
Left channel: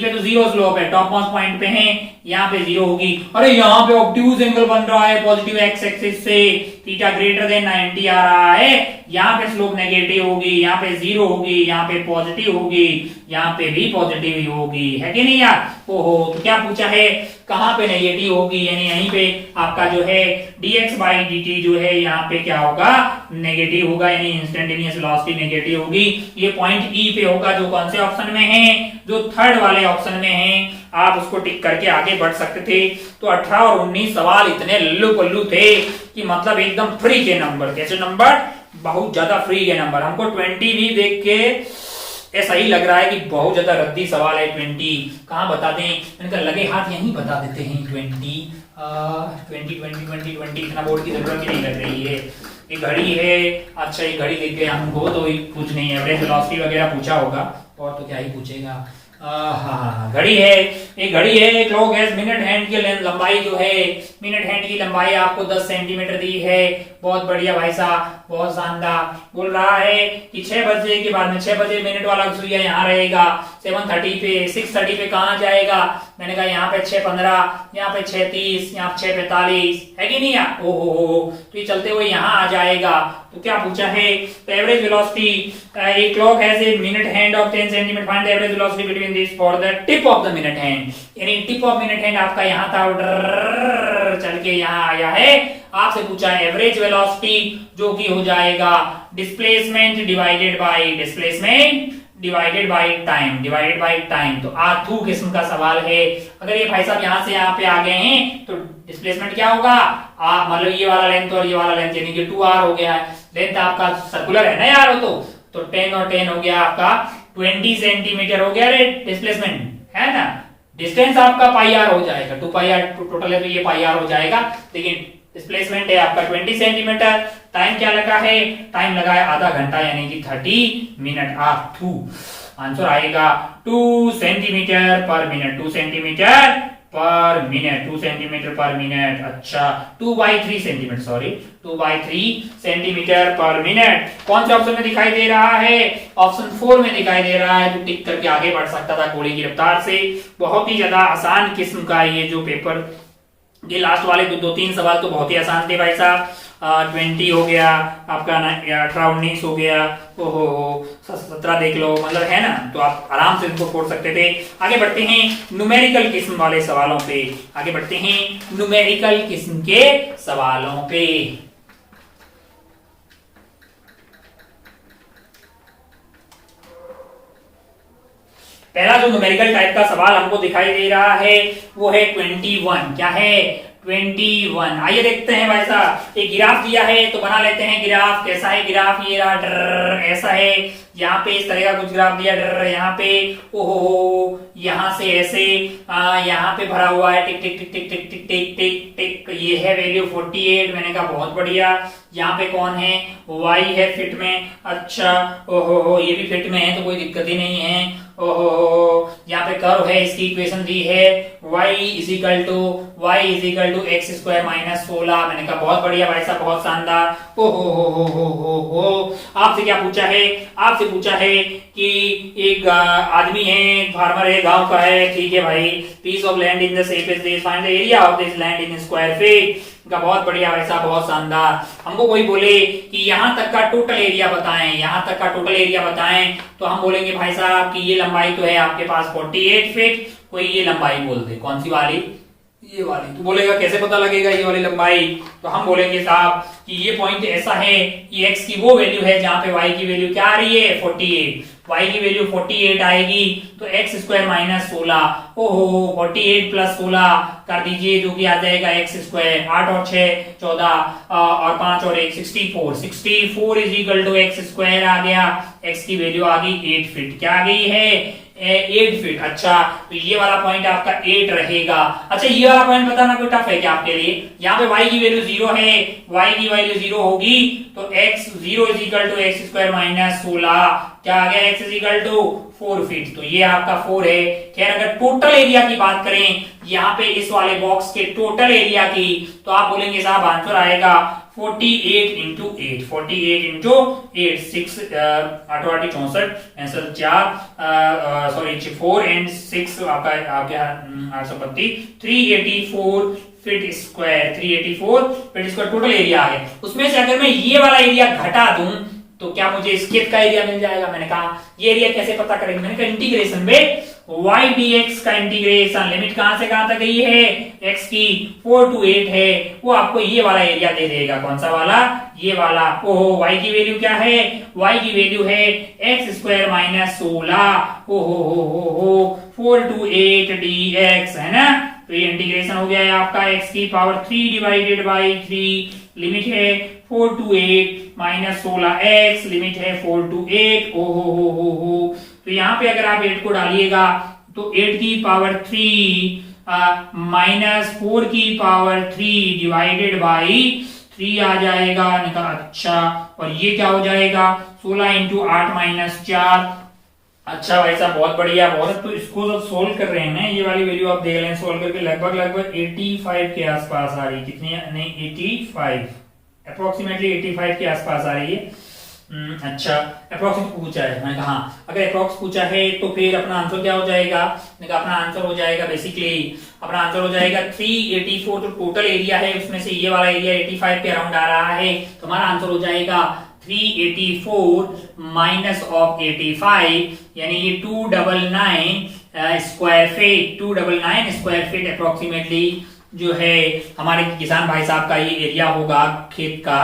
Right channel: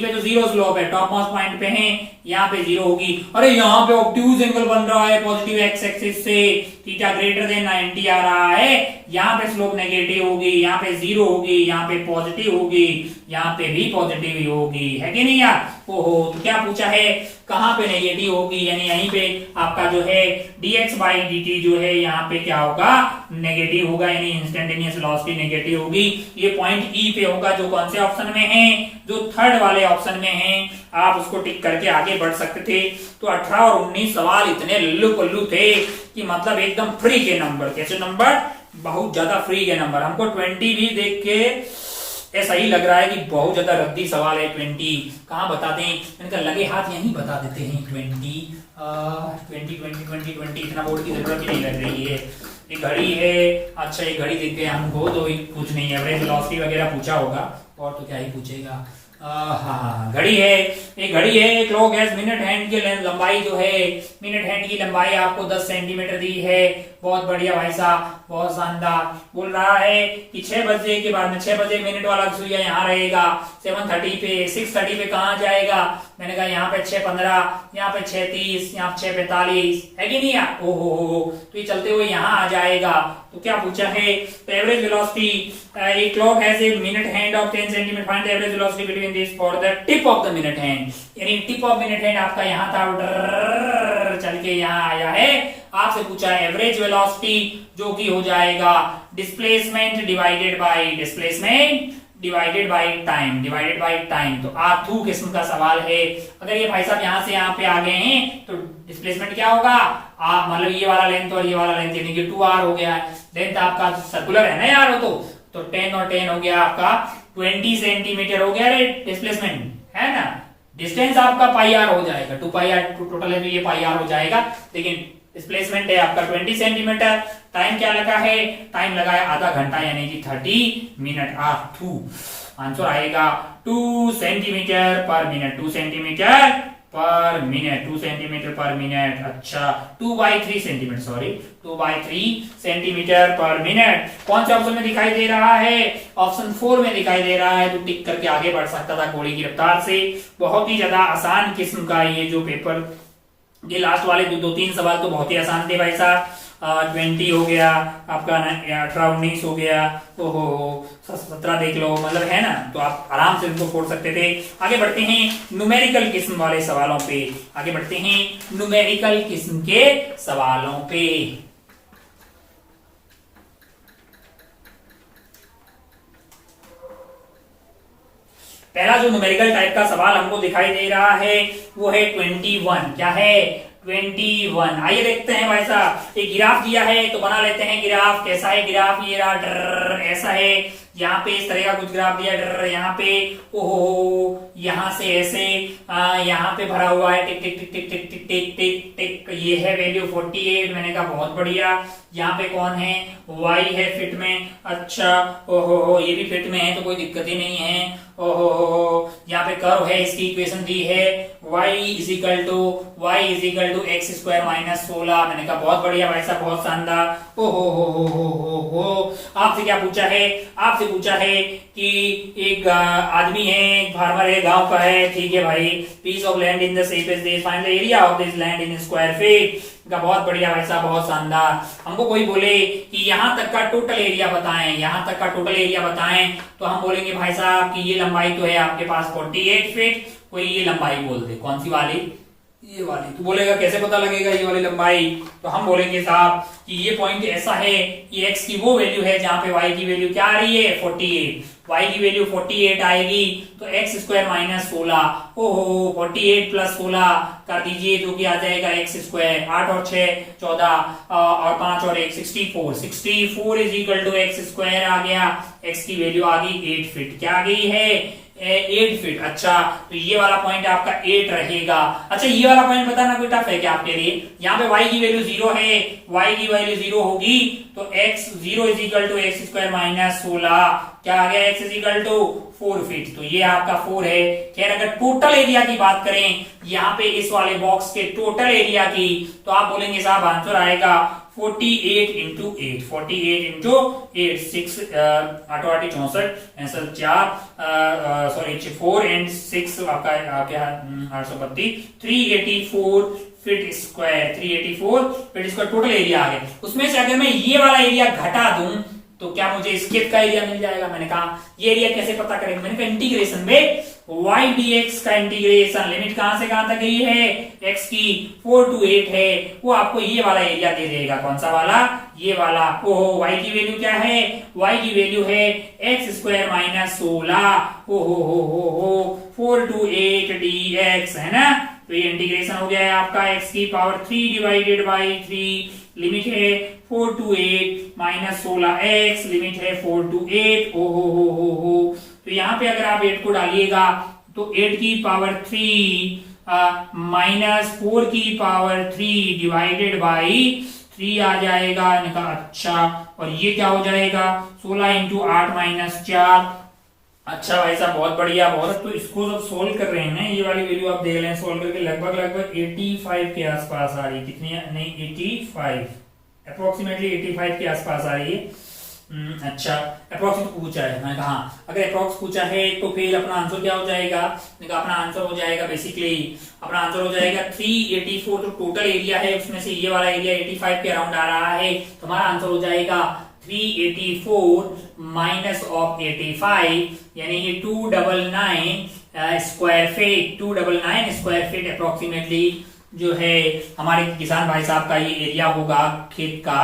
पे तो 0 स्लोप है, टॉप मोस्ट पॉइंट पे है, यहाँ पे 0 होगी। अरे यहाँ पे ऑब्ट्यूज एंगल बन रहा है पॉजिटिव एक्स एक्सिस से, थीटा ग्रेटर देन 90 आ रहा है। यहाँ पे स्लोप नेगेटिव होगी, यहाँ पे 0 होगी, यहाँ पे पॉजिटिव होगी, यहाँ पे भी पॉजिटिव होगी, है कि नहीं यार? ओहो, तो क्या पूछा है? कहाँ पे नेगेटिव होगी? यानी यहीं पे आपका जो है dx बाई dt जो है यहाँ पे क्या होगा? नेगेटिव होगा, यानी इंस्टेंटेनियस वेलोसिटी नेगेटिव होगी। ये पॉइंट ई पे होगा, जो कौन से ऑप्शन में है? जो थर्ड वाले ऑप्शन में है। आप उसको टिक करके आगे बढ़ सकते थे। तो 18 और 19 सवाल इतने लल्लू पल्लू थे कि मतलब एकदम फ्री के नंबर। कैसे नंबर? बहुत ज्यादा फ्री के नंबर। हमको 20 भी देख के ऐसा ही लग रहा है कि बहुत ज्यादा रद्दी सवाल है। 20 कहाँ बता दें? मैंने कहा लगे हाथ यहीं बता देते हैं। 20 इतना बोर्ड की जरूरत ही नहीं लग रही है। ये घड़ी है, अच्छा ये घड़ी देख गए हमको, तो कुछ नहीं है, एवरेज वेलोसिटी वगैरह पूछा होगा, और तो क्या ही पूछेगा। हाँ, घड़ी है, एक घड़ी है। क्लॉक हैज मिनट हैंड की लंबाई जो है, मिनट हैंड की लंबाई आपको 10 सेंटीमीटर दी है। बहुत बढ़िया भाई साहब, बहुत शानदार। बोल रहा है कि 6 बजे के बाद में 6 बजे मिनट वाला सुइया यहाँ रहेगा, 7:30 पे, 6:30 पे कहाँ जाएगा? मैंने कहा यहाँ पे 6:15, यहाँ पे 6:30, यहाँ पे 6:45, है कि नहीं? ओहो, तो ये चलते हुए यहाँ आ जाएगा। तो क्या पूछा है? Average velocity, a clock has a minute hand of 10 centimetre, find the average velocity between this for the tip of the minute hand. यानी टिप ऑफ मिनट हैंड आपका यहाँ था, चल के यहाँ आया है। आपसे पूछा है एवरेज वेलोसिटी, जो कि हो जाएगा displacement divided by divided by time. तो आर्थू किस्म का सवाल है। अगर ये भाई साहब यहाँ से यहाँ पे आ गए हैं तो डिस्प्लेसमेंट क्या होगा, मतलब ये वाला लेंथ और ये वाला लेंथ यानी कि 2r हो गया है। लेंथ आपका सर्कुलर है ना यार, हो तो 10 और 10 हो गया आपका 20 सेंटीमीटर हो गया रे डिस्प्लेसमेंट, है ना। डिस्टेंस आपका पाई आर हो जाएगा, 2 पाई आर टोटल है तो ये पाई आर हो जाएगा, लेकिन डिस्प्लेसमेंट है आपका 20 सेंटीमीटर। टाइम क्या लगा है, टाइम लगा है आधा घंटा यानी कि 30 मिनट। R2 आंसर आएगा 2 सेंटीमीटर पर मिनट, 2 सेंटीमीटर पर मिनट, 2 सेंटीमीटर पर मिनट। अच्छा 2/3 सेंटीमीटर, सॉरी 2/3 सेंटीमीटर पर मिनट। कौन से ऑप्शन में दिखाई दे रहा है, ऑप्शन 4 में दिखाई दे रहा है। तो टिक करके आगे बढ़ सकता था घोड़े की रफ्तार से। बहुत ही ज्यादा आसान किस्म का ये जो पेपर, ये लास्ट वाले दो तीन सवाल तो बहुत ही आसान थे भाई साहब। 20 हो गया आपका, 18-19 हो गया, ओहो 17 देख लो, मतलब है ना। तो आप आराम से इनको छोड़ सकते थे। आगे बढ़ते हैं न्यूमेरिकल किस्म वाले सवालों पे, आगे बढ़ते हैं न्यूमेरिकल किस्म के सवालों पे। पहला जो न्यूमेरिकल टाइप का सवाल हमको दिखाई दे रहा है वो है 21। क्या है, 21। आइए देखते हैं भाई साहब। एक ग्राफ दिया है तो बना लेते हैं ग्राफ। कैसा है ग्राफ, ये रहा ऐसा है। यहाँ पे इस तरह का कुछ ग्राफ दिया, यहाँ पे ओहो, यहाँ से ऐसे, यहाँ पे भरा हुआ है टिक टिक टिक टिक टिक टिक टिक टिक टिक। ये है वैल्यू 48। मैंने कहा बहुत बढ़िया। यहाँ पे कौन है, y है फिट में। अच्छा ओहो, ये भी फिट में है तो कोई दिक्कत ही नहीं है। ओहो, यहाँ पे कर्व है, इसकी इक्वेशन दी है y is equal to x square minus 16। मैंने कहा बहुत बढ़िया भाई साहब, बहुत शानदार। ओहो, आपसे क्या पूछा है, आपसे पूछा है कि एक आदमी है, एक फार्मर है, गांव का है, ठीक है भाई। Piece of land in the shape is this, find the area of this land in square feet. का बहुत बढ़िया भाई साहब, बहुत शानदार। हमको कोई बोले कि यहाँ तक का टोटल एरिया बताएं, यहाँ तक का टोटल एरिया बताएं, तो हम बोलेंगे भाई साहब कि ये लंबाई तो है आपके पास 48 फीट। कोई ये लंबाई बोल दे, कौन सी वाली, ये वाली। तो बोलेगा कैसे पता लगेगा ये वाली लंबाई, तो हम बोलेंगे साहब कि ये पॉइंट ऐसा है कि x की वो वैल्यू है जहां पे y की वैल्यू क्या आ रही है 48। y की वैल्यू 48 आएगी तो एक्स स्क्वायर माइनस 16। ओहो 48 प्लस 16 कर दीजिए जो कि आ जाएगा एक्स स्क्वायर। 8 और 6 14 और 5 और 1 64 is equal to x square आ गया। x की वैल्यू आ गई 8 फीट। क्या आ गई है 8 फीट। अच्छा तो ये वाला पॉइंट आपका 8 रहेगा। अच्छा ये वाला पॉइंट बताना कोई टफ है क्या आपके लिए। यहाँ पे y की वैल्यू 0 है, y की वैल्यू 0 होगी तो x 0 is equal to x square minus 16। क्या आ गया x is equal to 4 feet. तो ये आपका 4 है। खैर अगर टोटल एरिया की बात करें यहाँ पे इस वाले बॉक्स के टोटल एरिया की, तो आप बोलेंगे साहब आंसर आएगा 48 into 8, 48 into 8, 6 8 8 64 answer 4 sorry 4 and 6 आपका आ गया 832 384 feet square. 384 feet square total area आ गया। उसमें से अगर मैं ये वाला एरिया घटा दूं तो क्या मुझे स्केप का एरिया मिल जाएगा। मैंने कहा ये एरिया कैसे पता करेंगे, मैंने कहा इंटीग्रेशन में y dx का इंटीग्रेशन, लिमिट कहां से कहां तक गई है x की 4 to 8 है, वो आपको ये वाला एरिया दे देगा। कौन सा वाला, ये वाला। ओहो y की वैल्यू क्या है, y की वैल्यू है एक्स स्क्वायर माइनस 16। ओहो 4 to 8 dx है ना। तो ये इंटीग्रेशन हो गया है आपका x की पावर 3 डिवाइडेड बाई 3। लिमिट है 4 to 8 माइनस 16x, लिमिट है 4 to 8। ओहो तो यहाँ पे अगर आप 8 को डालिएगा तो 8 की पावर 3 माइनस 4 की पावर 3 डिवाइडेड बाई 3 आ जाएगा। निकाल। अच्छा और ये क्या हो जाएगा 16 इंटू 8 माइनस 4। अच्छा भाई साहब बहुत बढ़िया, बहुत। तो इसको जब सोल्व कर रहे हैं ना, ये वाली वैल्यू आप देख लें सोल्व करके, लगभग 85 के आसपास आ रही है। कितनी, नहीं 85, अप्रोक्सीमेटली 85 के आसपास आ रही है। अच्छा अप्रोक्स पूछा है, मैंने कहा अगर अप्रोक्स पूछा है तो फिर अपना आंसर क्या हो जाएगा। मैंने कहा अपना आंसर हो जाएगा बेसिकली, अपना आंसर हो जाएगा 384। तो टोटल एरिया है उसमें से ये वाला एरिया 85 के अराउंड आ रहा है, तो हमारा आंसर हो जाएगा 384 माइनस ऑफ 85 यानी ये 299 square feet. 299 square feet approximately जो है हमारे किसान भाई साहब का ये एरिया होगा खेत का।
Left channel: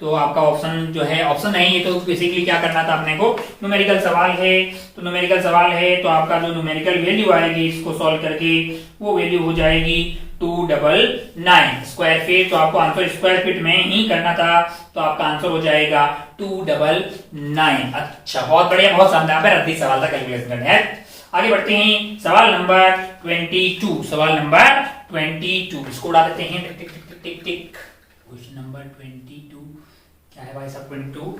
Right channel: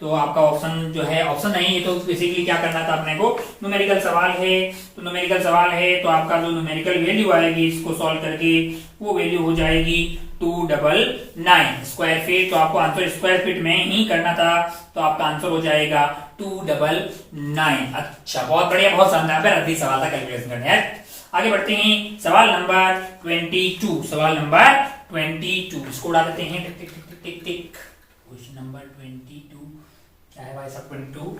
तो आपका ऑप्शन जो है ऑप्शन नहीं है, तो बेसिकली क्या करना था अपने को, न्यूमेरिकल सवाल है तो न्यूमेरिकल सवाल है तो आपका जो न्यूमेरिकल वैल्यू आएगी इसको सॉल्व करके वो वैल्यू हो जाएगी 299 स्क्वायर फीट। तो आपको आंसर स्क्वायर फीट में ही करना था, तो आपका आंसर हो जाएगा 299। अच्छा, बहुत बढ़िया, बहुत शानदार, रद्दी सवाल था, कैलकुलेशन करने है। आगे बढ़ते हैं, सवाल नंबर 22। सवाल नंबर 22 इसको उड़ा देते हैं, टिक टिक टिक टिक टिक टिक। क्वेश्चन नंबर 22 क्या है भाई साहब? 22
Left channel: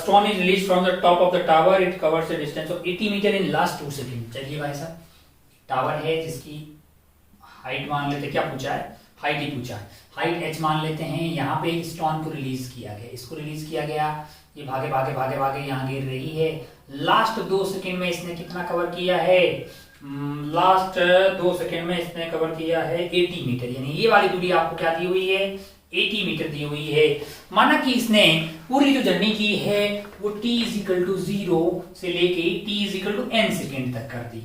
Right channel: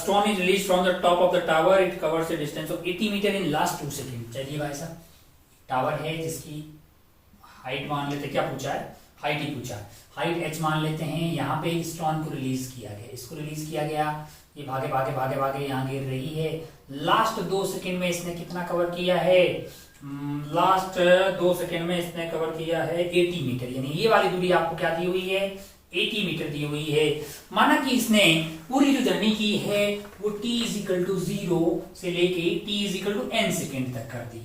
stone is release from the top of the tower, it covers a distance of 80 metre in last 2 second. चलिए भाई साहब, टावर है जिसकी हाइट मान लेते, क्या पूछा है? हाइट ही पूछा है, हाइट h मान लेते हैं। यहाँ पे स्टोन को रिलीज किया गया, इसको रिलीज किया गया, ये भागे भागे भागे भागे यहाँ गिर रही है। लास्ट 2 सेकंड में इसने कितना कवर किया है? लास्ट 2 सेकंड में इसने कवर किया है 80 मीटर, यानी ये वाली दूरी आपको क्या दी हुई है? 80 मीटर दी हुई है। माना कि इसने पूरी जो जर्नी की है वो t इज इक्वल टू 0 से लेके t is equal to n second तक कर दी।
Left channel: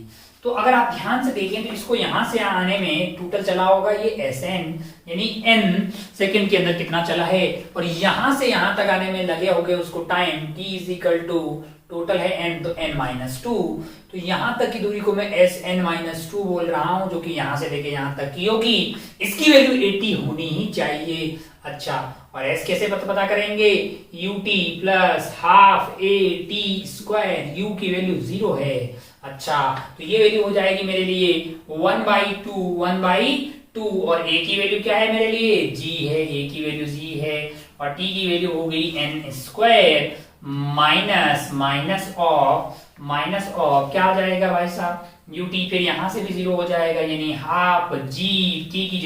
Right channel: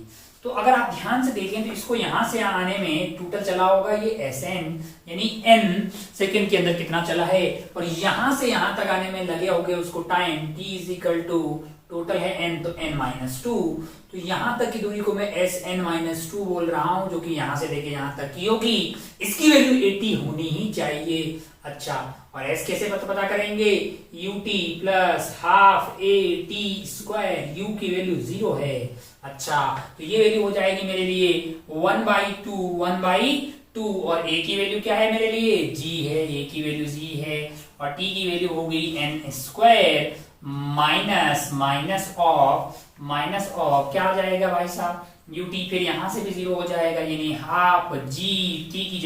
तो अगर आप ध्यान से देखें तो इसको यहां से आने में टोटल चला होगा ये Sn, यानी n सेकेंड के अंदर कितना चला है, और यहां से यहां तक आने में लगे होंगे उसको time t is equal to, total है n तो n माइनस 2, तो यहां तक की दूरी को मैं Sn माइनस 2 बोल रहा हूं, जो कि यहां से लेके यहां तक की होगी। इसकी वैल्यू 80 होनी ही चाहिए। अच्छा, और s कैसे पता करेंगे? ut plus half a t square, u की वैल्यू 0 है। अच्छा, तो ये वैल्यू हो जाएगी मेरे लिए 1/2 और a की वैल्यू क्या है मेरे लिए? g है, a की वैल्यू g है, और t की वैल्यू हो गई n स्क्वायर माइनस ऑफ क्या आ जाएगा भाई साहब? ut, फिर यहां से भी 0 हो जाएगा, यानी हाफ g, t की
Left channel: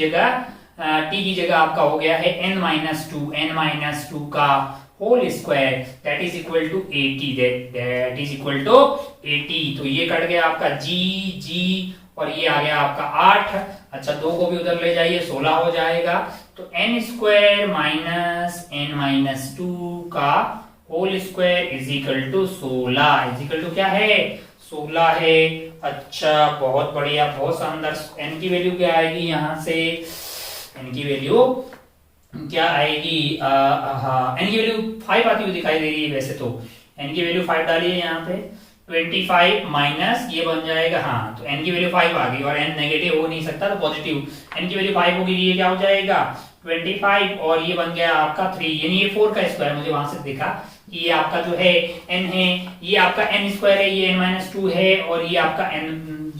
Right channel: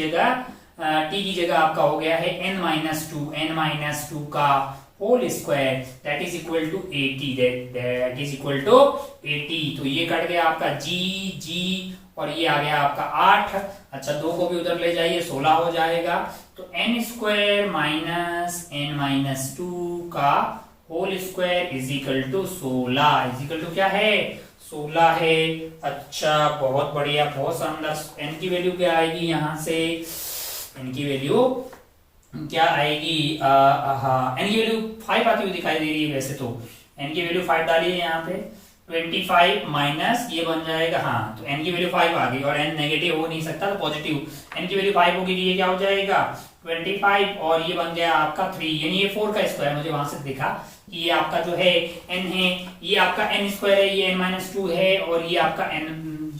जगह आपका हो गया है n माइनस 2 का whole square, that is equal to 80, that is equal to 80। तो ये कट गया आपका g और ये आ गया आपका 8। अच्छा, 2 को भी उधर ले जाइए, 16 हो जाएगा। तो n square minus n minus 2 का whole square is equal to 16, is equal to क्या है? 16 है। अच्छा, बहुत बढ़िया, बहुत शानदार। n की वैल्यू क्या आएगी यहाँ से? n की वैल्यू क्या आएगी? n की वैल्यू 5 आती हुई दिखाई दे रही है वैसे तो। n की वैल्यू 5 डालिए यहाँ पे, 25 माइनस ये बन जाएगा, हाँ, तो n की वैल्यू 5 आ गई, और n नेगेटिव हो नहीं सकता तो पॉजिटिव। n की वैल्यू 5 होगी, ये क्या हो जाएगा? 25, और ये बन गया आपका 3, यानी ये 4 का स्क्वायर, मुझे वहां से दिखा ये आपका जो है n है, ये आपका n स्क्वायर है, ये n माइनस 2 है, और ये आपका n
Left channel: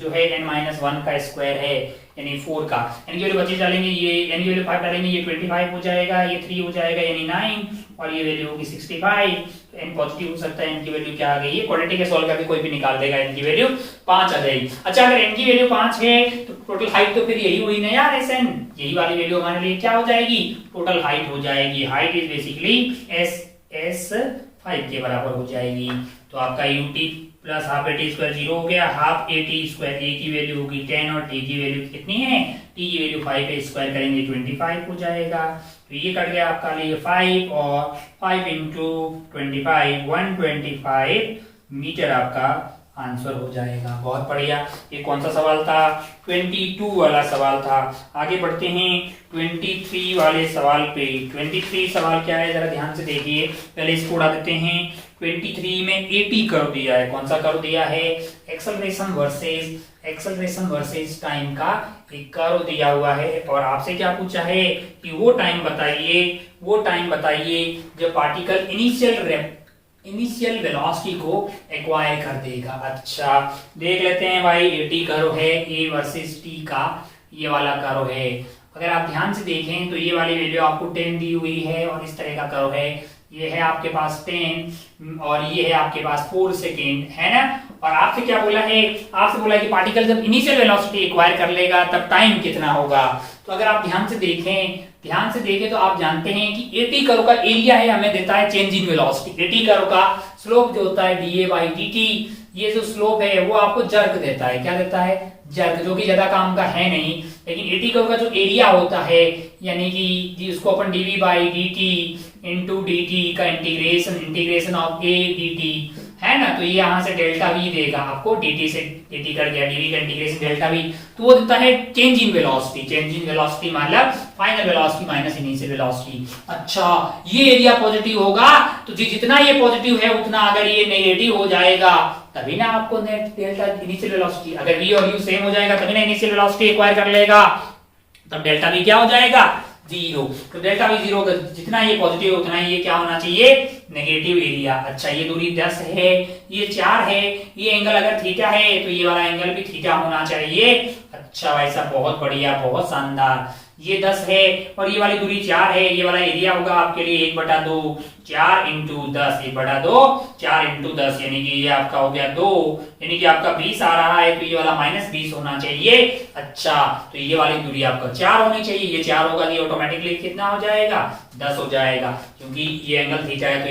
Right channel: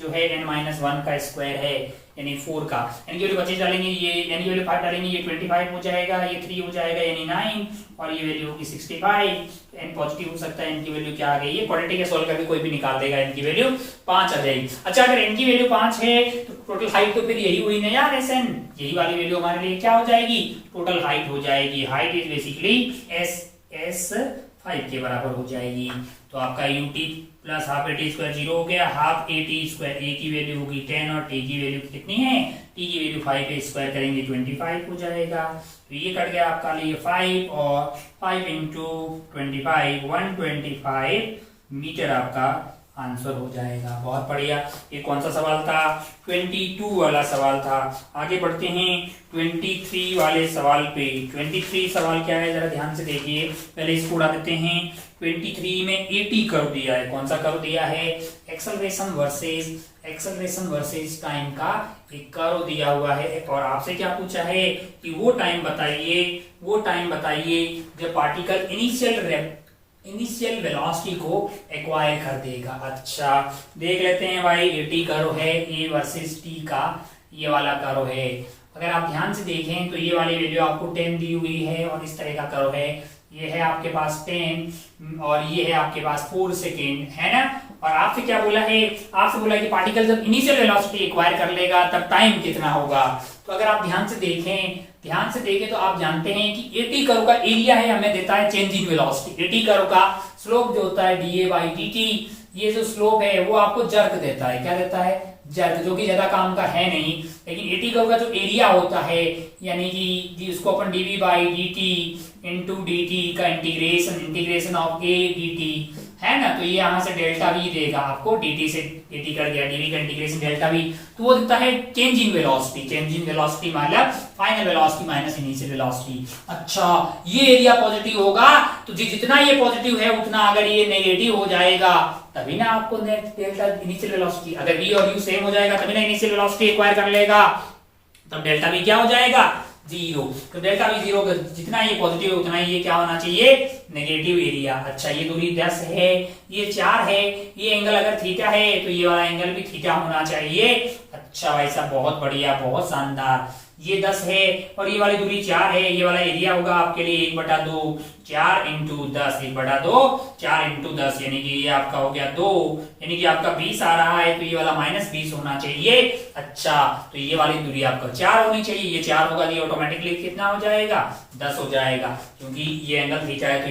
जो है n माइनस 1 का स्क्वायर है, यानी 4 का। n की वैल्यू 25 डालेंगे, ये n की वैल्यू 5 डालेंगे, ये 25 हो जाएगा, ये 3 हो जाएगा, यानी 9, और ये वैल्यू होगी 65। तो n पॉजिटिव हो सकता है, n की वैल्यू क्या आ गई? ये क्वाड्रेटिक के सॉल्व करके कोई भी निकाल देगा, n की वैल्यू 5 आ जाएगी। अच्छा, अगर n की वैल्यू 5 है तो टोटल हाइट तो फिर यही हुई ना यार, Sn, यही वाली वैल्यू हमारे लिए क्या हो जाएगी? टोटल हाइट हो जाएगी। हाइट इज बेसिकली s 5 के बराबर हो जाएगी। तो आपका ut plus half a t square 0 हो गया, half a t square, a की वैल्यू होगी 10 और t की वैल्यू कितनी है? t की वैल्यू 5 है, स्क्वायर करेंगे 25 हो जाएगा। तो ये कट गया आपका लिए 5, और 5 इंटू 25 125 मीटर आपका आंसर हो जाएगा। बहुत बढ़िया। ये कौन सा सवाल था? 22 वाला सवाल था। आगे बढ़ते हैं 23 वाले सवाल पे। 23 सवाल क्या है जरा ध्यान से देखिए, पहले इसको उड़ा देते हैं। 23 में 80 कर्व दिया है। कौन सा कर्व दिया है? एक्सेलरेशन वर्सेस टाइम का एक कर्व दिया हुआ है, और आपसे क्या पूछा है कि वो टाइम बताइए जब पार्टिकल इनिशियल वेलोसिटी को एक्वायर कर देगा। अच्छा, देख लेते हैं भाई, 80 कर्व है, ए वर्सेस टी का ये वाला कर्व है। अगर आप ध्यान से देखें तो ये वाली वैल्यू आपको 10 दी हुई है, और इस तरह का कर्व है। ये है आपके पास 10 और ये है आपके पास 4 सेकेंड, है ना। और आपसे क्या बोला है? आपसे बोला है कि पार्टिकल जब इनिशियल वेलोसिटी एक्वायर कर लेगा तब टाइम कितना होगा। तो अगर आप ध्यान से देखें तो आप जानते हैं कि 80 कर्व का एरिया है, हमें देता है चेंज इन वेलोसिटी। 80 कर्व का स्लोप जो होता है dA/dt, ये जो स्लोप है वो आपको जर्क देता है। क्या देता है? जर्क, जो कि ज्यादा काम का है नहीं। लेकिन 80 कर्व का जो एरिया होता है, यानी कि उसको अपन dV/dt इंटू dt का इंटीग्रेशन ऑफ a dt, है ना, तो ये यहाँ से डेल्टा वी देगा आपको, dt से dt कट गया, dv का इंटीग्रेशन डेल्टा वी, तो वो देता है change in velocity. Change in velocity मतलब final velocity minus initial velocity. अच्छा, ये एरिया पॉजिटिव होगा तो जितना ये पॉजिटिव है उतना अगर ये नेगेटिव हो जाएगा तभी ना आपको नेट डेल्टा इनिशियल वेलोसिटी, अगर v और u सेम हो जाएगा तभी ना इनिशियल वेलोसिटी एक्वायर कर लेगा, तब डेल्टा वी क्या हो जाएगा, जीरो। तो डेल्टा वी जीरो, जितना ये पॉजिटिव है उतना ये क्या होना चाहिए, नेगेटिव एरिया। अच्छा, ये दूरी 10 है, ये 4 है, ये एंगल अगर थीटा है तो ये वाला एंगल भी थीटा होना चाहिए। अच्छा भाई साहब, बहुत बढ़िया, बहुत शानदार। ये 10 है और ये वाली दूरी 4 है, ये वाला एरिया होगा आपके लिए 1/2, 4 इंटू 10, 1/2, 4 इंटू 10, यानी कि ये आपका हो गया 2, यानी कि आपका 20 आ रहा है, तो ये वाला -20 होना चाहिए। अच्छा, तो ये वाली दूरी आपका 4 होनी चाहिए, ये 4 होगा, ये ऑटोमेटिकली कितना हो जाएगा, 10 हो जाएगा, क्योंकि ये एंगल थीटा है, तो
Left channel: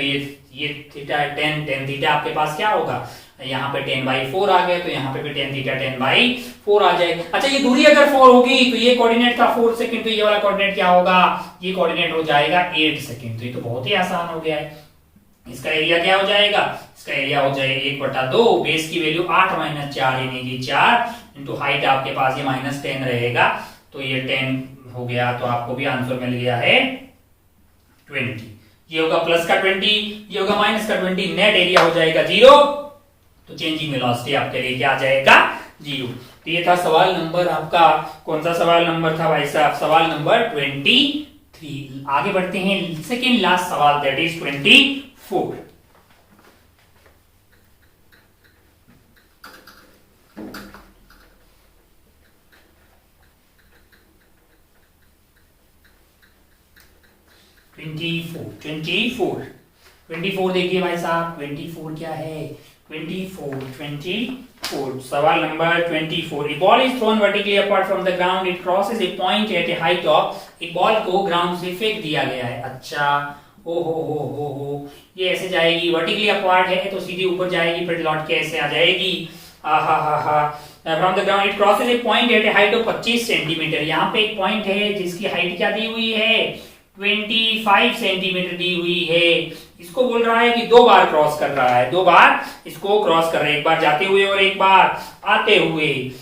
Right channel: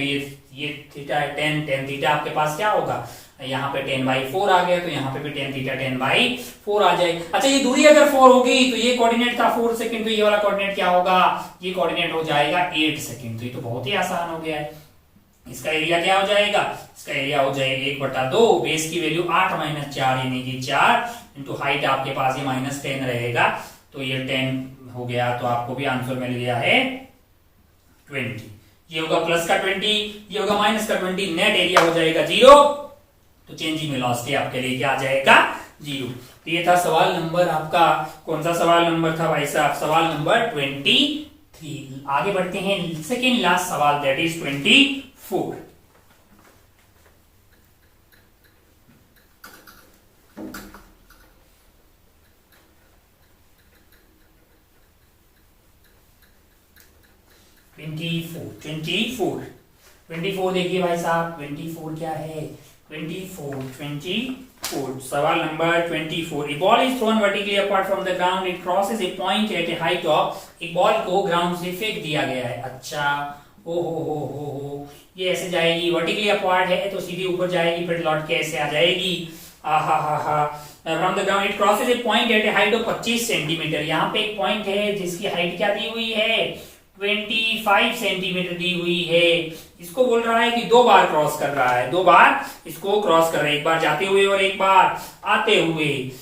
ये थीटा है 10, tan थीटा आपके पास क्या होगा, यहाँ पे 10/4 आ गया, तो यहाँ पे भी tan थीटा 10/4 आ जाएगा। अच्छा, ये दूरी अगर 4 होगी तो ये कोऑर्डिनेट था 4 सेकंड, तो ये वाला कोऑर्डिनेट क्या होगा, ये कोऑर्डिनेट हो जाएगा 8 सेकंड। तो ये तो बहुत ही आसान हो गया है। इसका एरिया क्या हो जाएगा, इसका एरिया हो जाएगा 1/2, बेस की वैल्यू 8 - 4 यानी कि 4 इंटू हाइट आपके पास ये -10 रहेगा, तो ये 10 हो गया, तो आपको भी आंसर मिल गया है 20। ये होगा प्लस का 20, ये होगा माइनस का 20, नेट एरिया हो जाएगा 0, तो चेंज इन वेलोसिटी आपके लिए क्या आ जाएगा, 0। तो ये था सवाल नंबर आपका, कौन सा सवाल नंबर था भाई साहब, सवाल नंबर 23। आगे बढ़ते हैं, सेकेंड लास्ट सवाल, दैट इज 24। ट्वेंटी फोर देखिए भाई साहब, 24 क्या है, 24 सवाल number 24। A ball is thrown vertically apart from the ground. It crosses a point at a height of, एक बॉल को ग्राउंड से फेंक दिया गया है। अच्छा, ओ हो, ये ऐसे जाएगी, वर्टिकली अपार्ट है तो सीधी ऊपर जाएगी, फिर लौट के ऐसे आ जाएगी। From the ground it crosses a point at a height of 25 centimetre. यहाँ पे एक पॉइंट है जिसकी हाइट क्या दी हुई है, 25 सेंटीमीटर दी हुई है। इसको बोल रहा है कि 2 बार क्रॉस कर रहा है, 2 बार इसको क्रॉस कर रहा है, एक बार जाते हुए और एक बार आते हुए,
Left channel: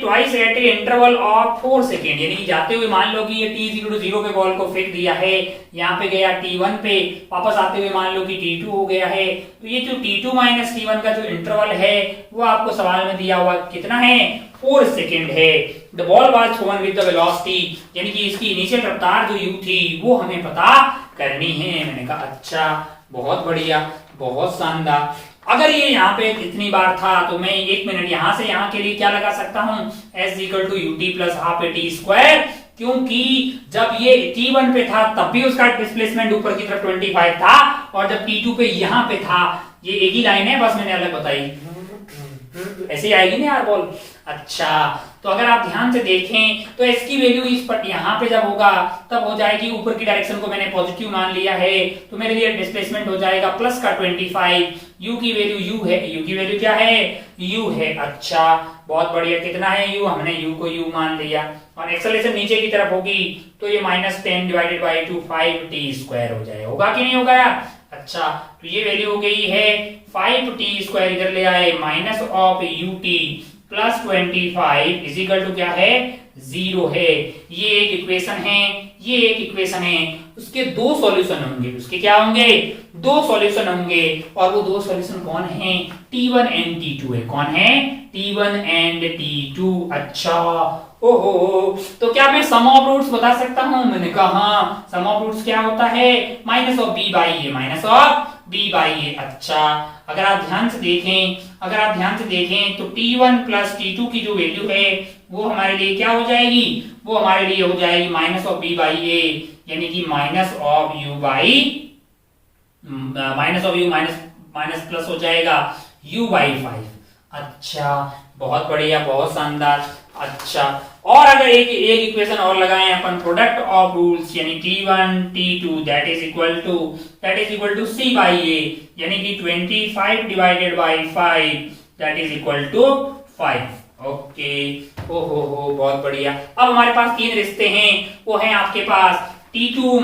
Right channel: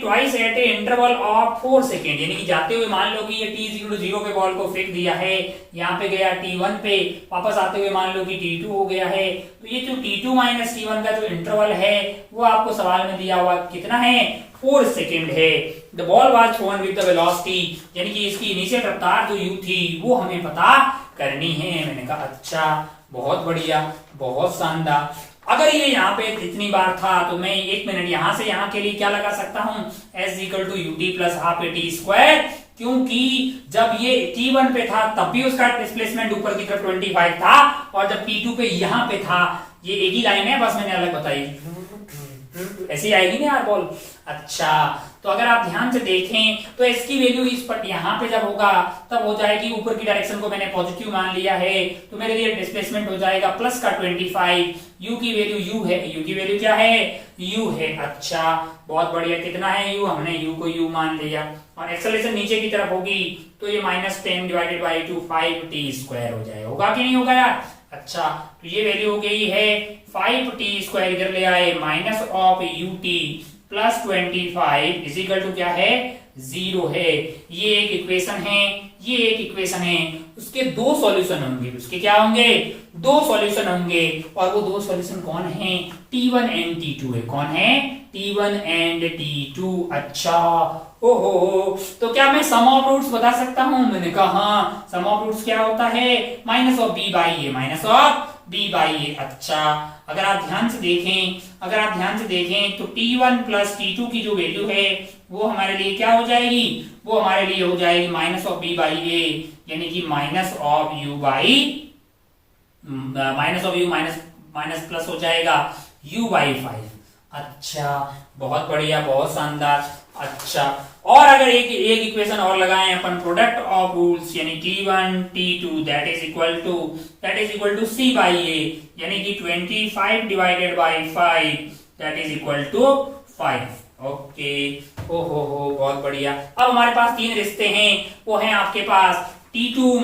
twice at a interval of 4 second, यानी कि जाते हुए मान लो कि ये t0 पे बॉल को फेंक दिया है, यहाँ पे गया t1 पे, वापस आते हुए मान लो कि t2 हो गया है, तो ये जो t2 माइनस t1 का जो इंटरवल है वो आपको सवाल में दिया हुआ कितना है, 4 सेकेंड है। The ball was thrown with the velocity, यानी कि इसकी इनिशियल रफ्तार जो u थी वो हमें पता करनी है। मैंने कहा अच्छा, बहुत बढ़िया, बहुत शानदार। अगर ये यहाँ पे इतनी बार था तो मैं 1 मिनट यहाँ से यहाँ के लिए क्या लगा सकता हूँ, s = ut + ½ t², क्योंकि जब ये t1 पे था तब भी उसका डिस्प्लेसमेंट ऊपर की तरफ 25 था, और जब t2 पे यहाँ पे था, ये एक ही लाइन है, बस मैंने अलग बताई, ऐसे आएगी ना यार बॉल। अच्छा, तो अगर आप ध्यान से देखें तो s की वैल्यू इस पर यहाँ पे जब होगा तब हो जाएगी, ऊपर की डायरेक्शन को मैंने पॉजिटिव मान लिया है, तो मेरे लिए डिस्प्लेसमेंट हो जाएगा प्लस का 25, u की वैल्यू u है, u की वैल्यू क्या है, u है। अच्छा, बहुत बढ़िया, कितना है u, हमने u को u मान लिया, और एक्सेलरेशन नीचे की तरफ होगी तो ये -10 / 2 5t² हो जाए, होगा कि नहीं होगा यार। अच्छा, तो ये वैल्यू हो गई है 5t², इधर ले आए -ut + 25 = क्या है, 0 है। ये एक इक्वेशन है, ये एक इक्वेशन है, उसके 2 सॉल्यूशन होंगे, उसके क्या होंगे, 2 सॉल्यूशन होंगे, और वो 2 सॉल्यूशन कौन है, t1 एंड t2 है। कौन है, t1 एंड t2। अच्छा, ओहो, तो क्या मैं सम ऑफ रूट्स बता सकता हूं, मैंने कहा हाँ, सम ऑफ रूट्स क्या होता है, -b/a। अच्छा, अगर आप ध्यान से देखें तो t1 + t2 की जो वैल्यू है वो हमारे लिए क्या हो जाएगी, वो हमारे लिए हो जाएगी -b/a, यानी कि -u माइनस प्लस हो जाएगा u/5। अच्छा, बहुत बढ़िया, बहुत शानदार। अच्छा, और अगर एक इक्वेशन और लगाएं अपन, प्रोडक्ट ऑफ रूल्स, यानी t1 t2 that is equal to c/a, यानी कि 25 / 5 that is equal to 5। Okay, ओहो, बहुत बढ़िया। अब हमारे पास 3 रिश्ते हैं, वो हैं आपके पास t2 -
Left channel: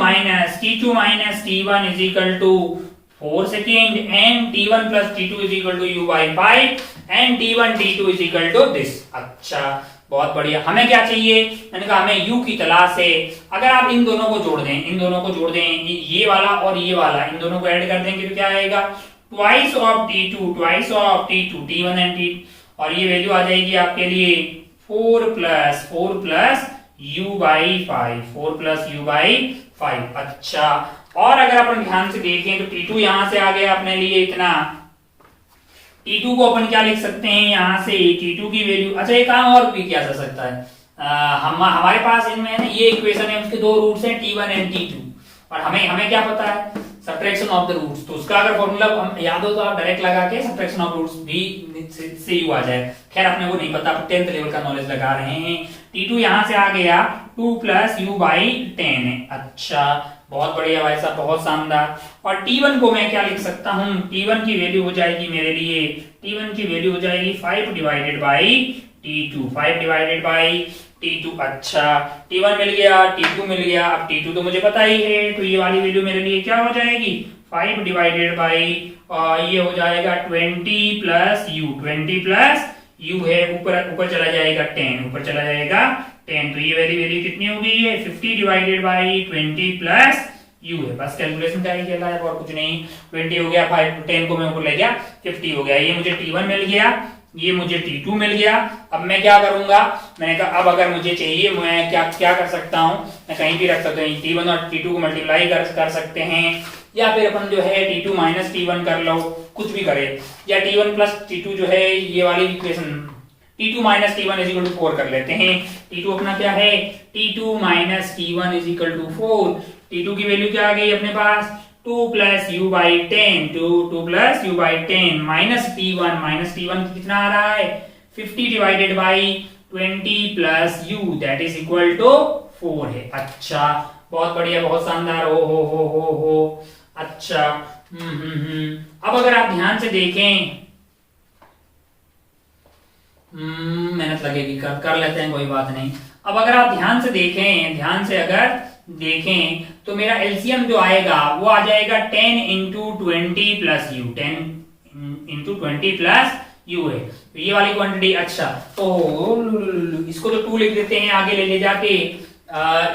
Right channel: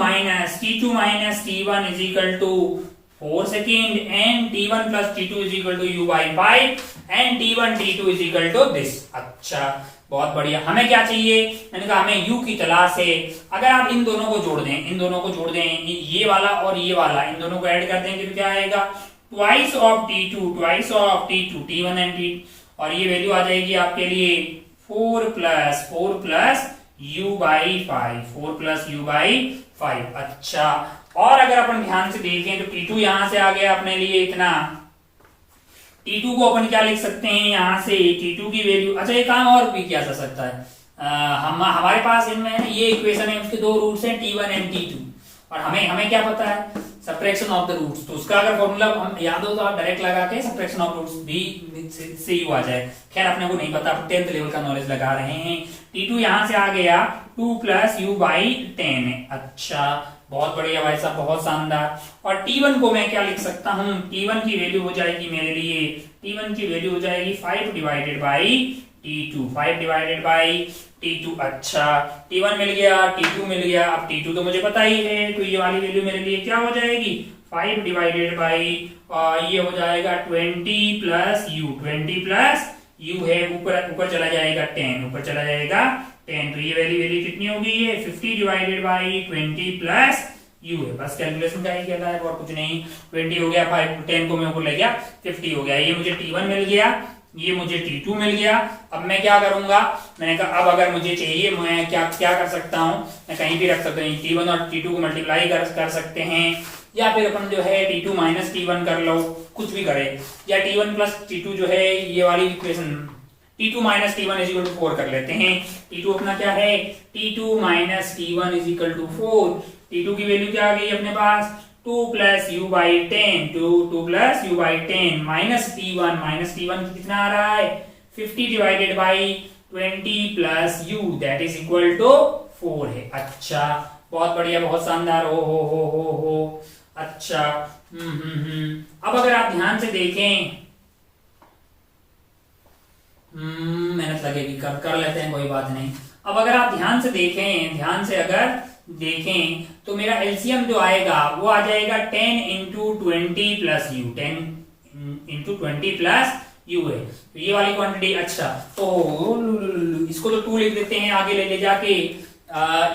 t1 = 4 second and t1 plus t2 is equal to u by 5 and t1 t2 is equal to this. अच्छा बहुत बढ़िया। हमें क्या चाहिए, मैंने कहा हमें u की तलाश है। अगर आप इन दोनों को जोड़ दें, इन दोनों को जोड़ दें, ये वाला और ये वाला, इन दोनों को ऐड कर देंगे तो क्या आएगा, twice of t2 twice of t2 t1 and t, और ये वैल्यू आ जाएगी आपके लिए 4 plus u by 5, 4 plus u by 5। अच्छा, और अगर अपन ध्यान से देखें तो t2 यहां से आ गया अपने लिए इतना, t2 को अपन क्या लिख सकते हैं यहां से, t2 की वैल्यू, अच्छा एक काम और भी किया जा सकता है, हमारे पास इनमें ये इक्वेशन है, उसके दो रूट्स हैं t1 एंड t2, और हमें क्या पता है, सब्ट्रैक्शन ऑफ द रूट्स, तो उसका अगर फॉर्मूला हम याद हो तो आप डायरेक्ट लगा के सब्ट्रैक्शन ऑफ रूट्स भी से यू आ जाए। खैर अपने को नहीं पता, 10th लेवल का नॉलेज लगा रहे हैं। t2 यहां से आ गया 2 प्लस u बाई 10 है। अच्छा बहुत बढ़िया भाई साहब, बहुत शानदार। और t1 को मैं क्या लिख सकता हूं, t1 की वैल्यू हो जाएगी मेरे लिए, t1 की वैल्यू हो जाएगी 5 divided by t2, 5 divided by t2। अच्छा t1 मिल गया, t2 मिल गया, अब t2 तो मुझे पता ही है, तो ये वाली वैल्यू मेरे लिए क्या हो जाएगी, 5 डिवाइडेड बाई ये हो जाएगा 20 प्लस u, 20 प्लस u है, ऊपर चला जाएगा 10, ऊपर चला जाएगा 10, तो ये वैल्यू कितनी हो गई है, 50 डिवाइडेड बाई 20 प्लस u है। बस कैलकुलेशन का ही कहता है और कुछ नहीं। 20 हो गया, 5 10 को मैं ऊपर ले गया, 50 हो गया। ये मुझे t1 मिल गया, ये मुझे t2 मिल गया। अब मैं क्या करूंगा, मैंने कहा अब अगर मुझे चाहिए मैं क्या कर सकता हूं, मैं कहीं भी रख सकता हूं, t1 और t2 को मल्टीप्लाई कर सकते हैं, या फिर अपन जो है t2 माइनस t1 कर लो, कुछ भी करे, या t1 प्लस t2 जो है ये वाली equation t2 minus t1 is equal to 4 कर लेते हैं। t2 अपना क्या है, t2 minus t1 is equal to 4। t2 की वैल्यू क्या आ गई अपने पास, 2 plus u by 10, 2 plus u by 10 minus t1 कितना आ रहा है, 50 divided by 20 plus u that is equal to 4 है। अच्छा बहुत बढ़िया, बहुत शानदार। हो अच्छा अब अगर आप ध्यान से देखें, मेहनत लगेगी, कर लेते हैं, कोई बात नहीं। अब अगर आप ध्यान से देखें तो मेरा एलसीएम जो आएगा वो आ जाएगा 10 into 20 plus you, 10 into 20 plus you है, तो ये वाली क्वांटिटी। अच्छा तो इसको तो 2 लिख देते हैं आगे ले जाके,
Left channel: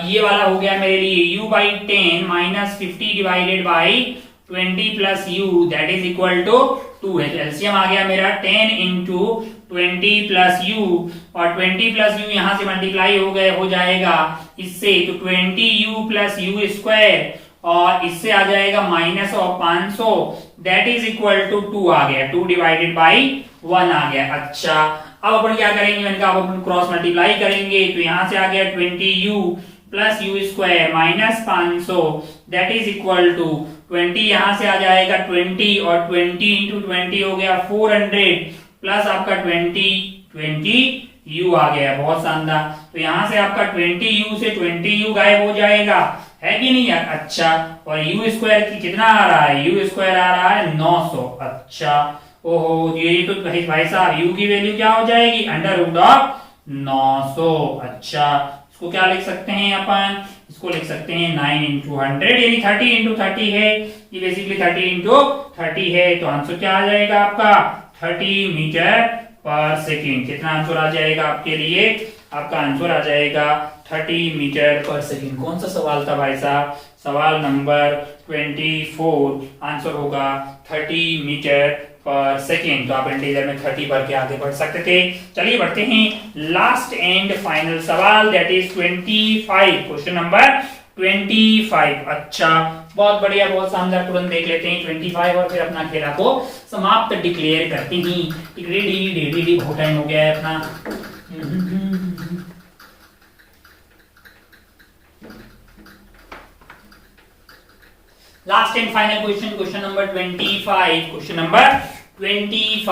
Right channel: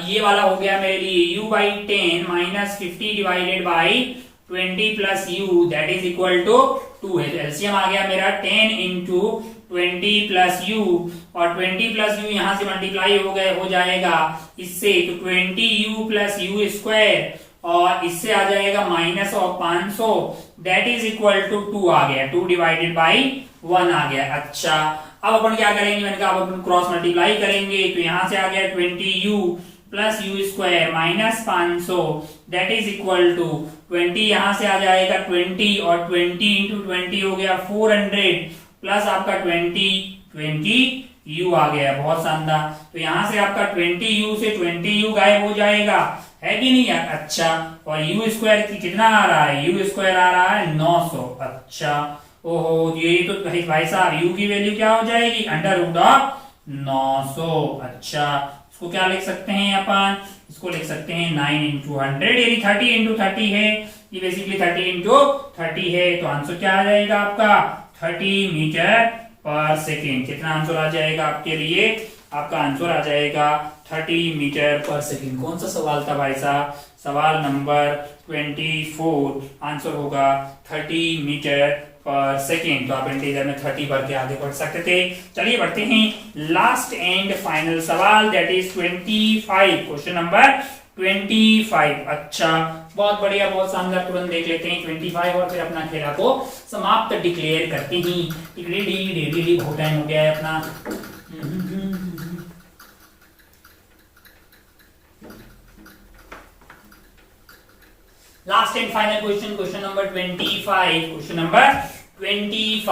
ये वाला हो गया मेरे लिए u by 10 minus 50 divided by 20 plus u that is equal to 2 है। तो एलसीएम आ गया मेरा 10 इंटू 20 प्लस यू, और 20 प्लस यू यहां से मल्टीप्लाई हो जाएगा इससे, तो 20u प्लस यू स्क्वायर, और इससे आ जाएगा minus of 500 that is equal to 2 आ गया, 2 डिवाइडेड बाई 1 आ गया। अच्छा अब अपन क्या करेंगे, मैंने कहा अब अपन क्रॉस मल्टीप्लाई करेंगे, तो यहां से आ गया 20u plus u square minus 500 that is equal to 20, यहां से आ जाएगा 20, और 20 इंटू 20 हो गया 400 प्लस आपका 20 u आ गया। बहुत शानदार। तो यहां से आपका 20u से 20u गायब हो जाएगा, है कि नहीं यार। अच्छा और u स्क्वायर की कितना आ रहा है, u स्क्वायर आ रहा है 900। अच्छा ओहो ये तो भाई साहब u की वैल्यू क्या हो जाएगी, अंडर रूट ऑफ 900। अच्छा इसको क्या लिख सकते हैं अपन, इसको लिख सकते हैं 9 इंटू 100 यानी 30 इंटू 30 है, ये बेसिकली 30 इंटू 30 है। तो आंसर क्या आ जाएगा आपका 30 मीटर पर सेकेंड। कितना आंसर आ जाएगा आपके लिए, आपका आंसर आ जाएगा 30 मीटर पर सेकेंड। कौन सा सवाल था भाई साहब, सवाल नंबर 24, आंसर होगा 30 मीटर पर सेकेंड। तो आप इंटीजर में 30 भर के आगे बढ़ सकते थे। चलिए बढ़ते हैं लास्ट एंड फाइनल सवाल, दैट इज 25, क्वेश्चन नंबर 25। अच्छा बहुत बढ़िया, बहुत शानदार। तुरंत देख लेते हैं 25 और फिर अपना खेला को समाप्त डिक्लेयर करते ही। रेडी बहुत टाइम हो गया है अपना। Last and final question, question number 25, question number 25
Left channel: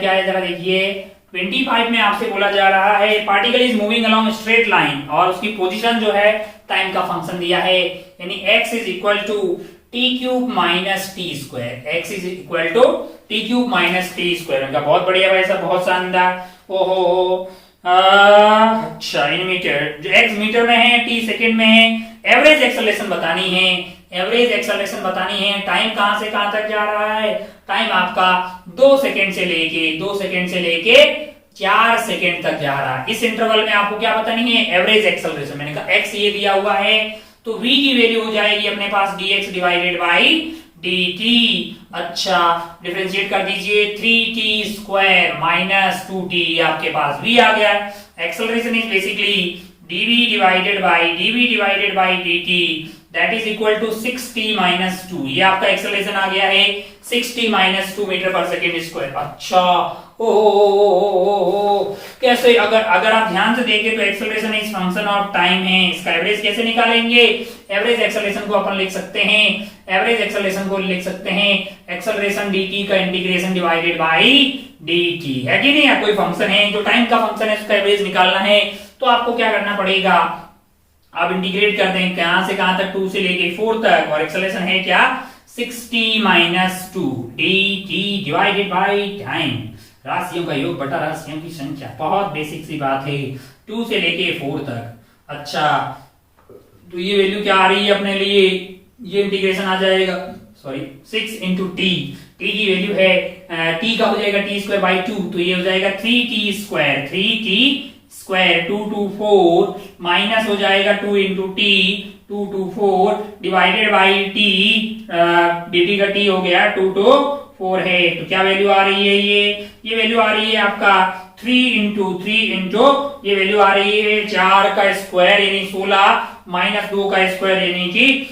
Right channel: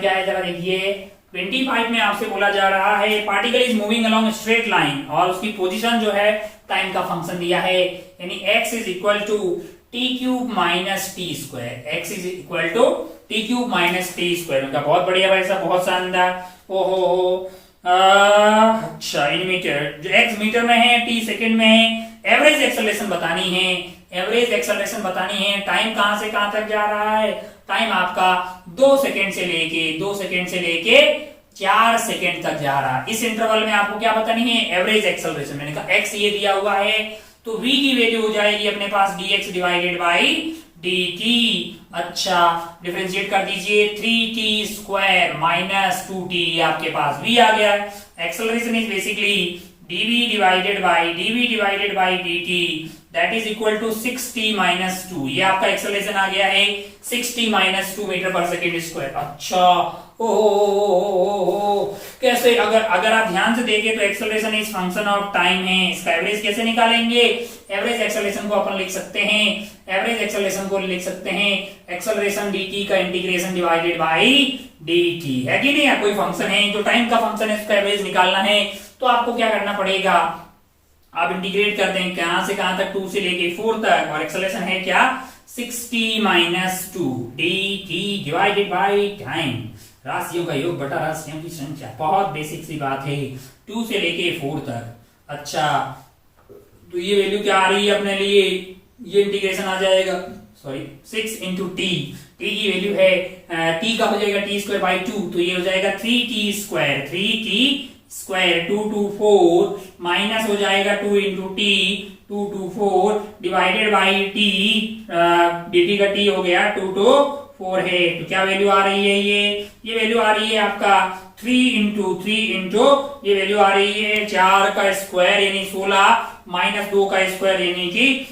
क्या है जरा देखिए। 25 में आपसे बोला जा रहा है particle is moving along straight line, और उसकी पोजीशन जो है टाइम का फंक्शन दिया है, यानी x is equal to t cube minus t square, x is equal to t cube minus t square. उनका बहुत बढ़िया भाई साहब, बहुत शानदार। ओहो अच्छा इन मीटर, जो x मीटर में है, t सेकंड में है, एवरेज एक्सेलरेशन बतानी है, एवरेज एक्सेलरेशन बतानी है। टाइम कहां से कहां तक जा रहा है? टाइम आपका 2 सेकेंड से लेके 4 सेकेंड तक जा रहा है। इस इंटरवल में आपको क्या बतानी है? Average acceleration. मैंने कहा एक्स ये दिया हुआ है तो v की वैल्यू हो जाएगी अपने पास dx डिवाइडेड बाई dt। अच्छा, डिफरेंशिएट कर दीजिए, 3t स्क्वायर माइनस 2t आपके पास v आ गया है। Acceleration is basically dv divided by dt that is equal to 6t minus 2। ये आपका एक्सेलरेशन आ गया है 6t minus 2 metre per second square. अच्छा, ओ कैसे? अगर आप ध्यान से देखें तो acceleration is function of time है। इसका एवरेज कैसे निकालेंगे? एवरेज एक्सेलरेशन को अपन लिख सकते हैं, एक्सेलरेशन dt का इंटीग्रेशन डिवाइडेड बाई dt है कि नहीं? कोई फंक्शन है जो टाइम का फंक्शन है, उसका एवरेज निकालना है तो आपको क्या करना पड़ेगा? आप इंटीग्रेट कर दें कहां से कहां तक, 2 से लेके 4 तक, और एक्सेलरेशन है क्या? 6t minus 2 dt divided by time. राशियों का योग बटा राशियों की संख्या, बहुत बेसिक सी बात है, 2 से लेके 4 तक। अच्छा, तो ये वैल्यू क्या आ रही है अपने लिए? ये इंटीग्रेशन आ जाएगा, सॉरी 6 इंटू टी की वैल्यू है t का हो जाएगा t स्क्वायर बाई 2, तो ये हो जाएगा 3t स्क्वायर 2 to 4 माइनस हो जाएगा 2 into T 2 to 4 divided by T, dt का t हो गया 2 to 4 है। तो क्या वैल्यू आ रही है? ये वैल्यू आ रही है आपका 3 इंटू ये वैल्यू आ रही है 4 का स्क्वायर यानी 16 माइनस 2 का स्क्वायर यानी कि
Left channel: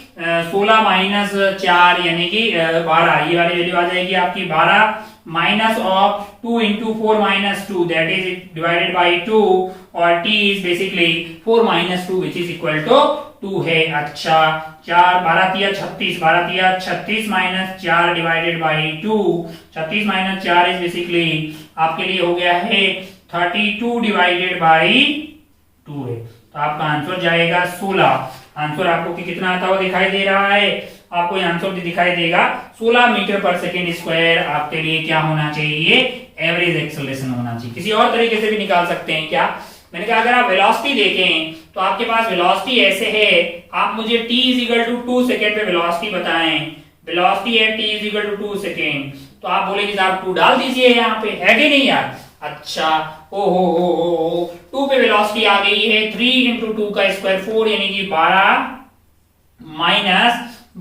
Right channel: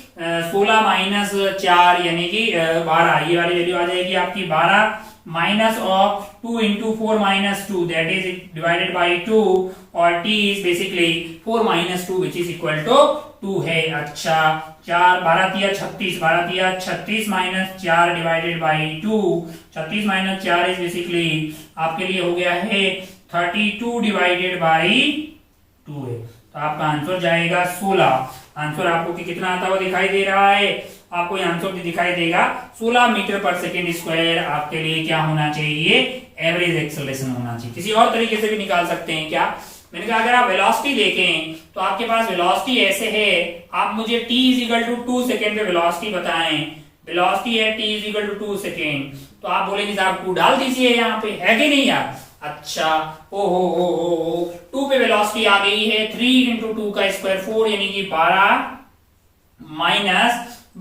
16 माइनस 4 यानी कि 12। ये वाली वैल्यू आ जाएगी आपकी 12 minus of 2 into 4 minus 2 that is divided by 2, और t is basically 4 minus 2 which is equal to 2 है। अच्छा, 4 12 तिया 36 minus 4 divided by 2, 36 minus 4 is basically आपके लिए हो गया है 32 डिवाइडेड बाई 2 है। तो आपका आंसर जाएगा 16। आंसर आपको कितना आता हुआ दिखाई दे रहा है? आपको आंसर भी दिखाई देगा 16 मीटर पर सेकेंड स्क्वायर। आपके लिए क्या होना चाहिए? एवरेज एक्सेलरेशन होना चाहिए। किसी और तरीके से भी निकाल सकते हैं क्या? मैंने कहा अगर आप वेलोसिटी देखें तो आपके पास वेलोसिटी ऐसे है, आप मुझे t is equal to 2 second पे वेलोसिटी बताएं। वेलोसिटी है t is equal to 2 second, तो आप बोलेंगे साहब 2 डाल दीजिए यहाँ पे, है कि नहीं यार? अच्छा, ओ 2 पे वेलोसिटी आ गई है 3 इंटू 2 का स्क्वायर 4 यानी कि 12 माइनस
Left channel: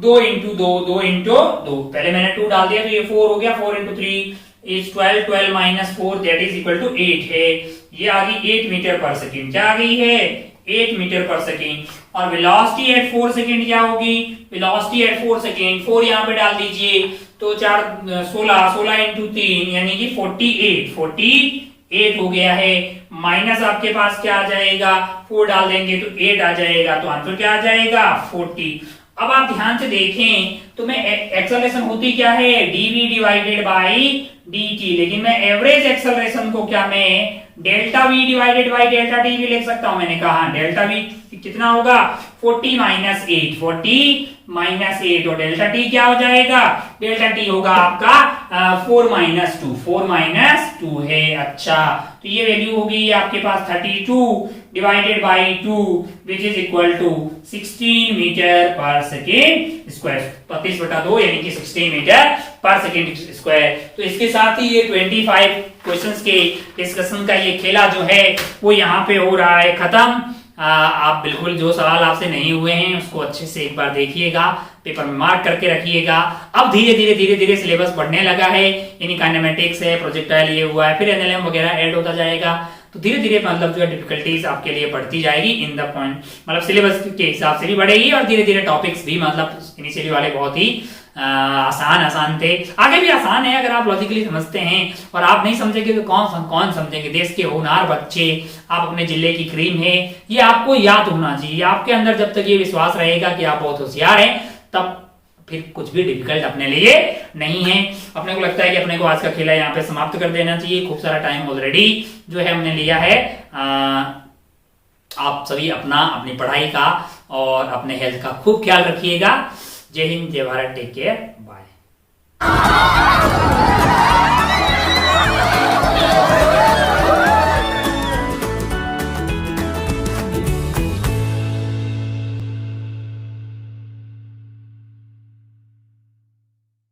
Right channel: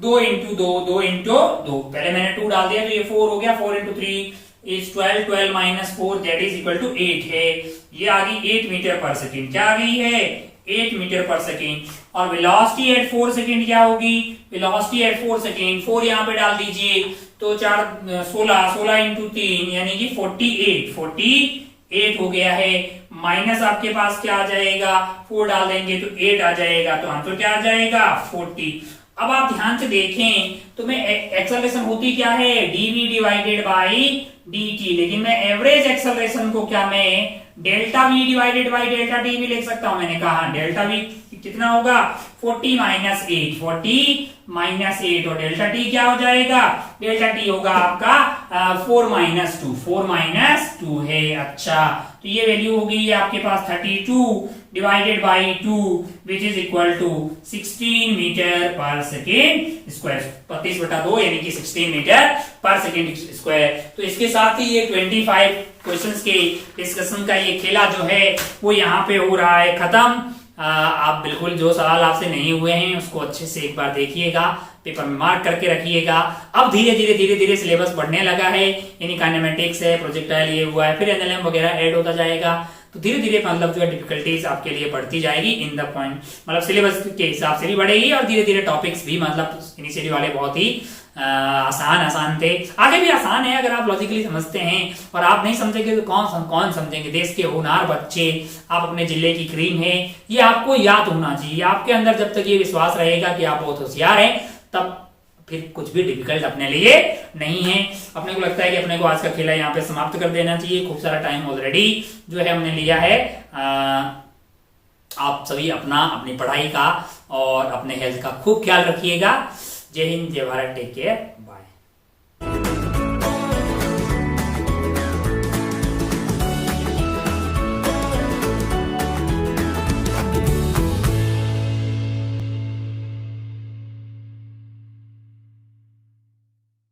2 इंटू 2 इंटू 2, पहले मैंने 2 डाल दिया तो ये 4 हो गया, 4 into 3 is 12 minus 4 that is equal to 8 है। ये आ गई 8 मीटर पर सेकेंड। क्या आ गई है? 8 मीटर पर सेकेंड। और वेलोसिटी एट 4 सेकेंड क्या होगी? वेलोसिटी एट 4 सेकेंड 4 यहाँ पे डाल दीजिए तो 16 इंटू 3 यानी कि 48 हो गया है। माइनस आपके पास क्या आ जाएगा? 4 डाल देंगे तो 8 आ जाएगा, तो आंसर क्या आ जाएगा? 40। अब आप ध्यान से देखें तो मैं एक्सेलरेशन होती क्या है? dv डिवाइडेड बाई dt, लेकिन मैं एवरेज एक्सेलरेशन को क्या मैं delta v divided by delta t भी लिख सकता हूं। मैंने कहा डेल्टा v कितना होगा? 40 माइनस 8 और डेल्टा t क्या हो जाएगा? डेल्टा t होगा आपका 4 माइनस 2 है। अच्छा, तो ये वैल्यू होगी आपके पास 32 divided by 2 which is equal to 16 metre per second square, 32/2 यानी कि 16 मीटर पर सेकेंड स्क्वायर। तो इसके साथ ही ये 25 क्वेश्चंस के डिस्कशन का ये खेला जो है वो यहाँ पे हो रहा है खत्म। आप बिल्कुल जो सवाल आपसे नहीं हुए हैं उसको अच्छे से एक बार देखिएगा, पेपर में मार्क करके रखिएगा। अब धीरे धीरे सिलेबस बढ़ने लगा है, यानी काइनेमेटिक्स है, प्रोजेक्टाइल ये हुआ है, फिर एनएलएम वगैरह ऐड होता जाएगा। तो धीरे धीरे मतलब जो है डिफिकल्टीज आपके लिए बढ़ती जाएगी इन द पॉइंट, मतलब सिलेबस के हिसाब से भी बढ़ेगी और धीरे धीरे टॉपिक्स भी मतलब इनिशियली वाले बहुत ही आसान थे, आगे भी आसान है अगर आप लॉजिकली समझते हैं। और आप नहीं समझेंगे तो कौन समझेंगे? देश के होनहार बच्चे, आप अपने जिले की क्रीम है, ये आपको याद होना चाहिए। आपके अंदर जब तक ये विश्वास रहेगा कि आप बहुत होशियार हैं, तब फिर कुछ भी डिफिकल्ट अपने लिए नहीं है। अपने को लगता है कि अपने को आज का खेला यहाँ पे समाप्त कर देना चाहिए। खूब सारा टाइम ऑलरेडी जो है हमने लिया है। आप सभी अपनी पढ़ाई का और अपने हेल्थ का खूब ख्याल रखिएगा। जय हिंद, जय भारत, टेक केयर, बाय।